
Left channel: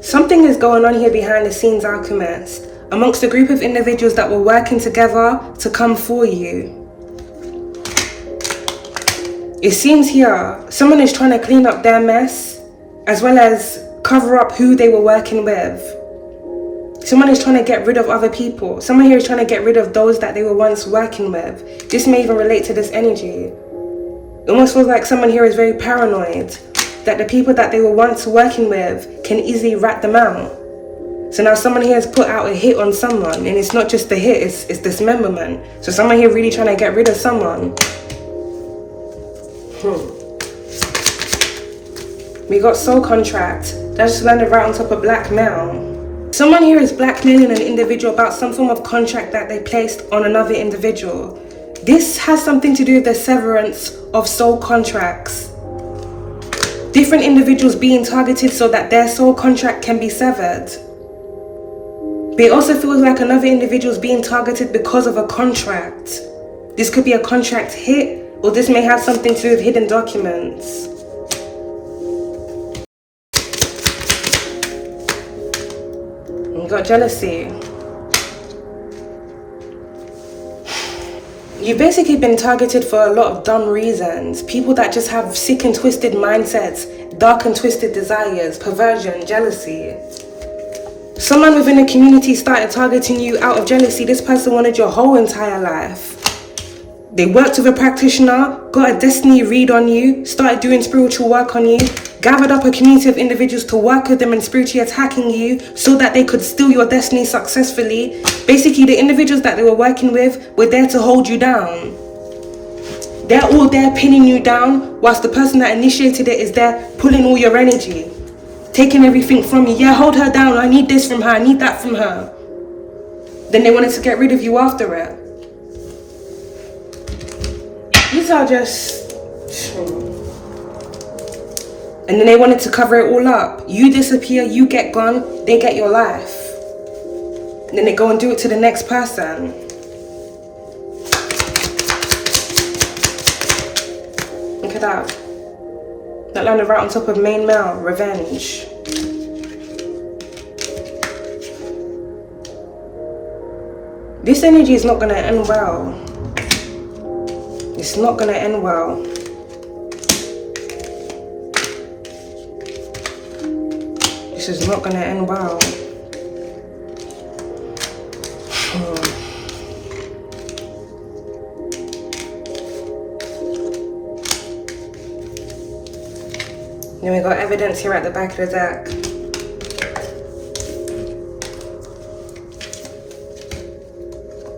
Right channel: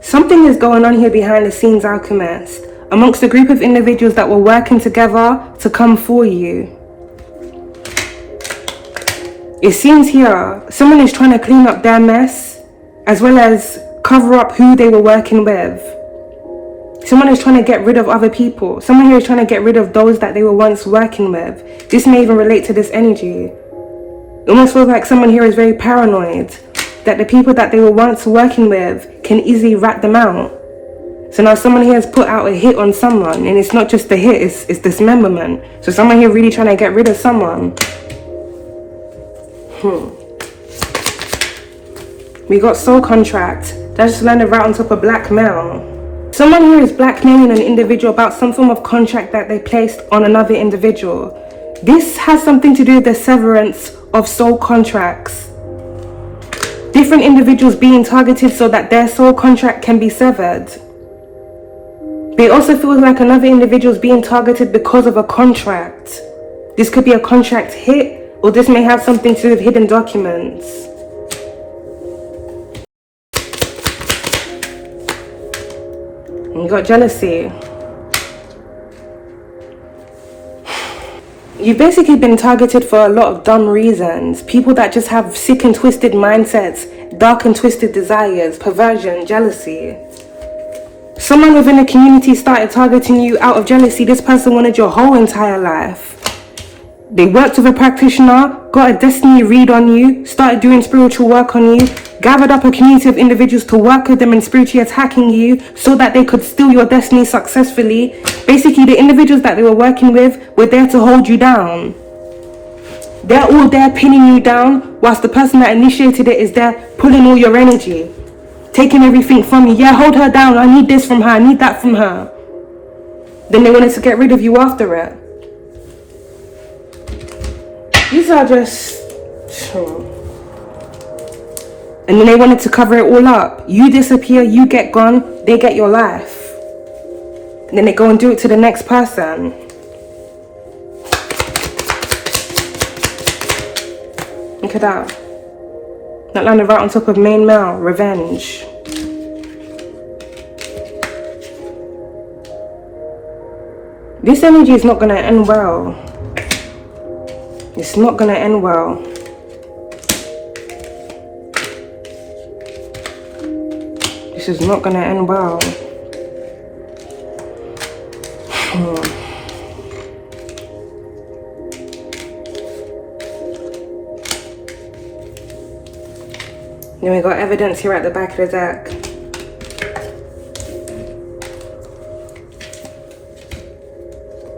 Something is going on here behind the scenes, Alchemist, amongst a group of individuals that were working together to come for you. It seems here someone is trying to clean up their mess, as well as cover up who they were working with. Someone is trying to get rid of other people. Someone here is trying to get rid of those that they were once working with. This may even relate to this energy. It almost feels like someone here is very paranoid that the people that they were once working with can easily rat them out. So now someone here has put out a hit on someone, and it's not just a hit, it's dismemberment. So someone here really trying to get rid of someone. We got soul contract. That just landed right on top of blackmail. Someone here is blackmailing an individual about some form of contract that they placed on another individual. This has something to do with the severance of soul contracts. Different individuals being targeted so that their soul contract can be severed. But it also feels like another individual is being targeted because of a contract. This could be a contract hit, or this may have something to do with hidden documents. You got jealousy. You've basically been targeted for a lot of dumb reasons. People that just have sick and twisted mindsets, dark and twisted desires, perversion, jealousy. Someone within a community started targeting you out of jealousy. This person wanted your whole entire life. They worked with a practitioner, got a destiny read on you, started doing spiritual work on you, gathered up a community of individuals to work with them and spiritually attacking you so that they could steal your destiny successfully. Basically, the individuals that they were working with were there to hold you down. They're all there pinning you down, whilst the person that initiated it is there pulling all your energy, taking everything from you. Yeah, hold her down. I need this from her. I need that from her. Then they wanted to get rid of you after it. These are just... And then they wanted to cover it all up. You disappear, you get gone, they get your life. And then they go and do it to the next person. Look at that. That landed right on top of main male, revenge. This energy is not going to end well. It's not going to end well. This is not going to end well. Then we got evidence here at the back of the deck.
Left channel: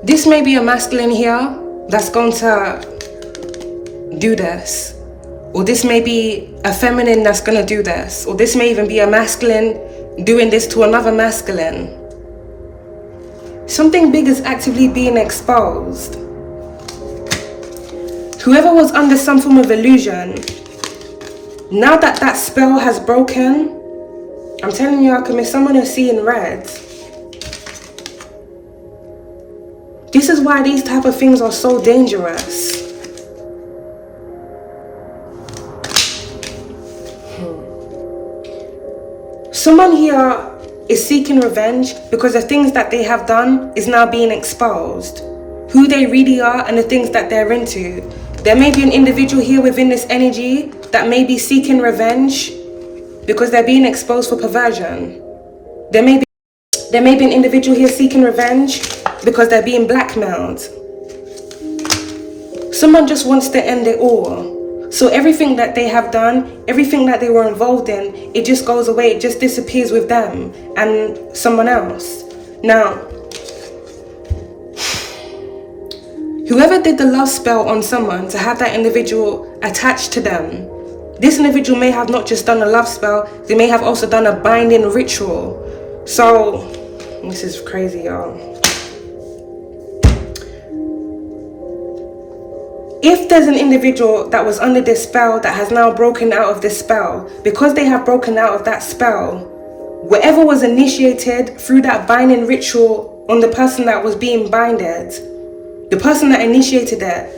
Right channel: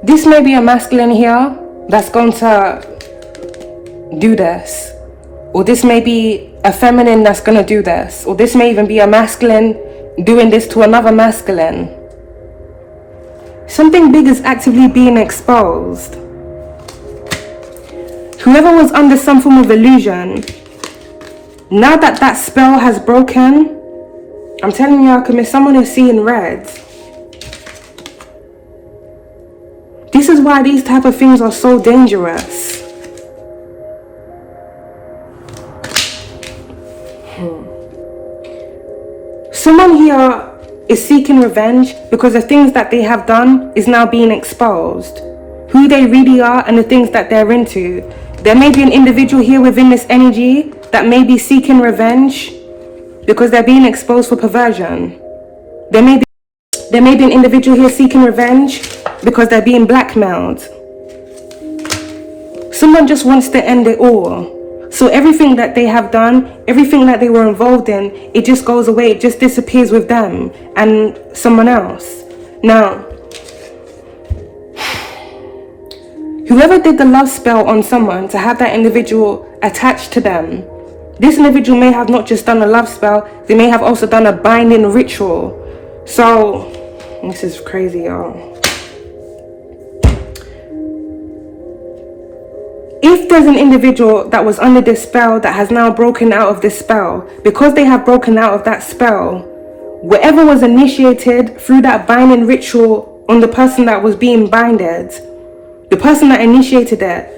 This may be a masculine here that's going to do this. Or this may be a feminine that's going to do this. Or this may even be a masculine doing this to another masculine. Something big is actively being exposed. Whoever was under some form of illusion, now that that spell has broken, I'm telling you, alchemist, someone is seeing red. This is why these type of things are so dangerous. Someone here is seeking revenge because the things that they have done is now being exposed. Who they really are and the things that they're into. There may be an individual here within this energy that may be seeking revenge because they're being exposed for perversion. There may be an individual here seeking revenge because they're being blackmailed. Someone just wants to end it all. So everything that they have done, everything that they were involved in, it just goes away, it just disappears with them and someone else. Now, whoever did the love spell on someone to have that individual attached to them, this individual may have not just done a love spell, they may have also done a binding ritual. So, this is crazy, y'all. If there's an individual that was under this spell that has now broken out of this spell, because they have broken out of that spell, whatever was initiated through that binding ritual on the person that was being binded, the person that initiated it,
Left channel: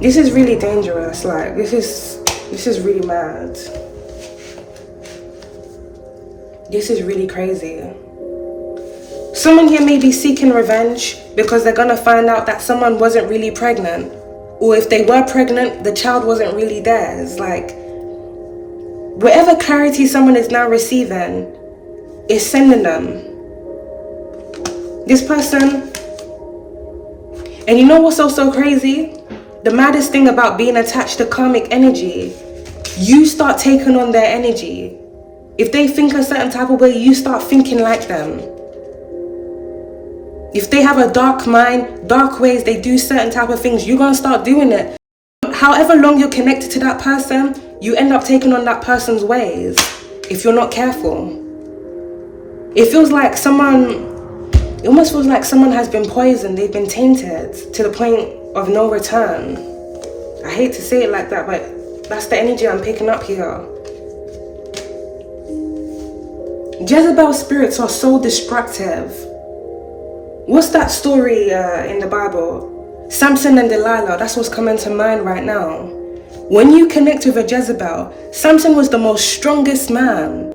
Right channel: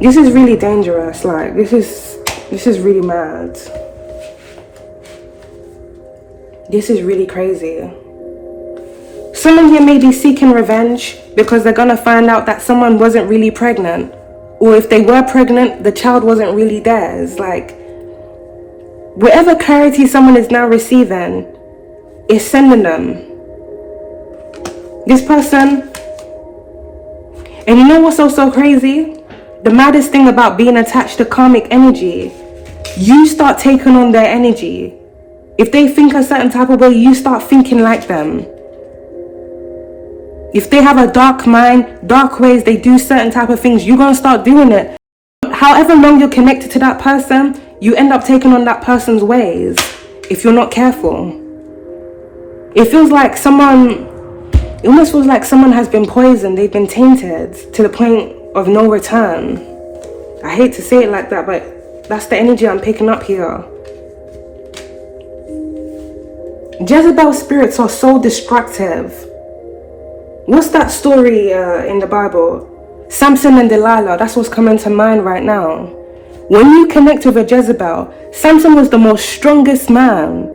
this is really dangerous. Like, this is really mad. This is really crazy. Someone here may be seeking revenge because they're gonna find out that someone wasn't really pregnant, or if they were pregnant, the child wasn't really theirs. Like, whatever clarity someone is now receiving is sending them. This person, and you know what's so crazy? The maddest thing about being attached to karmic energy, you start taking on their energy. If they think a certain type of way, you start thinking like them. If they have a dark mind, dark ways, they do certain type of things, you're going to start doing it. However long you're connected to that person, you end up taking on that person's ways if you're not careful. It almost feels like someone has been poisoned, they've been tainted to the point of no return. I hate to say it like that, but that's the energy I'm picking up here. Jezebel spirits are so destructive. What's that story in the Bible? Samson and Delilah, that's what's coming to mind right now. When you connect with a Jezebel, Samson was the most strongest man.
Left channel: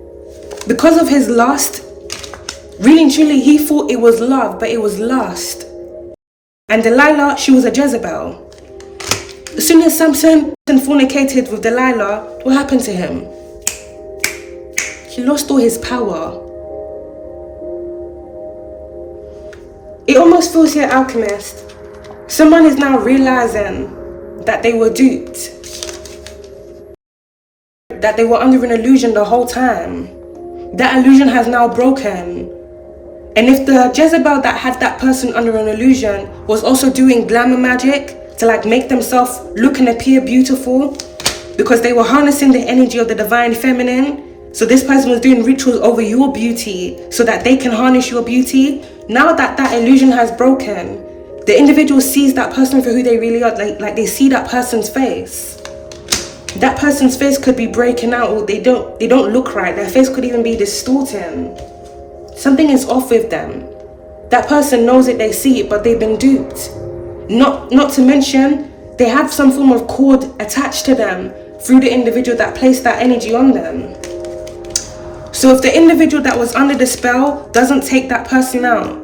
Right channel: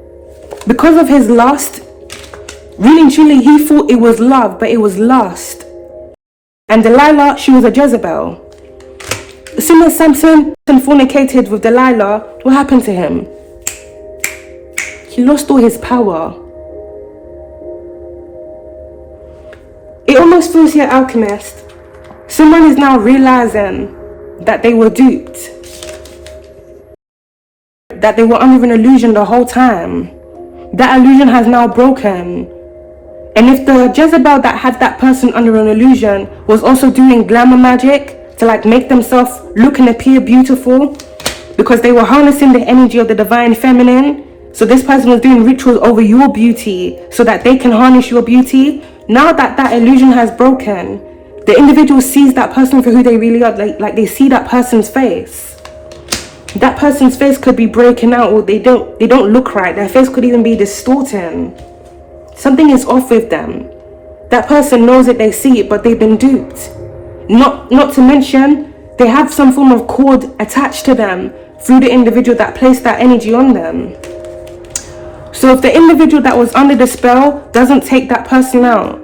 Because of his lust, really and truly, he thought it was love, but it was lust. And Delilah, she was a Jezebel. As soon as Samson fornicated with Delilah, what happened to him? He lost all his power. It almost feels here, alchemist, someone is now realizing that they were duped, that they were under an illusion the whole time. That illusion has now broken. And if the Jezebel that had that person under an illusion was also doing glamour magic to like make themselves look and appear beautiful, because they were harnessing the energy of the divine feminine, so this person was doing rituals over your beauty so that they can harness your beauty. Now that that illusion has broken, the individual sees that person for who they really are, like they see that person's face. That person's face could be breaking out, or they don't look right. Their face could even be distorting. Something is off with them. That person knows it, they see it, but they've been duped. Not to mention, they have some form of cord attached to them through the individual that placed that energy on them. So if the individual that was under the spell doesn't take that person out,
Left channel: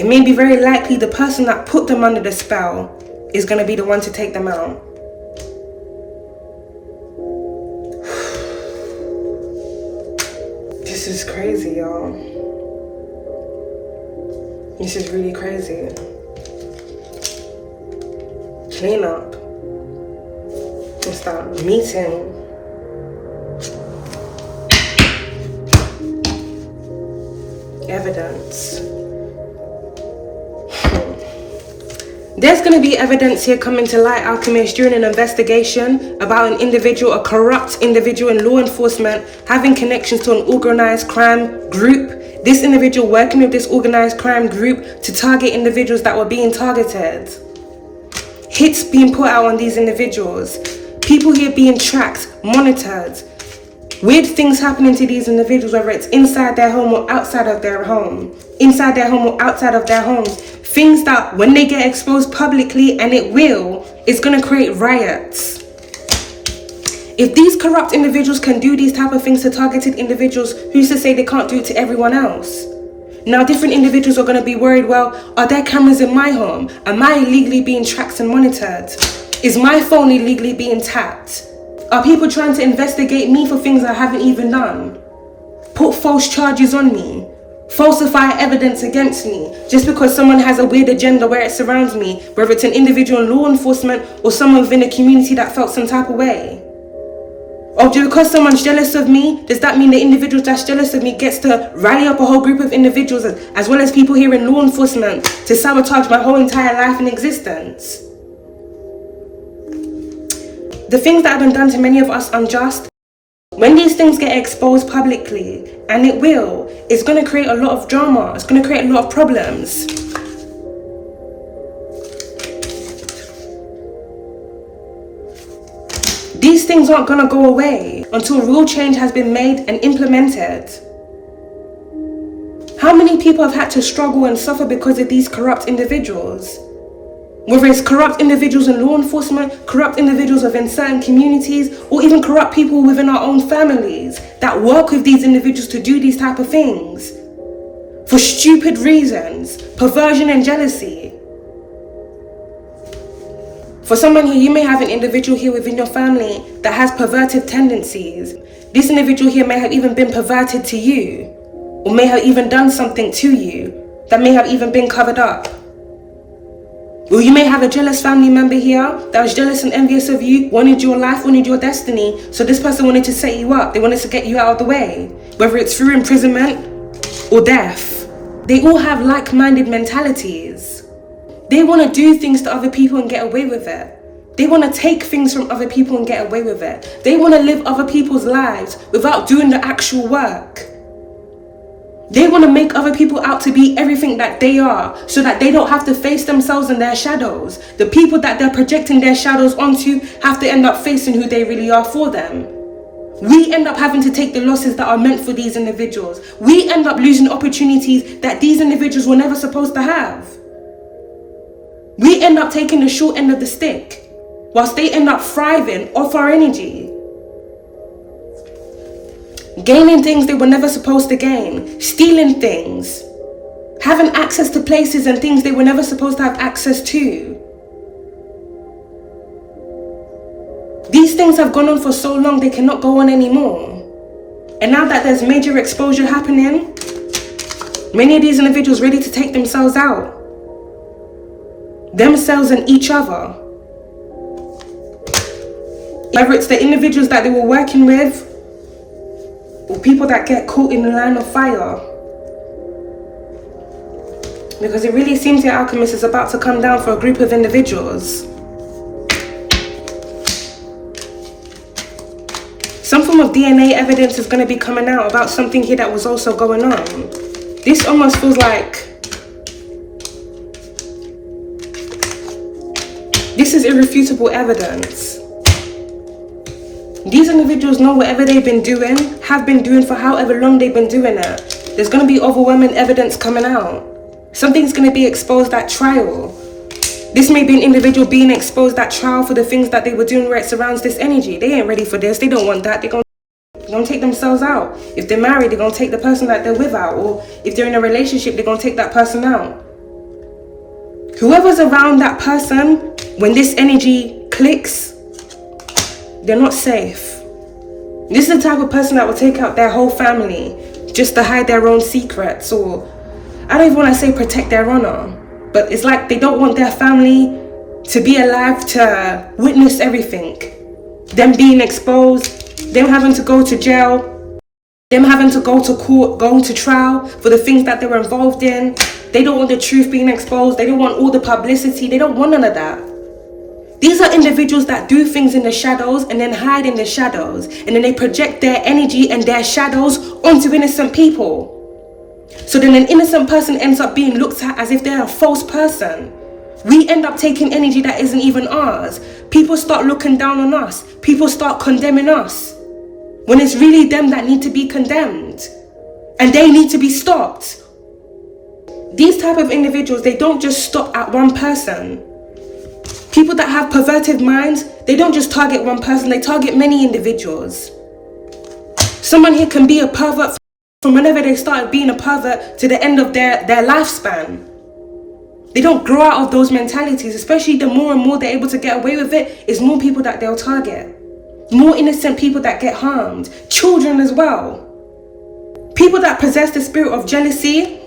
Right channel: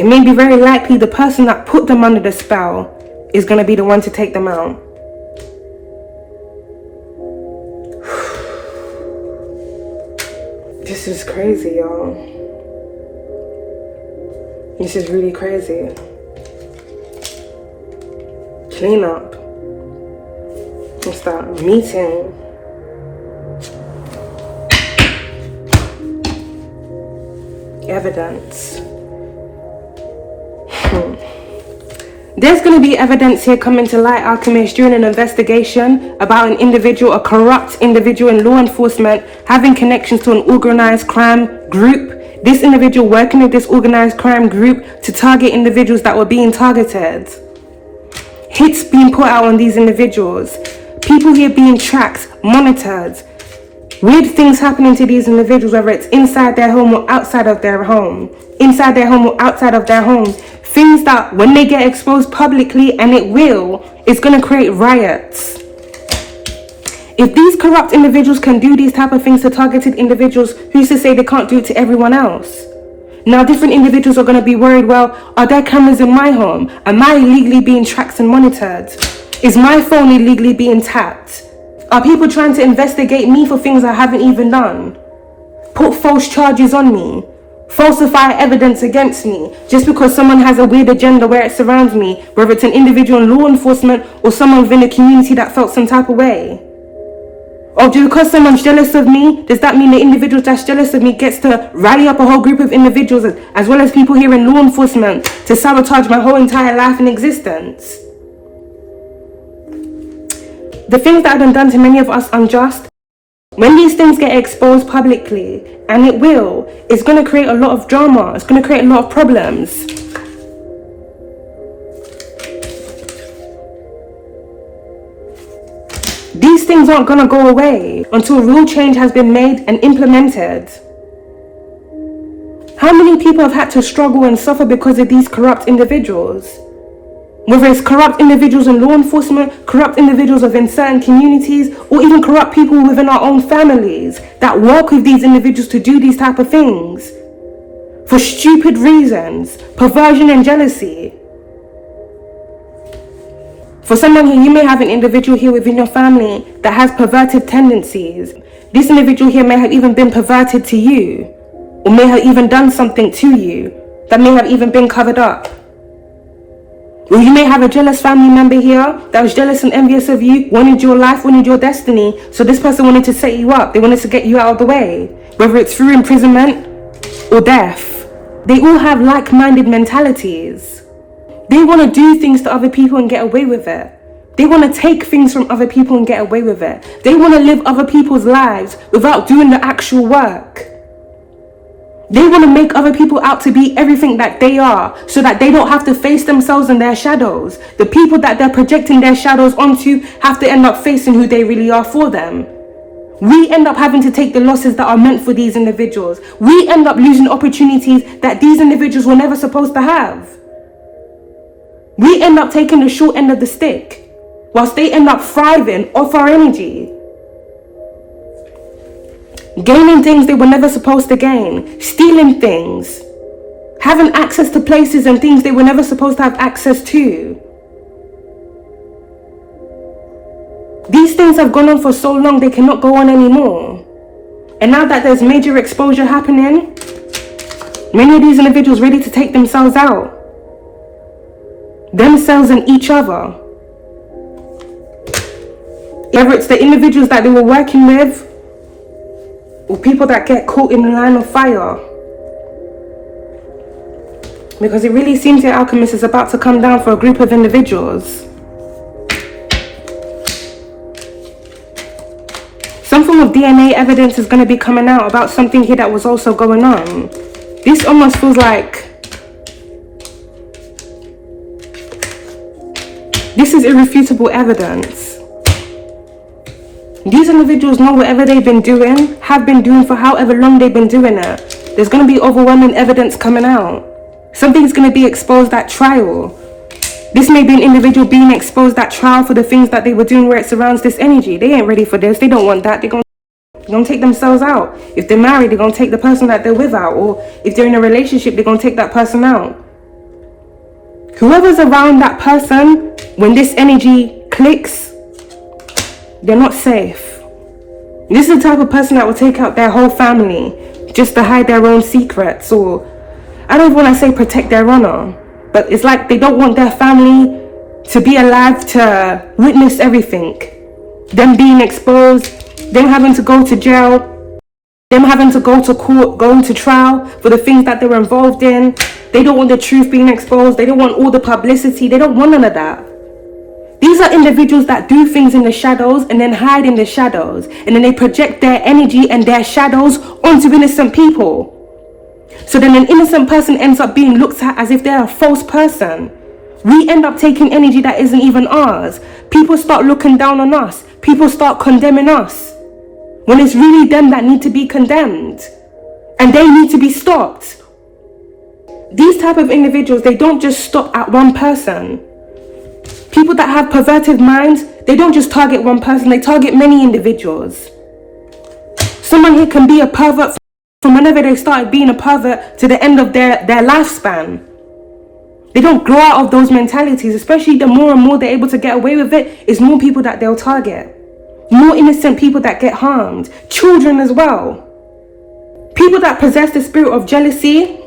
it may be very likely the person that put them under the spell is going to be the one to take them out. This is crazy, y'all. This is really crazy. Clean up. And start meeting. Evidence. There's going to be evidence here coming to light, Alchemist, during an investigation about an individual, a corrupt individual in law enforcement, having connections to an organized crime group. This individual working with this organized crime group to target individuals that were being targeted. Hits being put out on these individuals. People here being tracked, monitored. Weird things happening to these individuals, whether it's inside their home or outside of their home. Inside their home or outside of their homes. Things that when they get exposed publicly, and it will, it's going to create riots. If these corrupt individuals can do these type of things to targeted individuals, who's to say they can't do it to everyone else? Now different individuals are going to be worried, well, are there cameras in my home? Am I illegally being tracked and monitored? Is my phone illegally being tapped? Are people trying to investigate me for things I haven't even done? Put false charges on me? Falsify evidence against me just because someone has a weird agenda where it surrounds me, whether it's an individual in law enforcement or someone within a community that felt some type of way? Or because someone's jealous of me, does that mean the individual that's jealous of me gets to rally up a whole group of individuals as well as people here in law enforcement to sabotage my whole entire life and existence? The things that have been done to many of us unjust, when these things get exposed publicly, and it will, it's going to create a lot of drama, it's going to create a lot of problems. These things aren't going to go away until real change has been made and implemented. How many people have had to struggle and suffer because of these corrupt individuals? Whether it's corrupt individuals in law enforcement, corrupt individuals within certain communities, or even corrupt people within our own families that work with these individuals to do these type of things. For stupid reasons, perversion and jealousy. For someone here, you may have an individual here within your family that has perverted tendencies. This individual here may have even been perverted to you, or may have even done something to you that may have even been covered up. Or you may have a jealous family member here that was jealous and envious of you, wanted your life, wanted your destiny, so this person wanted to set you up, they wanted to get you out of the way, whether it's through imprisonment or death. They all have like-minded mentalities. They want to do things to other people and get away with it. They want to take things from other people and get away with it. They want to live other people's lives without doing the actual work. They want to make other people out to be everything that they are, so that they don't have to face themselves and their shadows. The people that they're projecting their shadows onto have to end up facing who they really are for them. We end up having to take the losses that are meant for these individuals. We end up losing opportunities that these individuals were never supposed to have. We end up taking the short end of the stick, whilst they end up thriving off our energy. Gaining things they were never supposed to gain, stealing things, having access to places and things they were never supposed to have access to. These things have gone on for so long they cannot go on anymore. And now that there's major exposure happening, many of these individuals ready to take themselves out. Themselves and each other. Whether it's the individuals that they were working with, or people that get caught in the line of fire. Because it really seems the alchemist is about to come down for a group of individuals. Some form of DNA evidence is going to be coming out about something here that was also going on. This almost feels like this is irrefutable evidence. These individuals know whatever they've been doing, have been doing for however long they've been doing it. There's going to be overwhelming evidence coming out. Something's going to be exposed at trial. This may be an individual being exposed at trial for the things that they were doing where it surrounds this energy. They ain't ready for this. They don't want that. They're going to take themselves out. If they're married, they're going to take the person that they're with out. Or if they're in a relationship, they're going to take that person out. Whoever's around that person, when this energy clicks, they're not safe. This is the type of person that will take out their whole family just to hide their own secrets, or I don't even want to say protect their honor, but it's like they don't want their family to be alive to witness everything. Them being exposed, them having to go to jail, them having to go to court, going to trial for the things that they were involved in. They don't want the truth being exposed. They don't want all the publicity. They don't want none of that. These are individuals that do things in the shadows and then hide in the shadows. And then they project their energy and their shadows onto innocent people. So then an innocent person ends up being looked at as if they're a false person. We end up taking energy that isn't even ours. People start looking down on us. People start condemning us. When it's really them that need to be condemned. And they need to be stopped. These type of individuals, they don't just stop at one person. People that have perverted minds, they don't just target one person, they target many individuals. Someone here can be a pervert from whenever they started being a pervert to the end of their lifespan. They don't grow out of those mentalities, especially the more and more they're able to get away with it, it's more people that they'll target. More innocent people that get harmed. Children as well. People that possess the spirit of jealousy.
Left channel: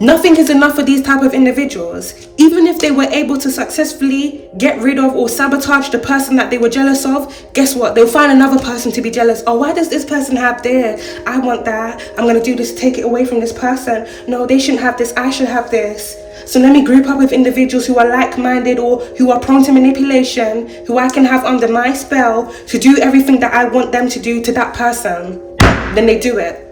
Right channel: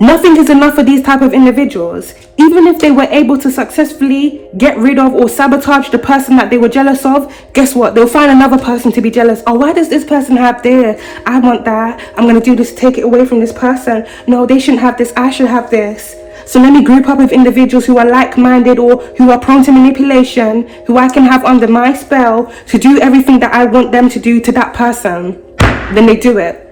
Nothing is enough for these type of individuals. Even if they were able to successfully get rid of or sabotage the person that they were jealous of, guess what? They'll find another person to be jealous. Oh, why does this person have this? I want that. I'm going to do this, take it away from this person. No, they shouldn't have this. I should have this. So let me group up with individuals who are like-minded or who are prone to manipulation, who I can have under my spell to do everything that I want them to do to that person. Then they do it.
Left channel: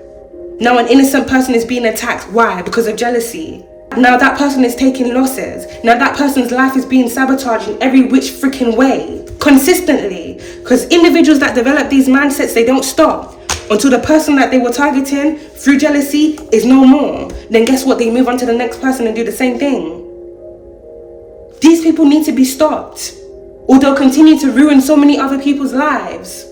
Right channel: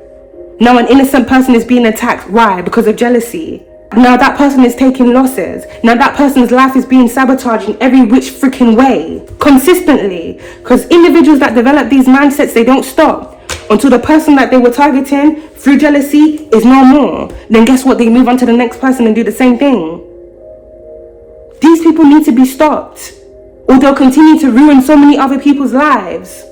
Now an innocent person is being attacked. Why? Because of jealousy. Now that person is taking losses. Now that person's life is being sabotaged in every which freaking way. Consistently. Because individuals that develop these mindsets, they don't stop. Until the person that they were targeting through jealousy is no more. Then guess what? They move on to the next person and do the same thing. These people need to be stopped. Or they'll continue to ruin so many other people's lives.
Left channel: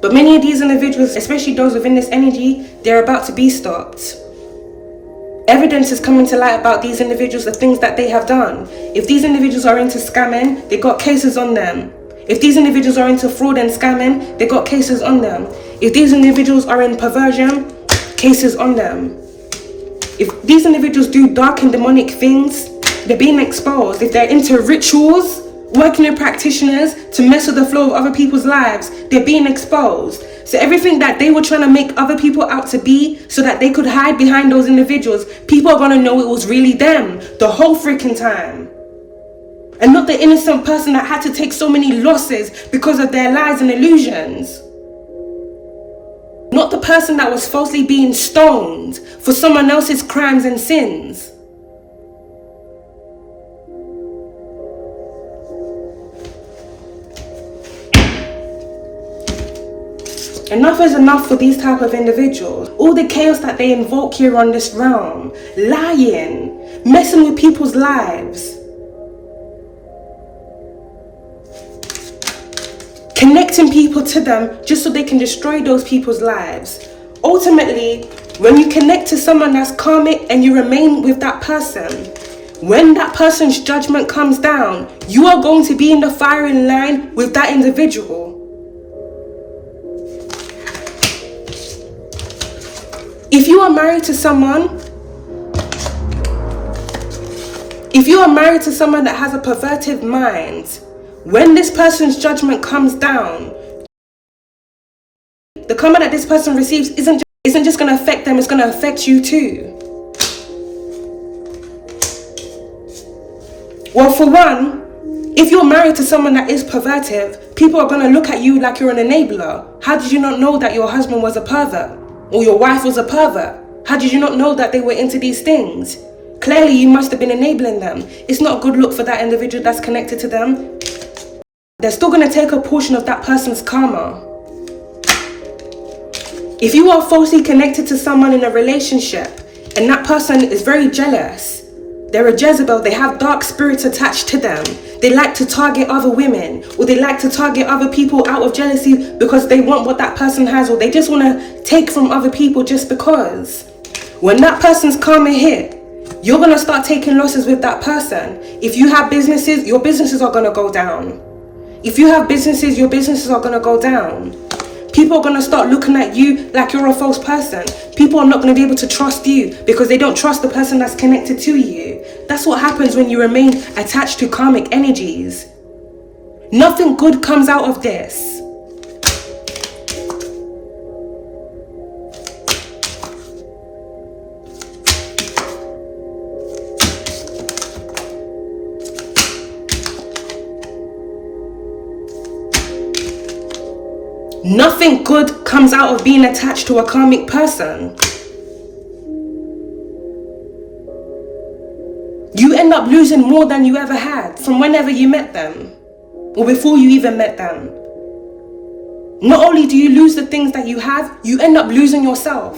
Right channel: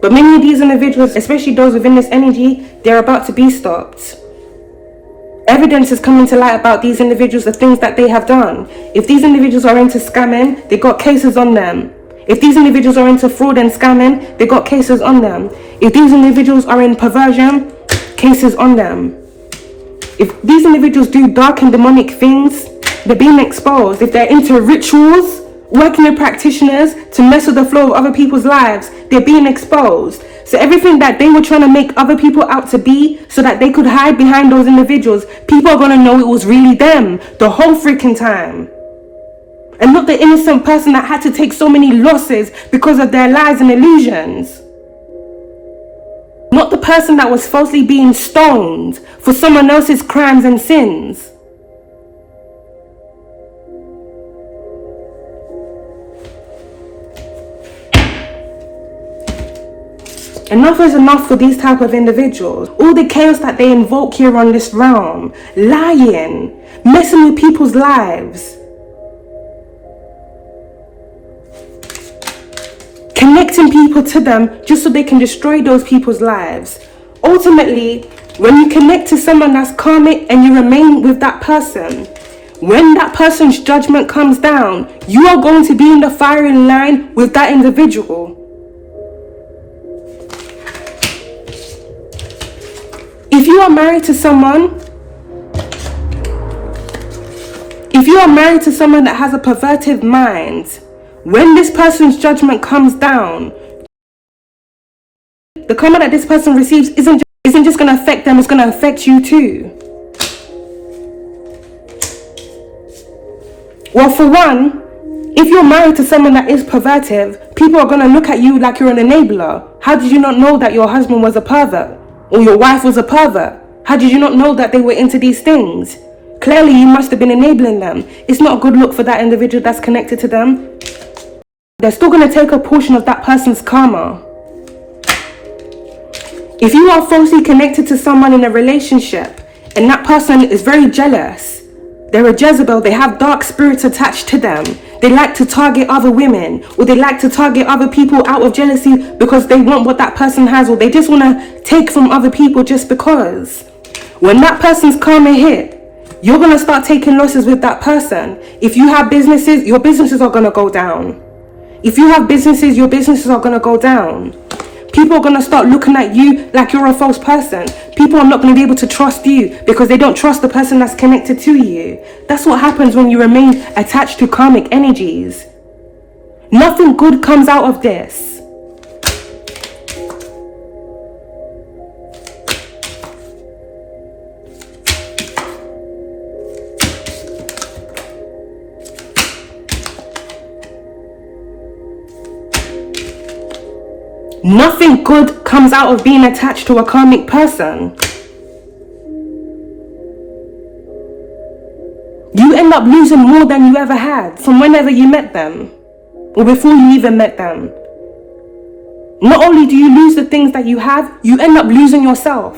But many of these individuals, especially those within this energy, they're about to be stopped. Evidence is coming to light about these individuals, the things that they have done. If these individuals are into scamming, they got cases on them. If these individuals are into fraud and scamming, they got cases on them. If these individuals are in perversion, cases on them. If these individuals do dark and demonic things, they're being exposed. If they're into rituals, working with practitioners to mess with the flow of other people's lives, they're being exposed. So everything that they were trying to make other people out to be so that they could hide behind those individuals, people are going to know it was really them the whole freaking time. And not the innocent person that had to take so many losses because of their lies and illusions. Not the person that was falsely being stoned for someone else's crimes and sins. Enough is enough for these type of individuals. All the chaos that they invoke here on this realm. Lying. Messing with people's lives. Connecting people to them just so they can destroy those people's lives. Ultimately, when you connect to someone that's karmic and you remain with that person, when that person's judgment comes down, you are going to be in the firing line with that individual. If you are married to someone, that has a perverted mind, when this person's judgment comes down, the karma that this person receives isn't just going to affect them, it's going to affect you too. Well, for one, if you're married to someone that is perverted, people are going to look at you like you're an enabler. How did you not know that your husband was a pervert? Or your wife was a pervert? How did you not know that they were into these things? Clearly, you must have been enabling them. It's not a good look for that individual that's connected to them. They're still going to take a portion of that person's karma. If you are falsely connected to someone in a relationship and that person is very jealous, they're a Jezebel, they have dark spirits attached to them, they like to target other women, or they like to target other people out of jealousy because they want what that person has, or they just want to take from other people just because. When that person's karma hit, you're going to start taking losses with that person. If you have businesses, your businesses are going to go down. If you have businesses, your businesses are going to go down. People are going to start looking at you like you're a false person. People are not going to be able to trust you because they don't trust the person that's connected to you. That's what happens when you remain attached to karmic energies. Nothing good comes out of this. Nothing good comes out of being attached to a karmic person. You end up losing more than you ever had from whenever you met them, or before you even met them. Not only do you lose the things that you have, you end up losing yourself.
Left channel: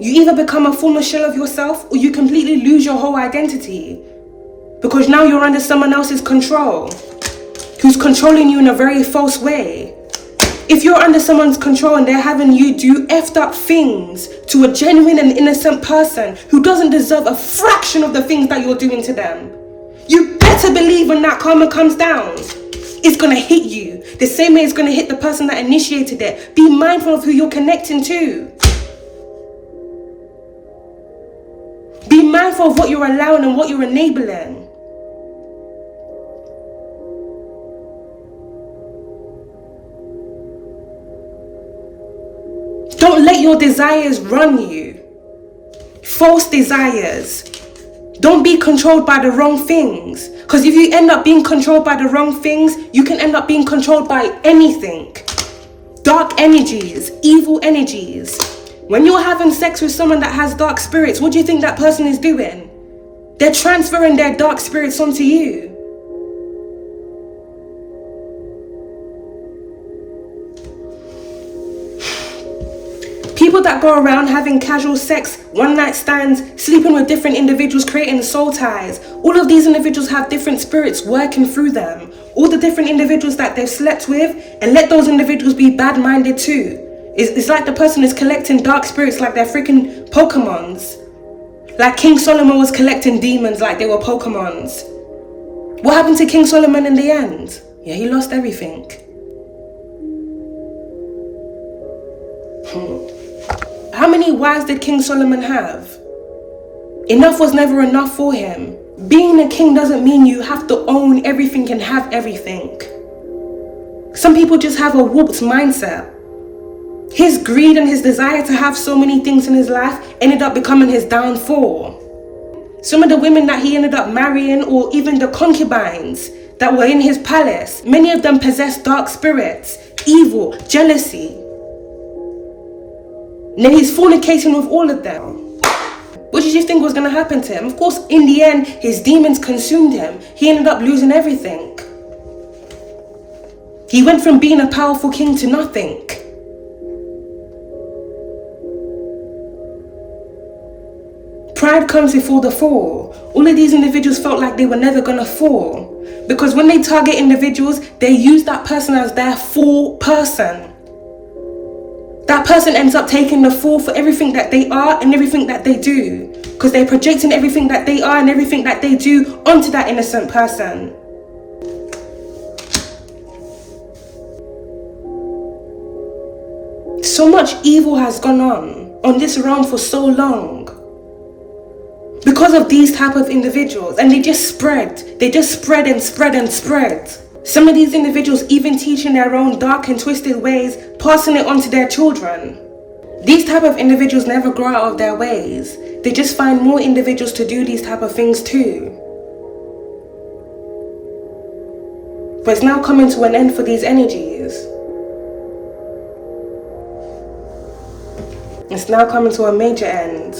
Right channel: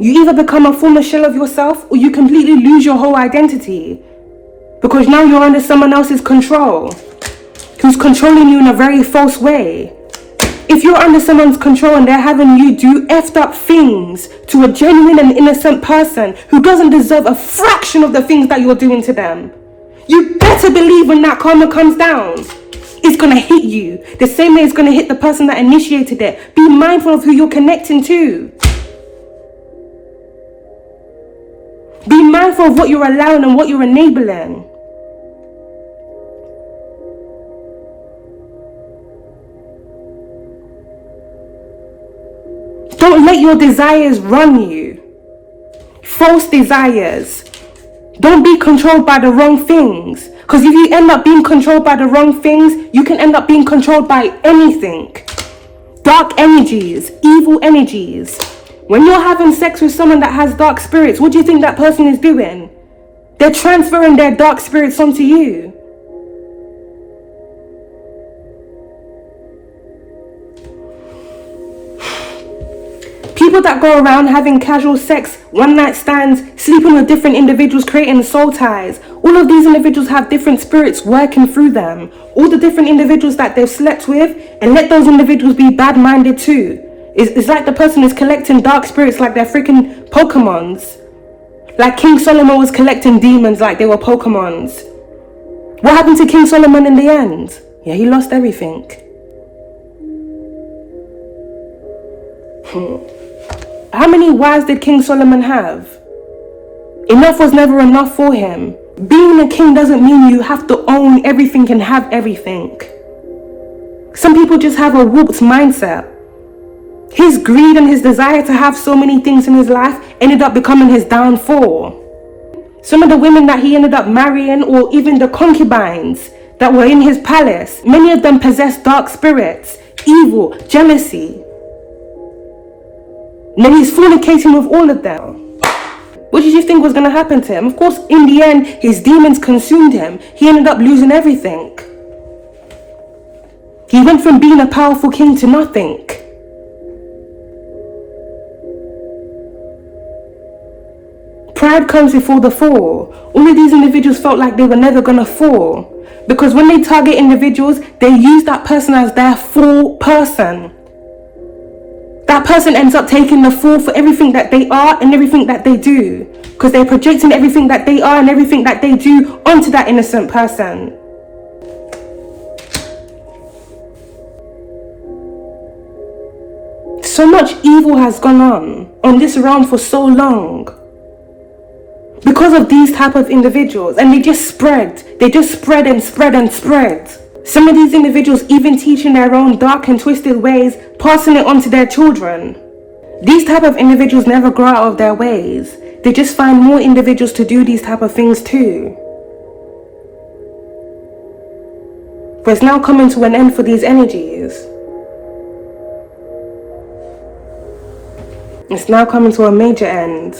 You either become a former shell of yourself, or you completely lose your whole identity. Because now you're under someone else's control, who's controlling you in a very false way. If you're under someone's control and they're having you do effed up things to a genuine and innocent person who doesn't deserve a fraction of the things that you're doing to them, you better believe when that karma comes down, it's gonna hit you the same way it's gonna hit the person that initiated it. Be mindful of who you're connecting to. Be mindful of what you're allowing and what you're enabling. Don't let your desires run you. False desires. Don't be controlled by the wrong things. Because if you end up being controlled by the wrong things, you can end up being controlled by anything. Dark energies, evil energies. When you're having sex with someone that has dark spirits, what do you think that person is doing? They're transferring their dark spirits onto you. People that go around having casual sex, one-night stands, sleeping with different individuals, creating soul ties. All of these individuals have different spirits working through them. All the different individuals that they've slept with, and let those individuals be bad-minded too. It's like the person is collecting dark spirits like they're freaking Pokemons. Like King Solomon was collecting demons like they were Pokemons. What happened to King Solomon in the end? Yeah, he lost everything. How many wives did King Solomon have? Enough was never enough for him. Being a king doesn't mean you have to own everything and have everything. Some people just have a warped mindset. His greed and his desire to have so many things in his life ended up becoming his downfall. Some of the women that he ended up marrying, or even the concubines that were in his palace, many of them possessed dark spirits, evil, jealousy. And then he's fornicating with all of them. What did you think was going to happen to him? Of course, in the end, his demons consumed him. He ended up losing everything. He went from being a powerful king to nothing. Pride comes before the fall. All of these individuals felt like they were never going to fall. Because when they target individuals, they use that person as their full person. That person ends up taking the fall for everything that they are and everything that they do. Because they're projecting everything that they are and everything that they do onto that innocent person. So much evil has gone on this realm for so long. Because of these type of individuals. And they just spread. They just spread and spread and spread. Some of these individuals even teaching their own dark and twisted ways, passing it on to their children. These type of individuals never grow out of their ways. They just find more individuals to do these type of things too. But it's now coming to an end for these energies. It's now coming to a major end.